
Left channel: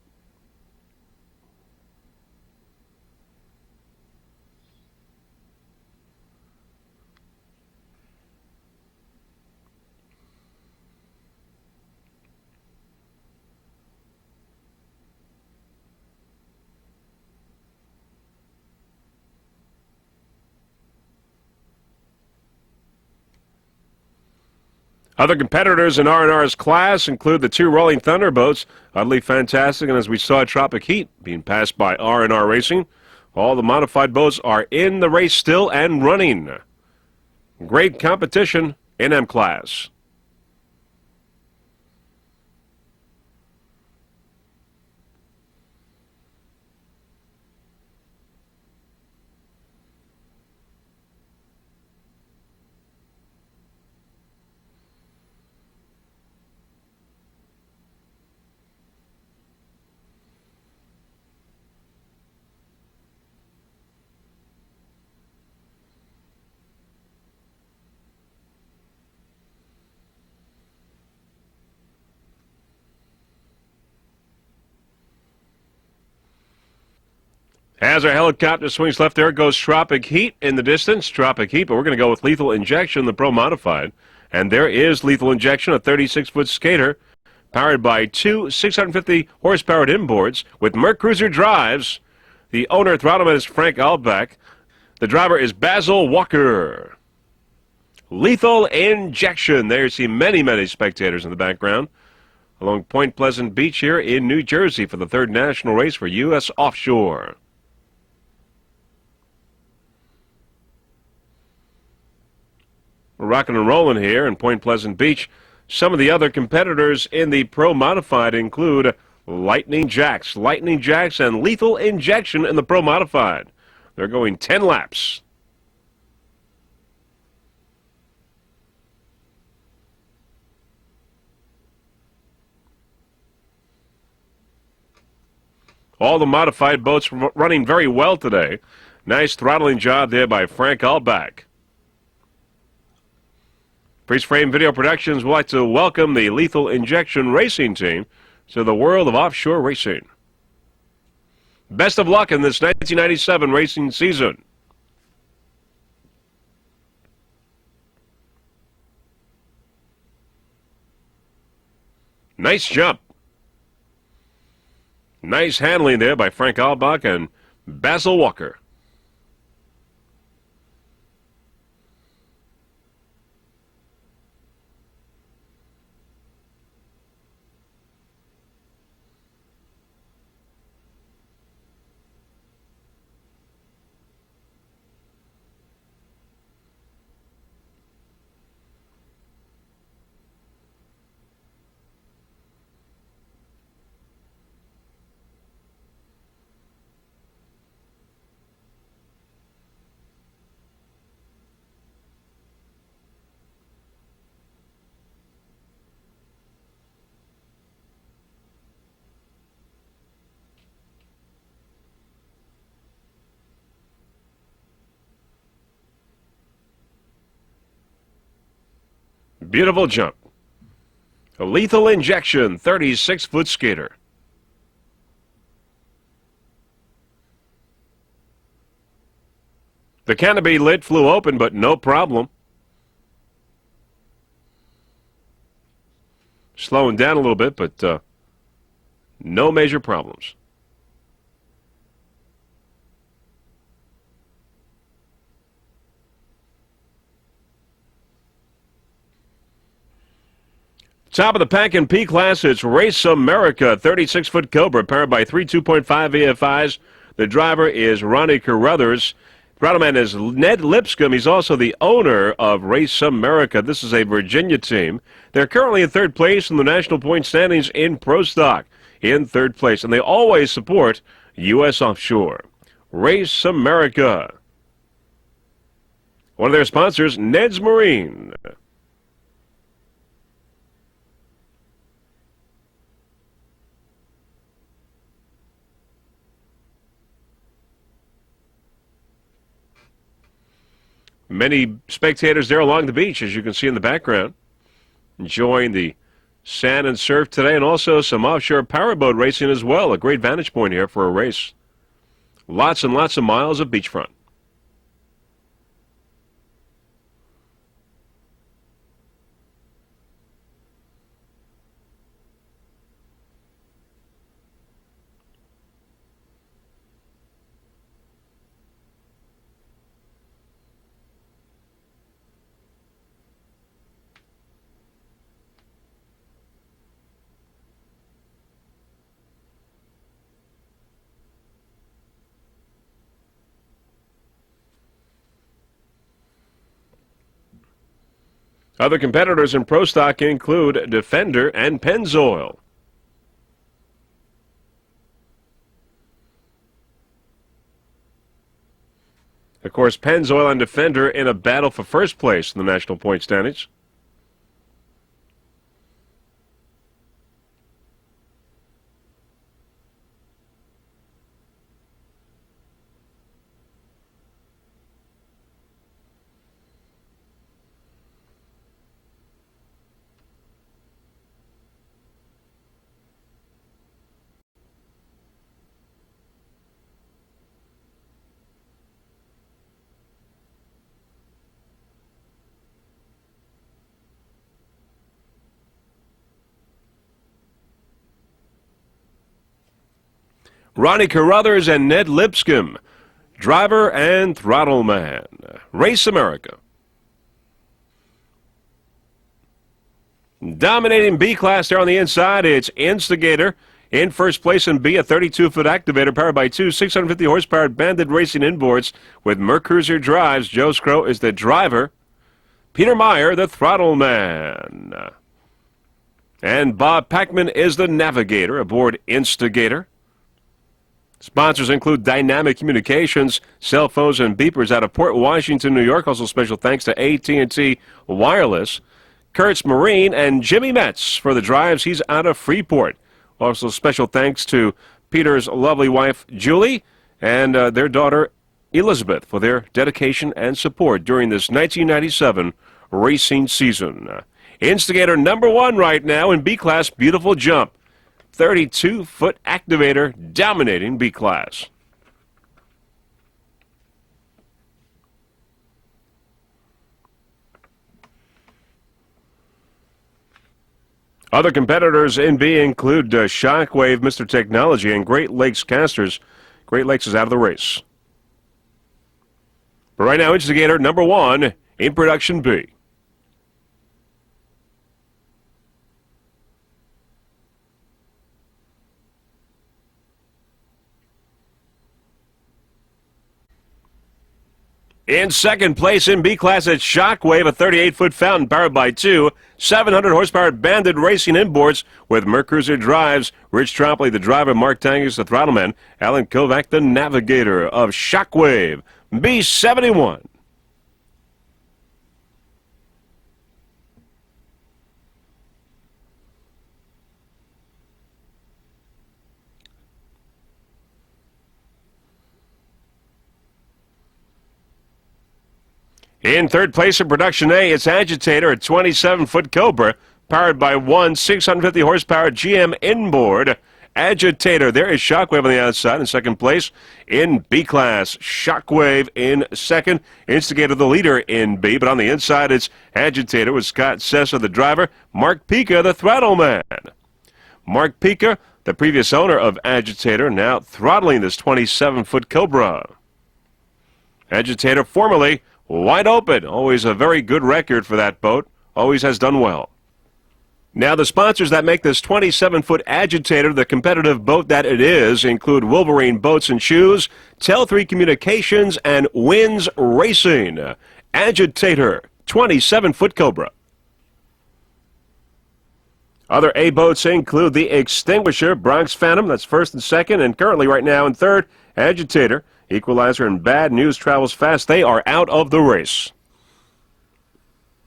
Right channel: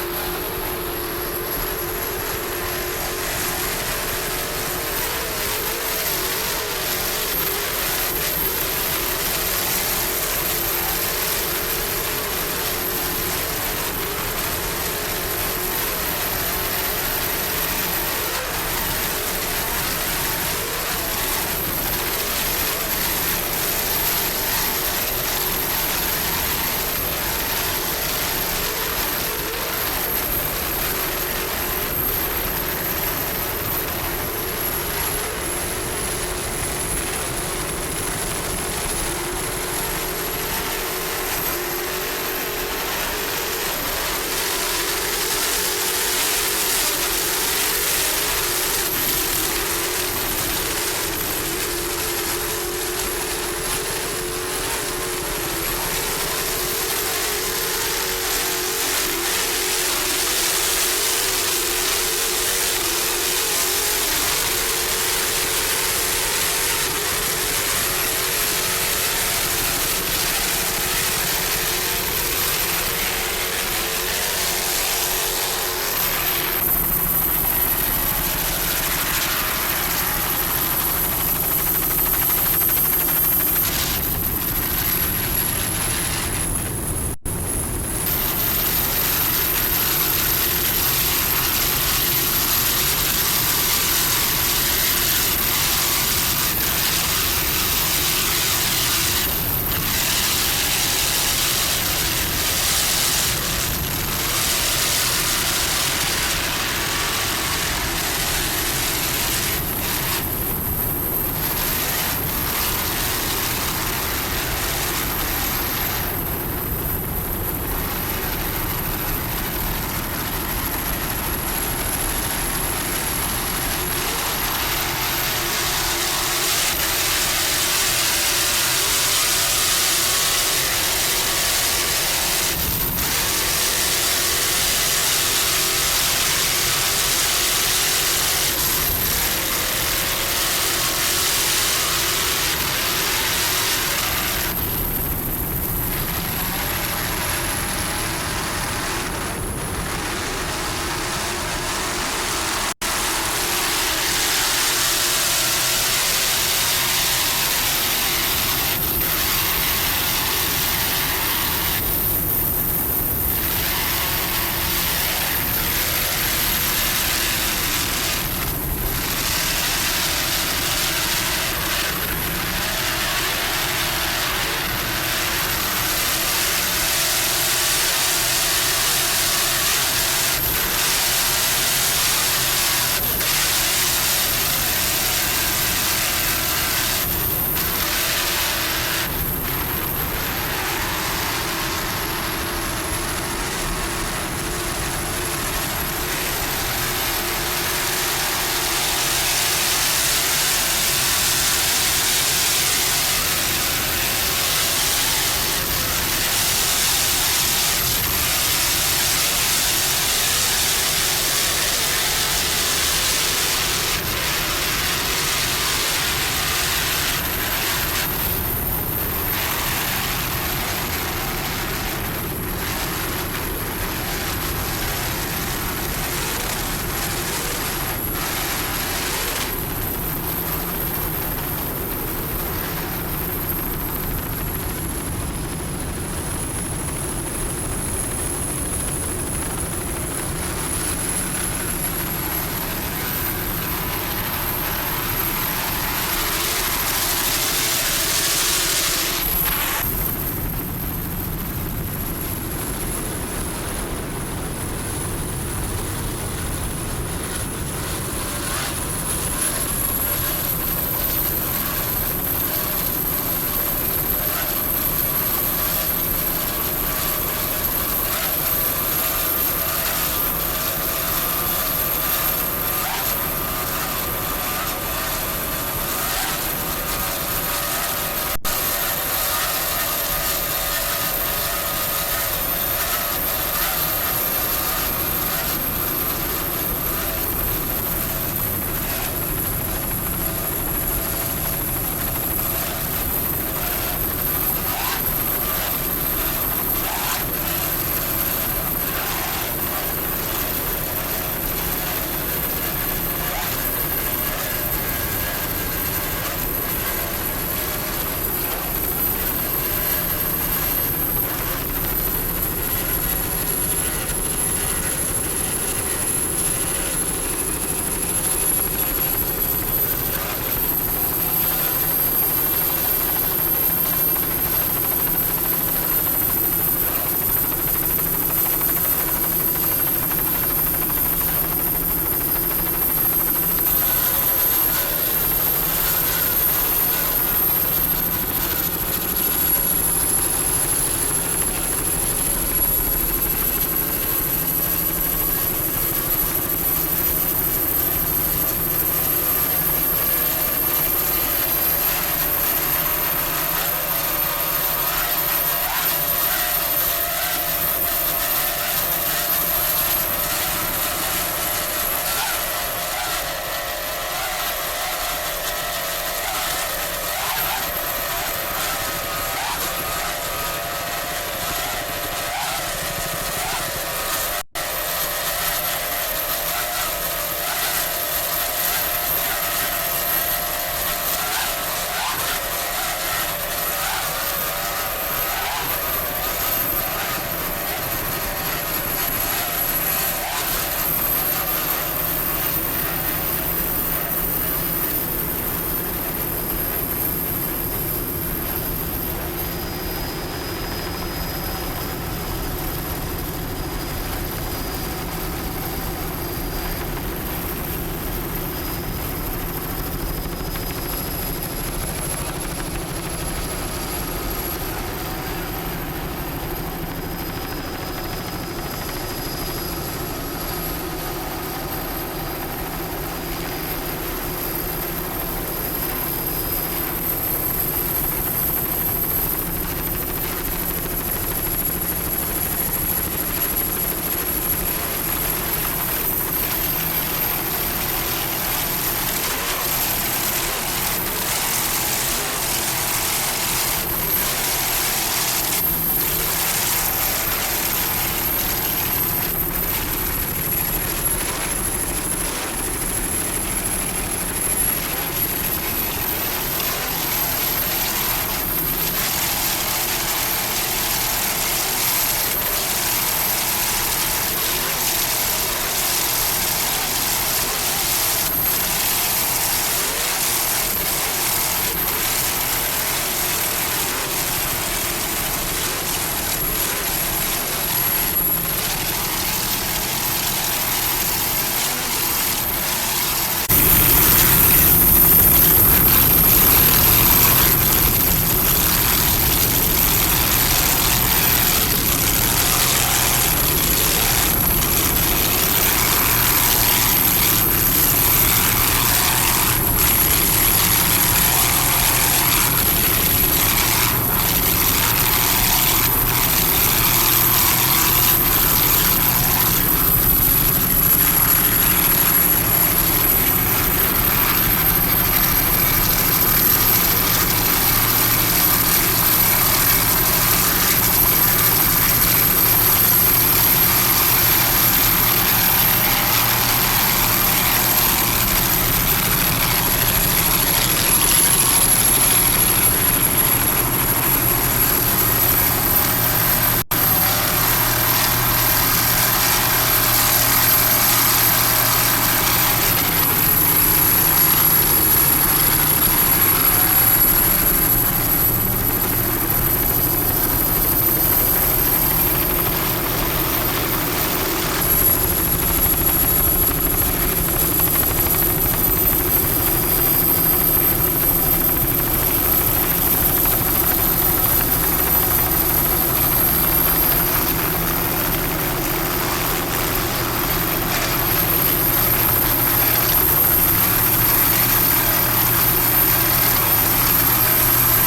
Other competitors in R&R's class include the 2 Rolling Thunder boats, utterly fantastic, and as we saw at Tropic Heat, being passed by R&R Racing. All the modified boats are in the race still and running. Great competition in M class. As our helicopter swings left, there goes Tropic Heat in the distance. Tropic Heat, but we're going to go with Lethal Injection, the Pro Modified. And there is Lethal Injection, a 36-foot skater, powered by 2 650 horsepower inboards with Merc Cruiser drives. The owner, throttleman, is Frank Altbach. The driver is Basil Walker. Lethal Injection. There you see many, many spectators in the background along Point Pleasant Beach here in New Jersey for the 3rd national race for U.S. Offshore. We're rocking and rolling here in Point Pleasant Beach. Some of the other competitors in the Pro Modified include Lightning Jacks, and Lethal Injection in the Pro Modified. They're going 10 laps. All the modified boats running very well today. Nice throttling job there by Frank Altbach. Freeze Frame Video Productions would like to welcome the Lethal Injection Racing team to the world of offshore racing. Best of luck in this 1997 racing season. Nice jump. Nice handling there by Frank Altbach and Basil Walker. Beautiful jump. A Lethal Injection 36-foot skater. The canopy lid flew open, but no problem. Slowing down a little bit, but no major problems. Top of the pack in P class, it's Race America, 36-foot Cobra, powered by 3 2.5 VFIs. The driver is Ronnie Carruthers. Throttleman is Ned Lipscomb. He's also the owner of Race America. This is a Virginia team. They're currently in 3rd place in the national point standings in Pro Stock, in 3rd place, and they always support U.S. Offshore. Race America. One of their sponsors, Ned's Marine. Many spectators there along the beach, as you can see in the background, enjoying the sand and surf today, and also some offshore powerboat racing as well. A great vantage point here for a race. Lots and lots of miles of beachfront. Other competitors in Pro Stock include Defender and Pennzoil. Of course, Pennzoil and Defender in a battle for first place in the national point standings. Ronnie Carruthers and Ned Lipscomb, driver and throttle man. Race America. Dominating B class there on the inside, it's Instigator. In first place in B, a 32-foot activator powered by two 650 horsepower Bandit Racing inboards with Mercruiser drives. Joe Scrow is the driver. Peter Meyer, the throttle man. And Bob Packman is the navigator aboard Instigator. Sponsors include Dynamic Communications, cell phones and beepers out of Port Washington, New York. Also special thanks to AT&T Wireless. Kurtz Marine and Jimmy Metz for the drives. He's out of Freeport. Also special thanks to Peter's lovely wife, Julie, and their daughter, Elizabeth, for their dedication and support during this 1997 racing season. Instigator #1 right now in B class. Beautiful jump. 32-foot activator dominating B class. Other competitors in B include Shockwave, Mr. Technology, and Great Lakes Casters. Great Lakes is out of the race. But right now, Instigator #1 in production B. In second place in B class at Shockwave, a 38-foot fountain powered by two 700 horsepower Bandit Racing inboards with Mercruiser drives. Rich Trombley, the driver, Mark Dangus, the throttleman, Alan Kovac, the navigator of Shockwave B71. In third place in production A, it's Agitator, a 27-foot Cobra, powered by one 650 horsepower GM inboard. Agitator, there is Shockwave on the outside in second place. In B class, Shockwave in second. Instigator the leader in B, but on the inside is Agitator with Scott Sessa, the driver. Mark Pica, the throttle man. Mark Pica, the previous owner of Agitator, now throttling this 27-foot Cobra. Agitator formerly wide open. Always a very good record for that boat. Always has done well. Now the sponsors that make this 27-foot Agitator the competitive boat that it is include Wolverine Boats and Shoes, Tel3 Communications, and Winds Racing. Agitator, 27-foot Cobra. Other A boats include the Extinguisher, Bronx Phantom, that's first and second, and currently right now in third, Agitator. Equalizer and Bad News travels fast. They are out of the race.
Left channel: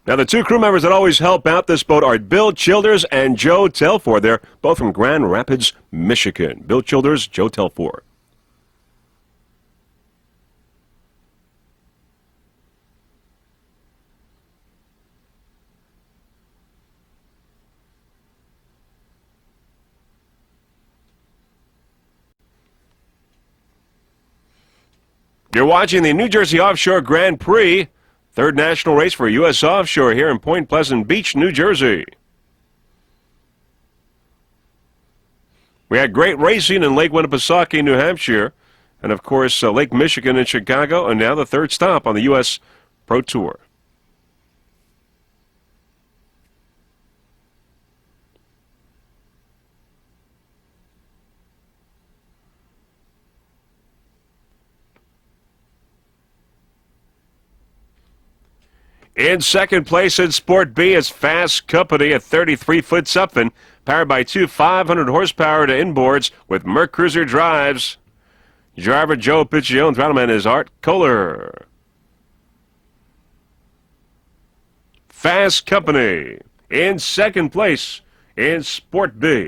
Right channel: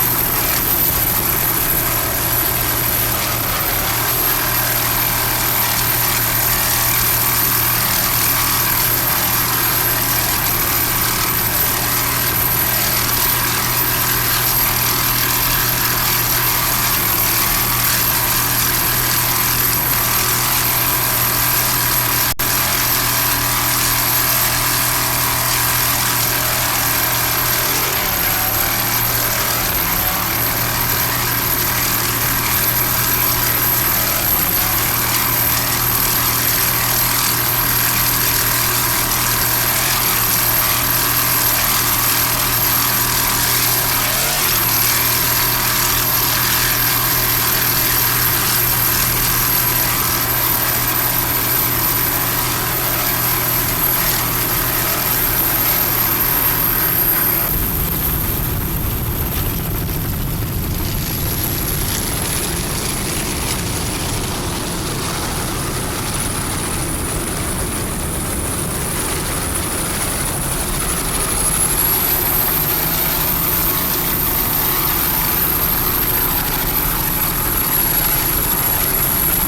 Now the two crew members that always help out this boat are Bill Childers and Joe Telford. They're both from Grand Rapids, Michigan. Bill Childers, Joe Telford. You're watching the New Jersey Offshore Grand Prix, third national race for U.S. Offshore here in Point Pleasant Beach, New Jersey. We had great racing in Lake Winnipesaukee, New Hampshire, and of course Lake Michigan in Chicago, and now the third stop on the U.S. Pro Tour. In second place in Sport B is Fast Company at 33 foot something, powered by two 500 horsepower to inboards with Merc Cruiser drives. Driver Joe Piccione, paddleman is Art Kohler. Fast Company in second place in Sport B.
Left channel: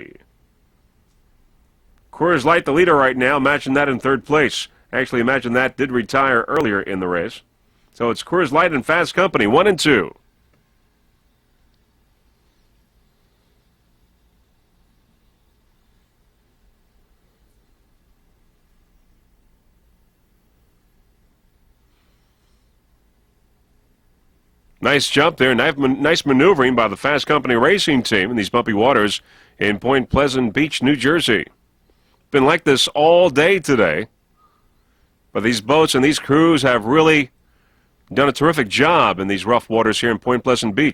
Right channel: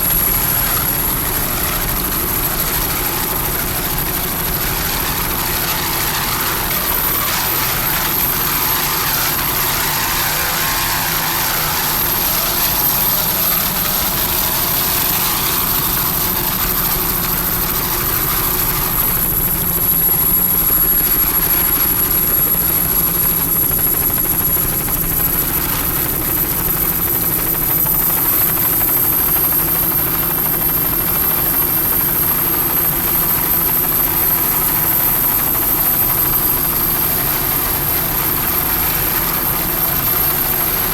Coors Light, the leader right now. Imagine that in third place. Actually, imagine that did retire earlier in the race. So it's Coors Light and Fast Company, 1 and 2. Nice jump there. Nice maneuvering by the Fast Company racing team in these bumpy waters in Point Pleasant Beach, New Jersey. It's been like this all day today. But these boats and these crews have really done a terrific job in these rough waters here in Point Pleasant Beach.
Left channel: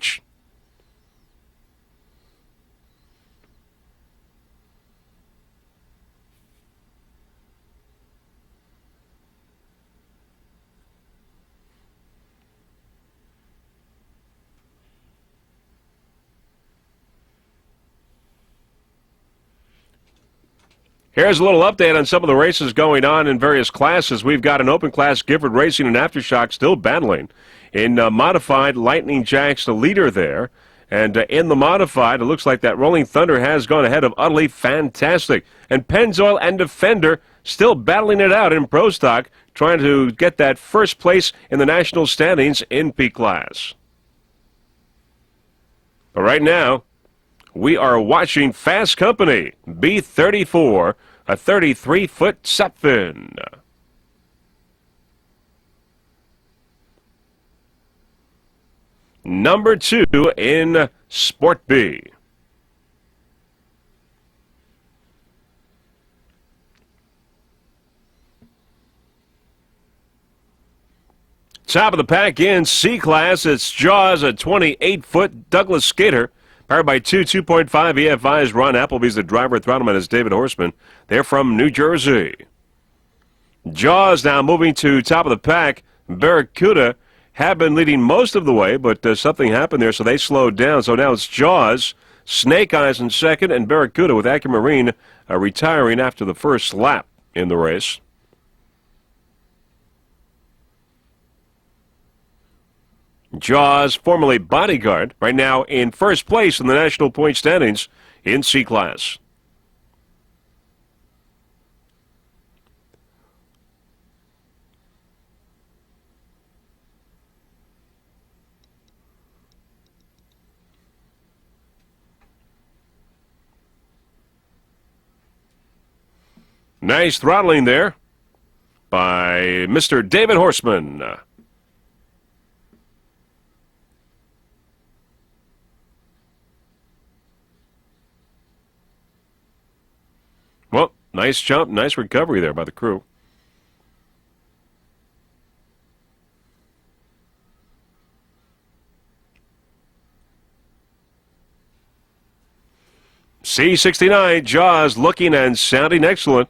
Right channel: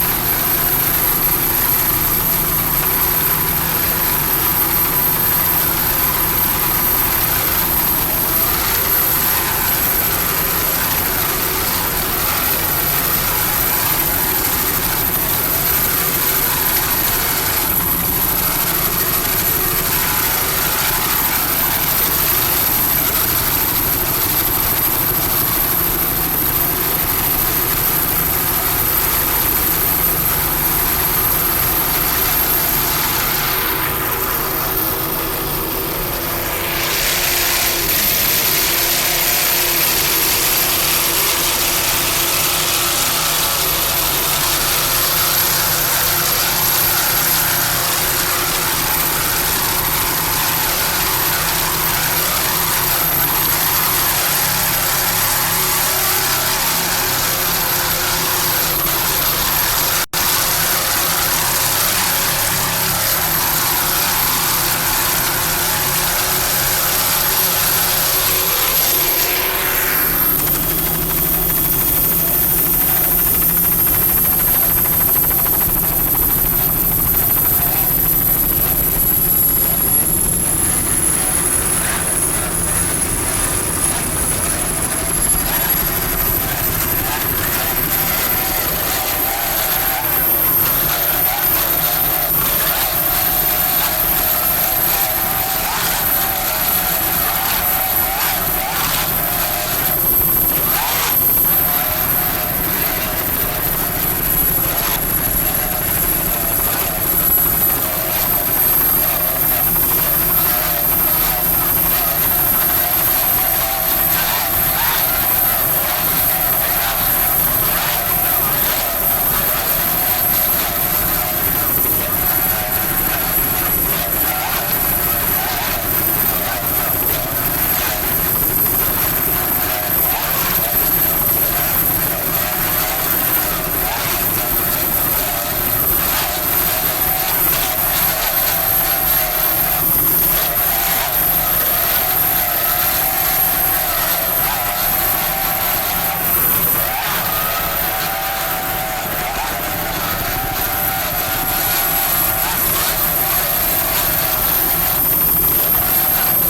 Here's a little update on some of the races going on in various classes. We've got an open class, Gifford Racing and Aftershock still battling. In modified, Lightning Jack's the leader there. And in the modified, it looks like that Rolling Thunder has gone ahead of Utterly Fantastic. And Pennzoil and Defender still battling it out in Pro Stock, trying to get that first place in the national standings in P class. But right now, we are watching Fast Company, B34, a 33-foot something. Number 2 in Sport B. Top of the pack in C class, it's Jaws, a 28-foot Douglas Skater. Hired by two 2.5 EFIs. Ron Appleby's the driver. Throttleman is David Horseman. They're from New Jersey. Jaws now moving to top of the pack. Barracuda have been leading most of the way, but something happened there, so they slowed down. So now it's Jaws, Snake Eyes in second, and Barracuda with Aquamarine retiring after the first lap in the race. Jaws, formerly Bodyguard, right now in first place in the national point standings in C class. Nice throttling there by Mr. David Horseman. Well, nice jump, nice recovery there by the crew. C69, Jaws looking and sounding excellent.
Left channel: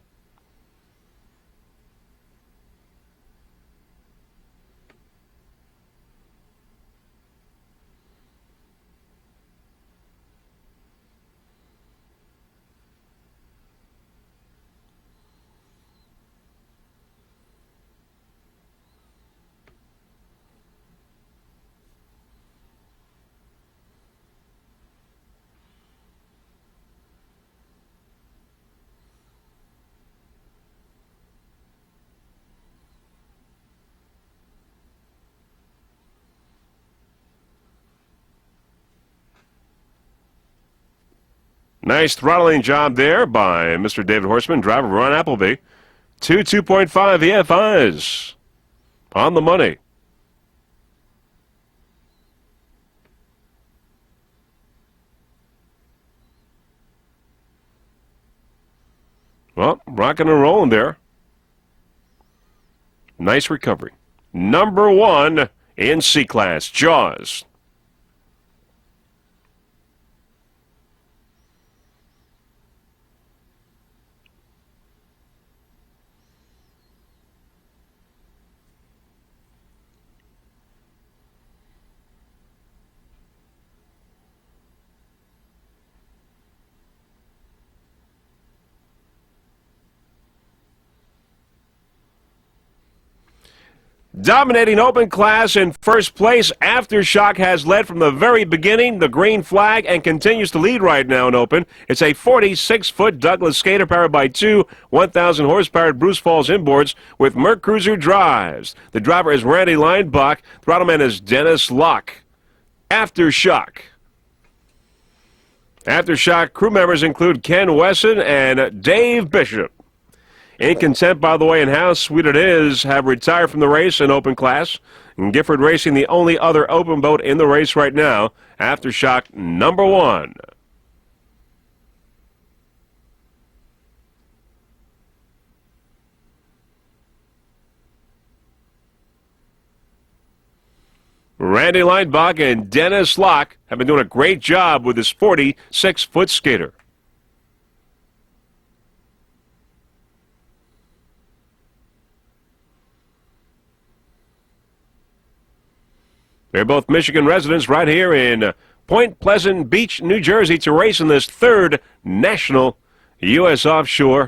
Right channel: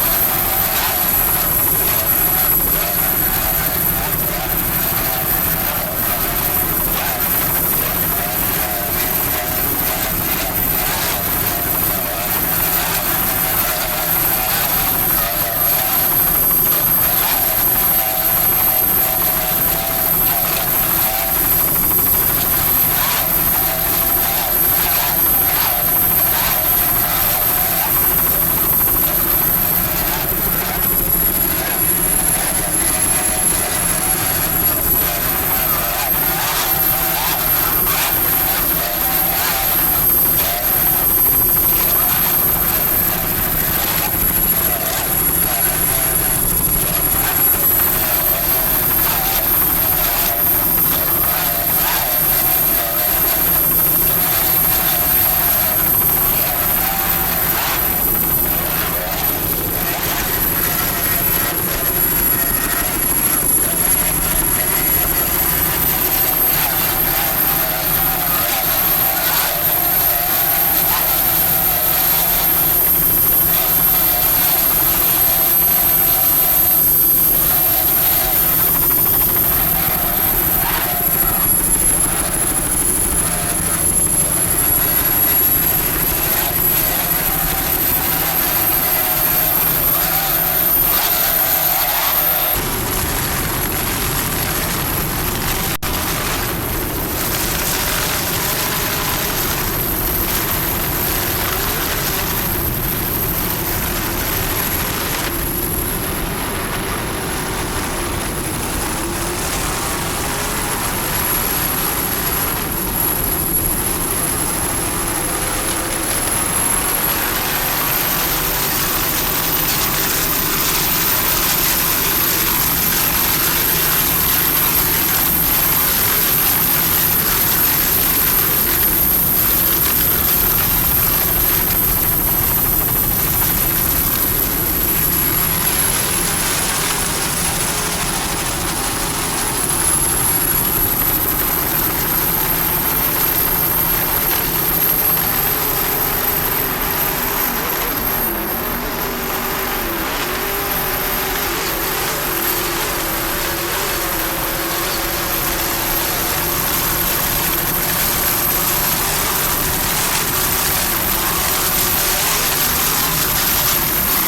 Nice throttling job there by Mr. David Horseman, driver Ron Appleby. Two 2.5 EFIs on the money. Well, rocking and rolling there. Nice recovery. Number 1 in C class, Jaws. Dominating open class in first place, Aftershock has led from the very beginning, the green flag, and continues to lead right now in open. It's a 46-foot Douglas skater powered by two 1,000 horsepower Bruce Falls inboards with Merc Cruiser drives. The driver is Randy Leinbach. Throttleman is Dennis Locke. Aftershock. Aftershock crew members include Ken Wesson and Dave Bishop. 8 Content, by the way, and How Sweet It Is have retired from the race in open class. And Gifford Racing, the only other open boat in the race right now. Aftershock number 1. Randy Leinbach and Dennis Locke have been doing a great job with this 46-foot skater. They're both Michigan residents right here in Point Pleasant Beach, New Jersey, to race in this third national U.S. offshore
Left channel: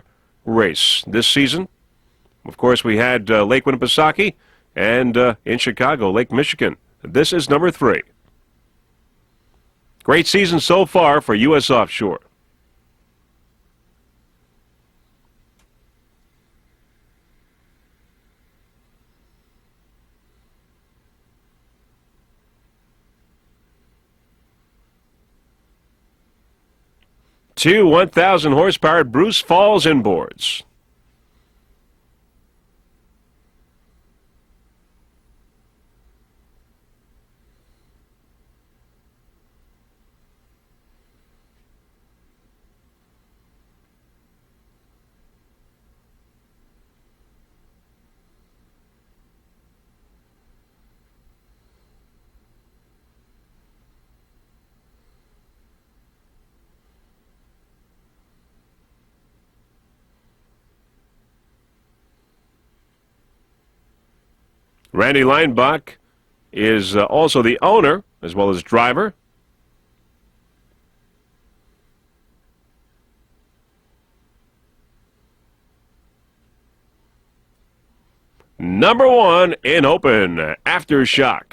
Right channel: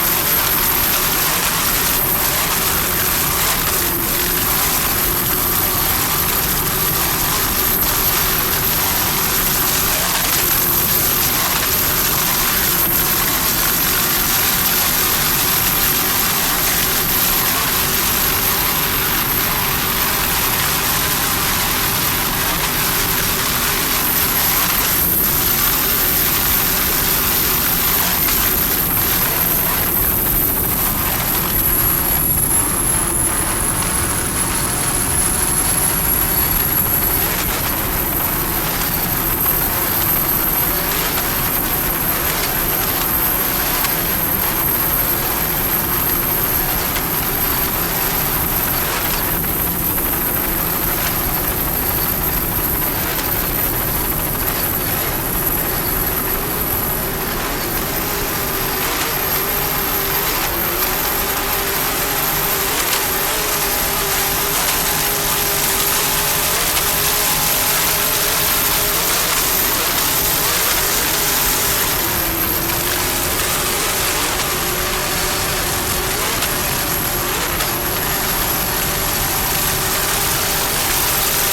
race this season. Of course, we had Lake Winnipesaukee and in Chicago, Lake Michigan. This is number 3. Great season so far for U.S. offshore. Two 1,000 horsepower Bruce Falls inboards. Randy Leinbach is also the owner as well as driver. Number 1 in open, Aftershock.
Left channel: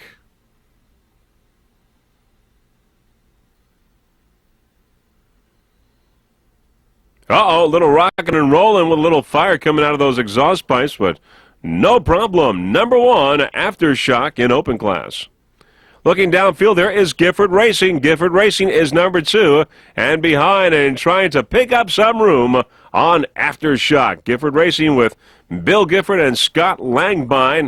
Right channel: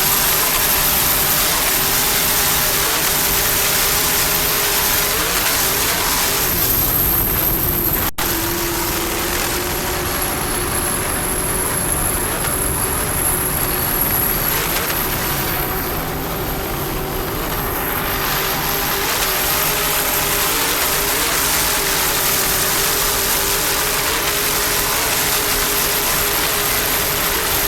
Uh-oh, a little rocking and rolling with a little fire coming out of those exhaust pipes, but no problem. Number 1, Aftershock in open class. Looking downfield, there is Gifford Racing. Gifford Racing is number 2, and behind and trying to pick up some room on Aftershock. Gifford Racing with Bill Gifford and Scott Langbein.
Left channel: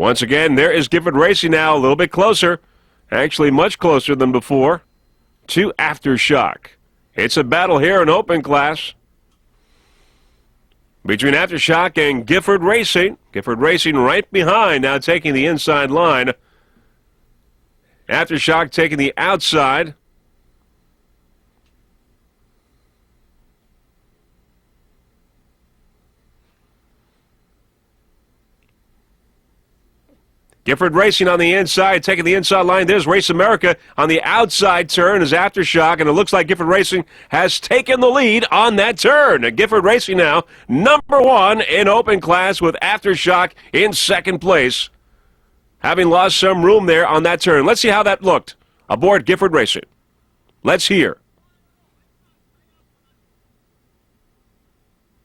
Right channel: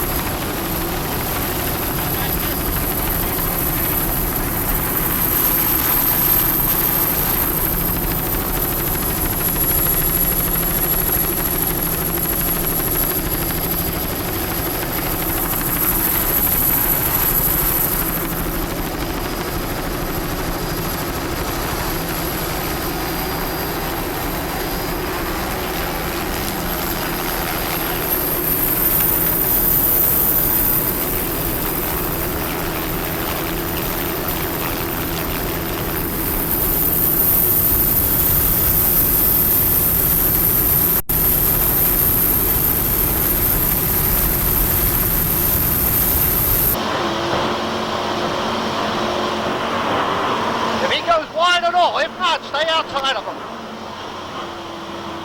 Once again, there is Gifford Racing now, a little bit closer, actually much closer than before, to Aftershock. It's a battle here in open class between Aftershock and Gifford Racing. Gifford Racing right behind, now taking the inside line. Aftershock taking the outside. Gifford Racing on the inside, taking the inside line. There's Race America on the outside turn is Aftershock, and it looks like Gifford Racing has taken the lead on that turn. Gifford Racing now number 1 in open class with Aftershock in second place, having lost some room there on that turn. Let's see how that looked aboard Gifford Racing. Let's hear. He goes wide at all. If not, stay outside of him.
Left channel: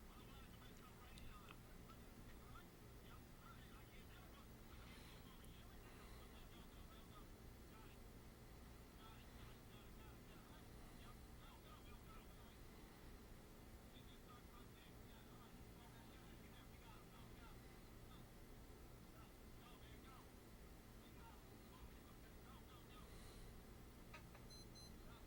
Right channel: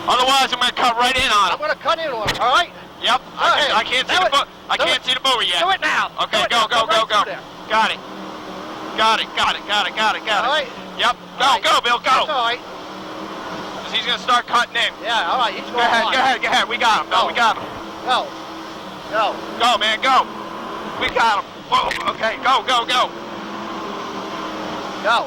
Otherwise, I'm going to cut right in on I'm him. going to cut in on him, all right? Yep. I can't see the boat. I can't see the boat yet. Do it now. Okay, Do it go, now. go, go, right go. through there. Got it. Got it, got it, got it, got it, got it. All right. Yep. Go, All right. go, Bill, That's go. all right. 'Cause he's going to start cutting in. Yeah, all right. He's Go going ahead, on. go ahead, go ahead. We got him, Bill, we got him. Go. Go. Go, man, go. We got him. Whoa, okay, go, go, go. Go.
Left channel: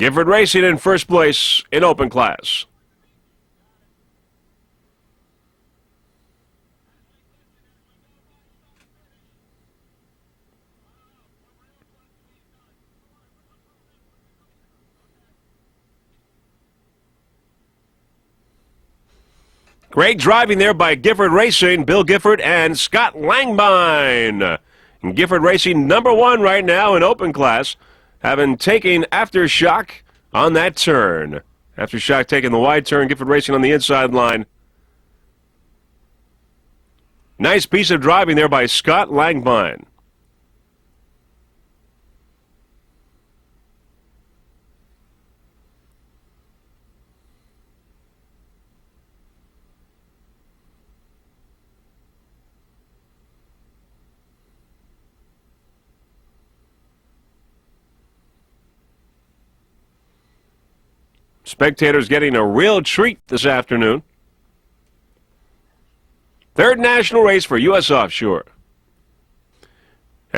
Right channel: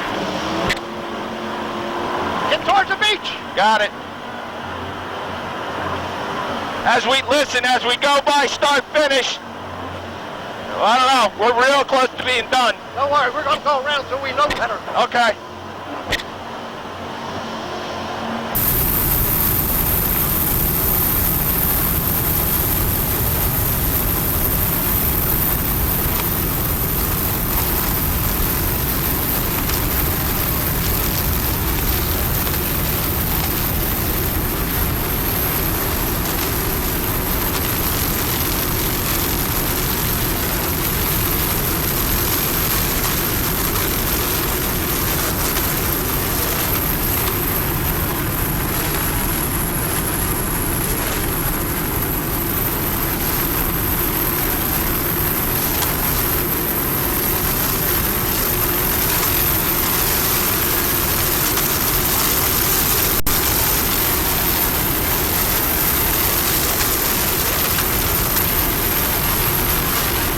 Gifford Racing in first place in open class. Get towards the beach. Got it. As we go by start finish. I don't know. We're real close to being done. Don't worry, we're going to go around till we know better. Okay. Great driving there by Gifford Racing, Bill Gifford and Scott Langbine. Gifford Racing #1 right now in open class, having taken Aftershock on that turn. Aftershock taking the wide turn, Gifford Racing on the inside line. Nice piece of driving there by Scott Langbine. Spectators getting a real treat this afternoon. Third national race for U.S. Offshore.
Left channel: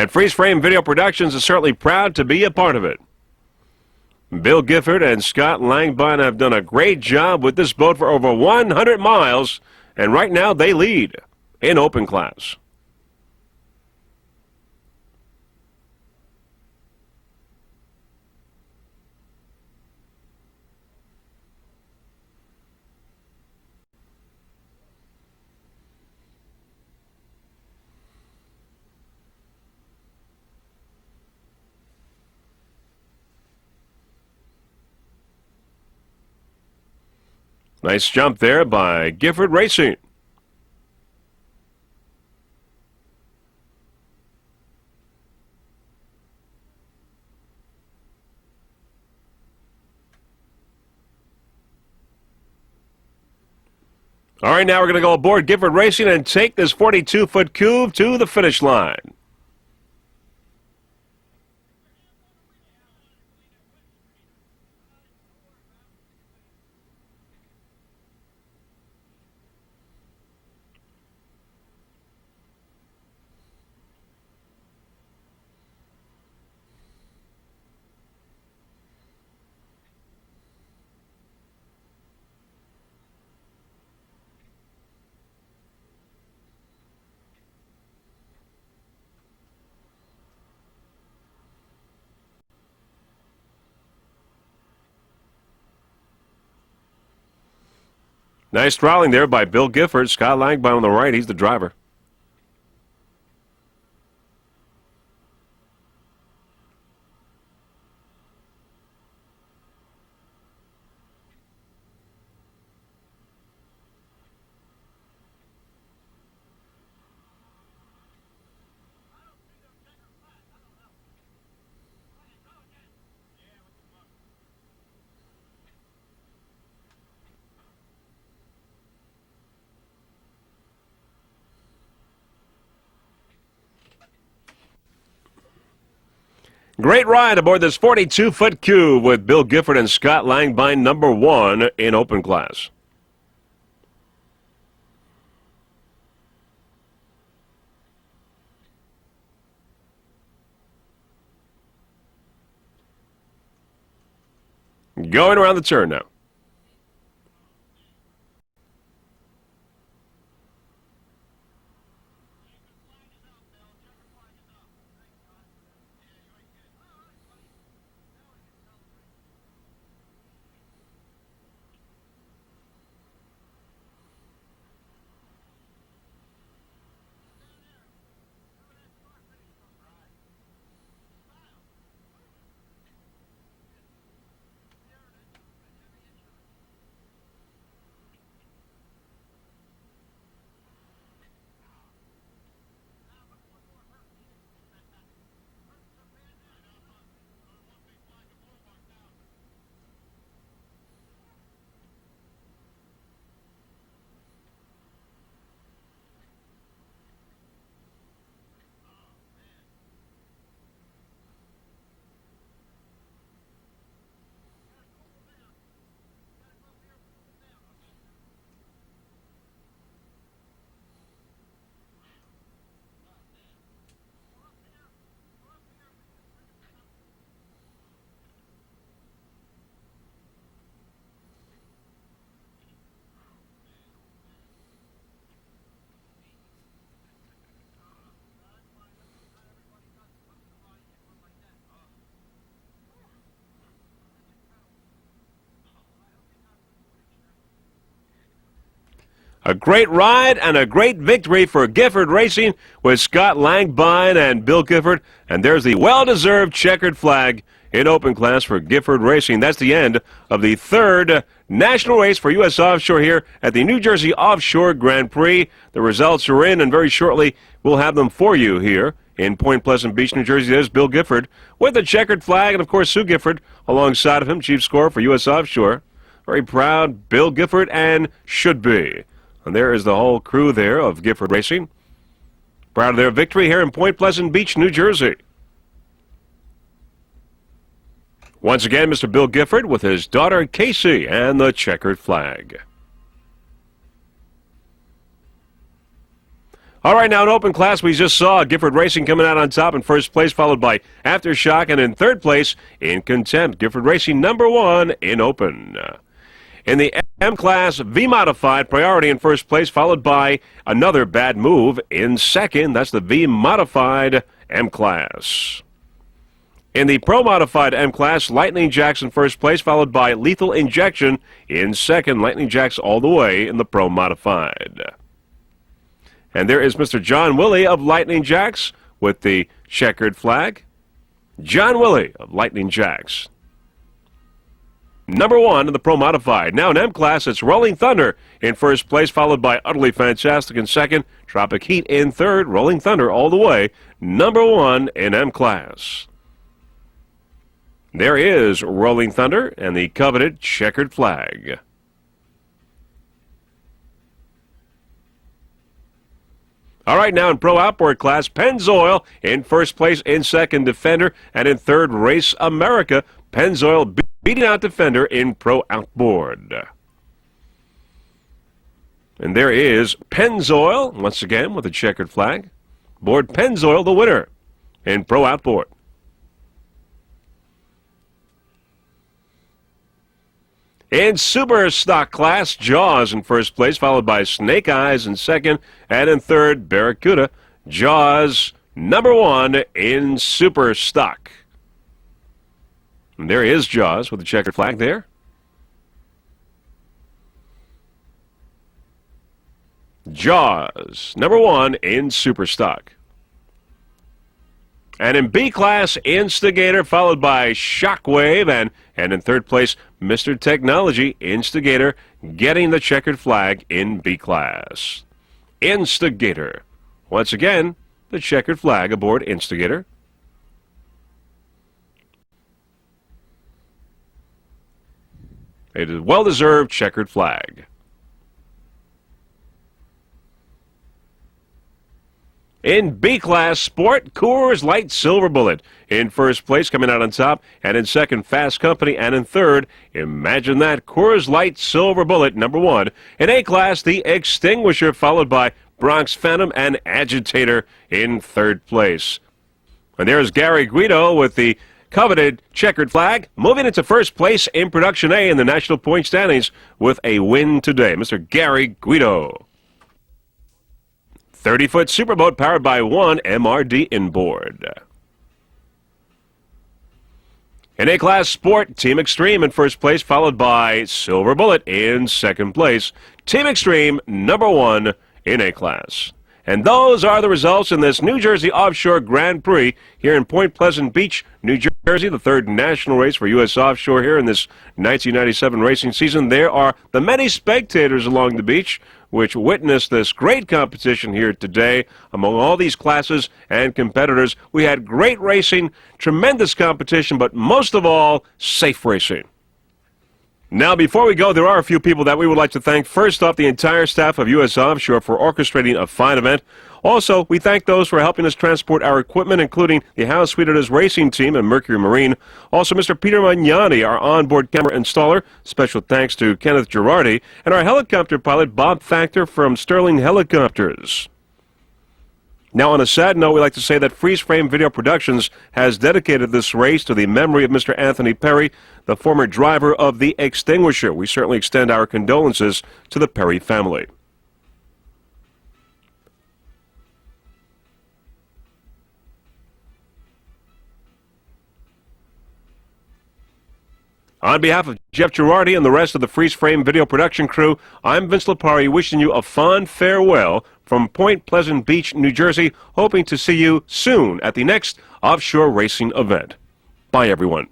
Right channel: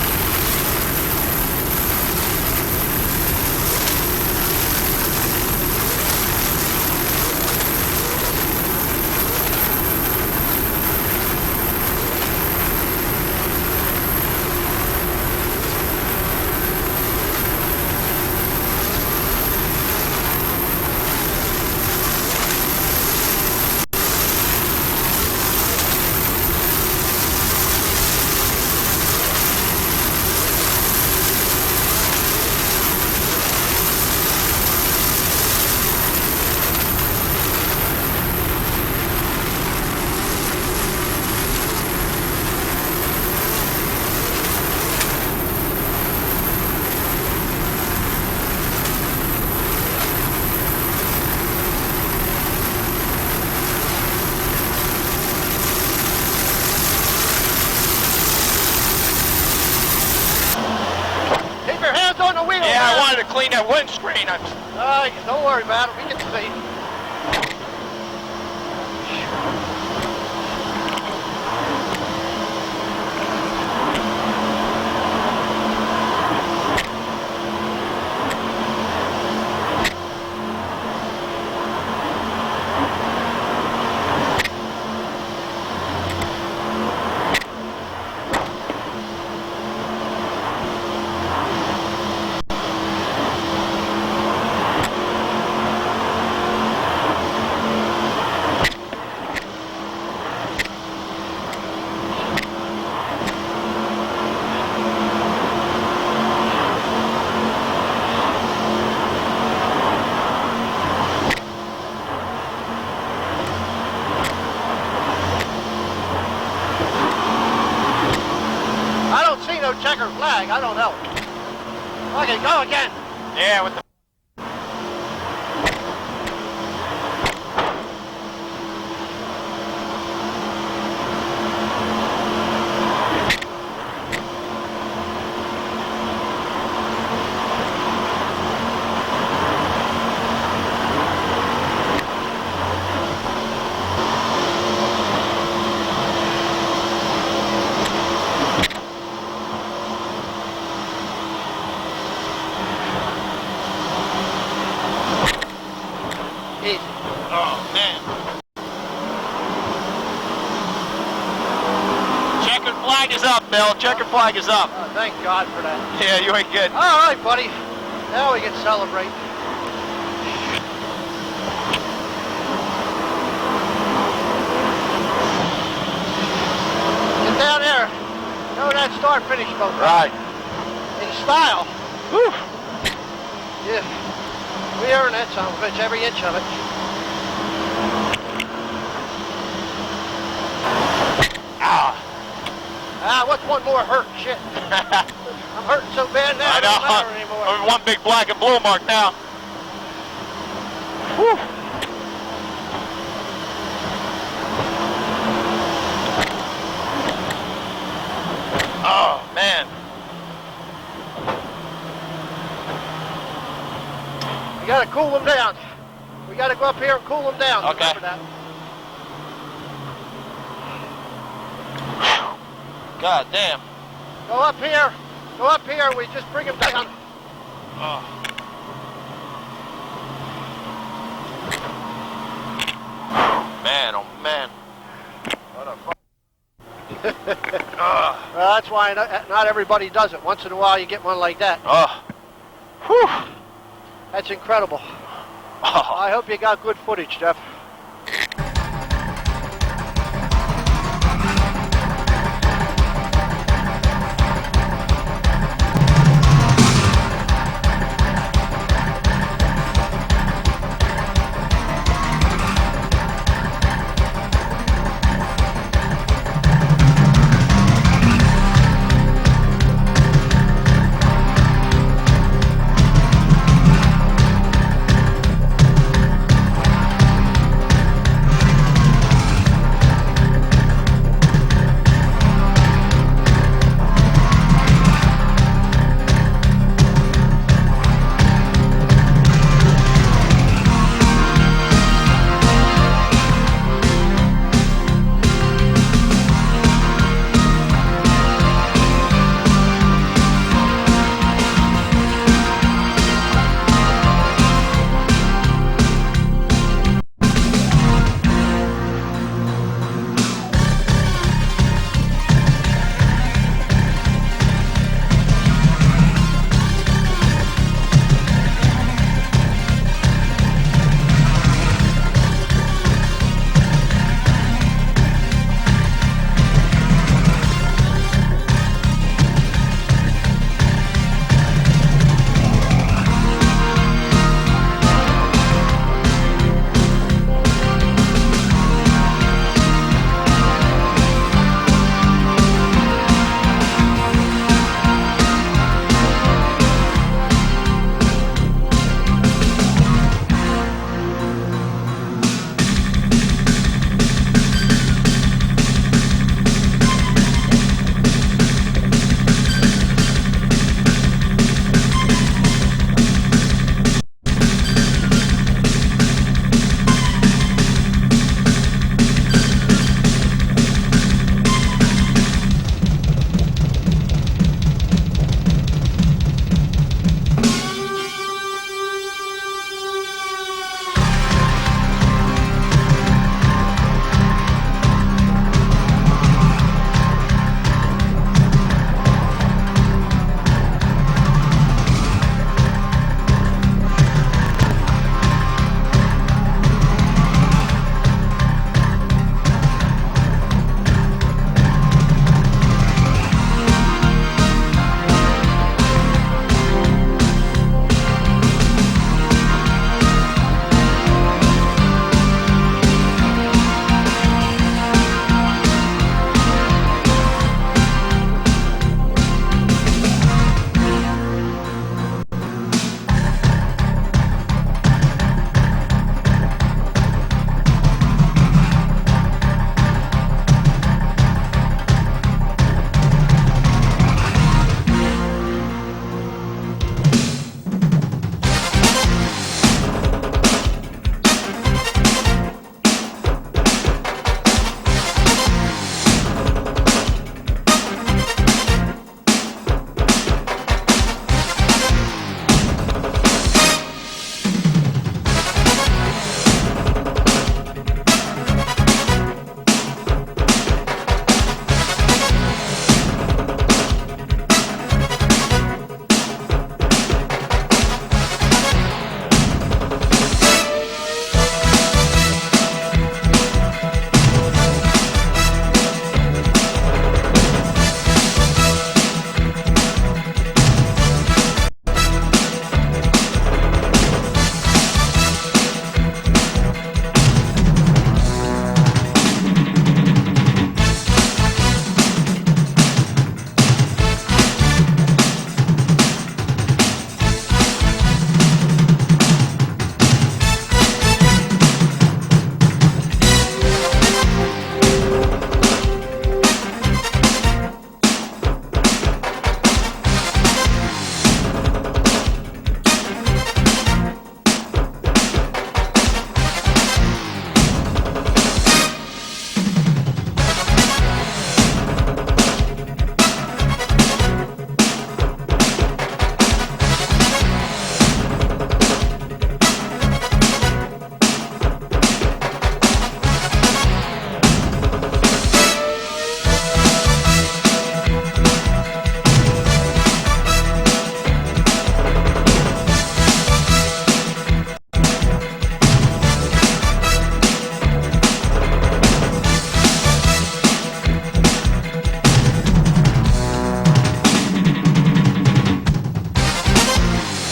And Freeze Frame Video Productions is certainly proud to be a part of it. Bill Gifford and Scott Langbine have done a great job with this boat for over 100 miles, and right now they lead in open class. Nice jump there by Gifford Racing. All right, now we're going to go aboard Gifford Racing and take this 42-foot cube to the finish line. Keep your hands on the wheel. Yeah, man. I wanted to clean that windscreen. Don't worry about it. We can see. Nice throttling there by Bill Gifford. Scott Langbine on the right. He's the driver. I don't see no checker flag. I don't know. Okay, go again. Yeah, with the Great ride aboard this 42-foot cube with Bill Gifford and Scott Langbine, #1 in open class. Going around the turn now. Easy. Oh, man. Checkered flag is up, Bill. Checkered flag is up. Oh, thank God for that. Yeah, you ain't good. All right, buddy. Now we can celebrate. Get down there. Know that start-finish boat, Right. in style. Whew. Yeah. We earn that son of a bitch, every inch of it. What's one more hurt? Shit. I'm hurting so bad now, I it don't know. matter anymore. I'm one big black and blue mark now. Whew. Oh, man. We gotta cool them down. We gotta go up here and cool them down. Okay. Remember that. God damn. Go up here. Go up here. We just bring them down. Oh. why not everybody does it. Once in a while you get one like that. Oh. Whew. That's incredible. Oh. I hope you got good footage, Jeff. A great ride and a great victory for Gifford Racing with Scott Langvine and Bill Gifford. And there's the well-deserved checkered flag in open class for Gifford Racing. That's the end of the third national race for U.S. Offshore here at the New Jersey Offshore Grand Prix. The results are in, and very shortly we'll have them for you here in Point Pleasant Beach, New Jersey. There's Bill Gifford with the checkered flag, and of course Sue Gifford alongside of him, chief scorer for U.S. Offshore. Very proud Bill Gifford, and should be. There is the whole crew there of Gifford Racing. Proud of their victory here in Point Pleasant Beach, New Jersey. Once again, Mr. Bill Gifford with his daughter Casey and the checkered flag. All right, now in open class, we just saw Gifford Racing coming out on top in first place, followed by Aftershock, and in third place in Contempt. Gifford Racing #1 in open. In the M-Class V-Modified, Priority in first place, followed by another bad move in second. That's the V-Modified M-Class. In the Pro-Modified M-Class, Lightning Jacks in first place, followed by Lethal Injection in second. Lightning Jacks all the way in the Pro-Modified. And there is Mr. John Willey of Lightning Jacks with the checkered flag. John Willey, Lightning Jacks. #1 in the Pro Modified. Now in M-Class, it's Rolling Thunder in first place, followed by Utterly Fantastic in second. Tropic Heat in third. Rolling Thunder all the way. #1 in M-Class. There is Rolling Thunder and the coveted checkered flag. All right, now in Pro Outboard class, Pennzoil in first place, in second Defender, and in third Race America. Pennzoil beating out Defender in Pro Outboard. And there is Pennzoil, once again with a checkered flag. Board Pennzoil, the winner in Pro Outboard. In Super Stock class, Jaws in first place, followed by Snake Eyes in second, and in third, Barracuda. Jaws, #1 in Super Stock. There is Jaws with the checkered flag there. Jaws, #1 in Super Stock. And in B class, Instigator, followed by Shockwave, and in third place, Mr. Technology, Instigator, getting the checkered flag in B class. Instigator. Once again, the checkered flag aboard Instigator. It is a well-deserved checkered flag. In B-Class Sport, Coors Light Silver Bullet in first place, coming out on top, and in second, Fast Company, and in third, imagine that, Coors Light Silver Bullet, #1. In A-Class, the Extinguisher, followed by Bronx Phantom and Agitator in third place. And there's Gary Guido with the coveted checkered flag, moving into first place in Production A in the national point standings with a win today. Mr. Gary Guido. 30-foot Superboat powered by one MRD inboard. In A-Class Sport, Team Extreme in first place, followed by Silver Bullet in second place. Team Extreme, #1 in A-Class. And those are the results in this New Jersey Offshore Grand Prix here in Point Pleasant Beach, New Jersey, the third national race for U.S. Offshore here in this 1997 racing season. There are the many spectators along the beach which witnessed this great competition here today among all these classes and competitors. We had great racing, tremendous competition, but most of all, safe racing. Now, before we go, there are a few people that we would like to thank. First off, the entire staff of U.S. Offshore for orchestrating a fine event. Also, we thank those for helping us transport our equipment, including the How Sweet It Is racing team and Mercury Marine. Also, Mr. Peter Magnani, our onboard camera installer. Special thanks to Kenneth Girardi. And our helicopter pilot, Bob Factor from Sterling Helicopters. Now, on a sad note, we like to say that Freeze Frame Video Productions has dedicated this race to the memory of Mr. Anthony Perry, the former driver of the Extinguisher. We certainly extend our condolences to the Perry family. On behalf of Jeff Girardi and the rest of the Freeze Frame video production crew, I'm Vince Lipari wishing you a fond farewell from Point Pleasant Beach, New Jersey, hoping to see you soon at the next offshore racing event. Bye, everyone.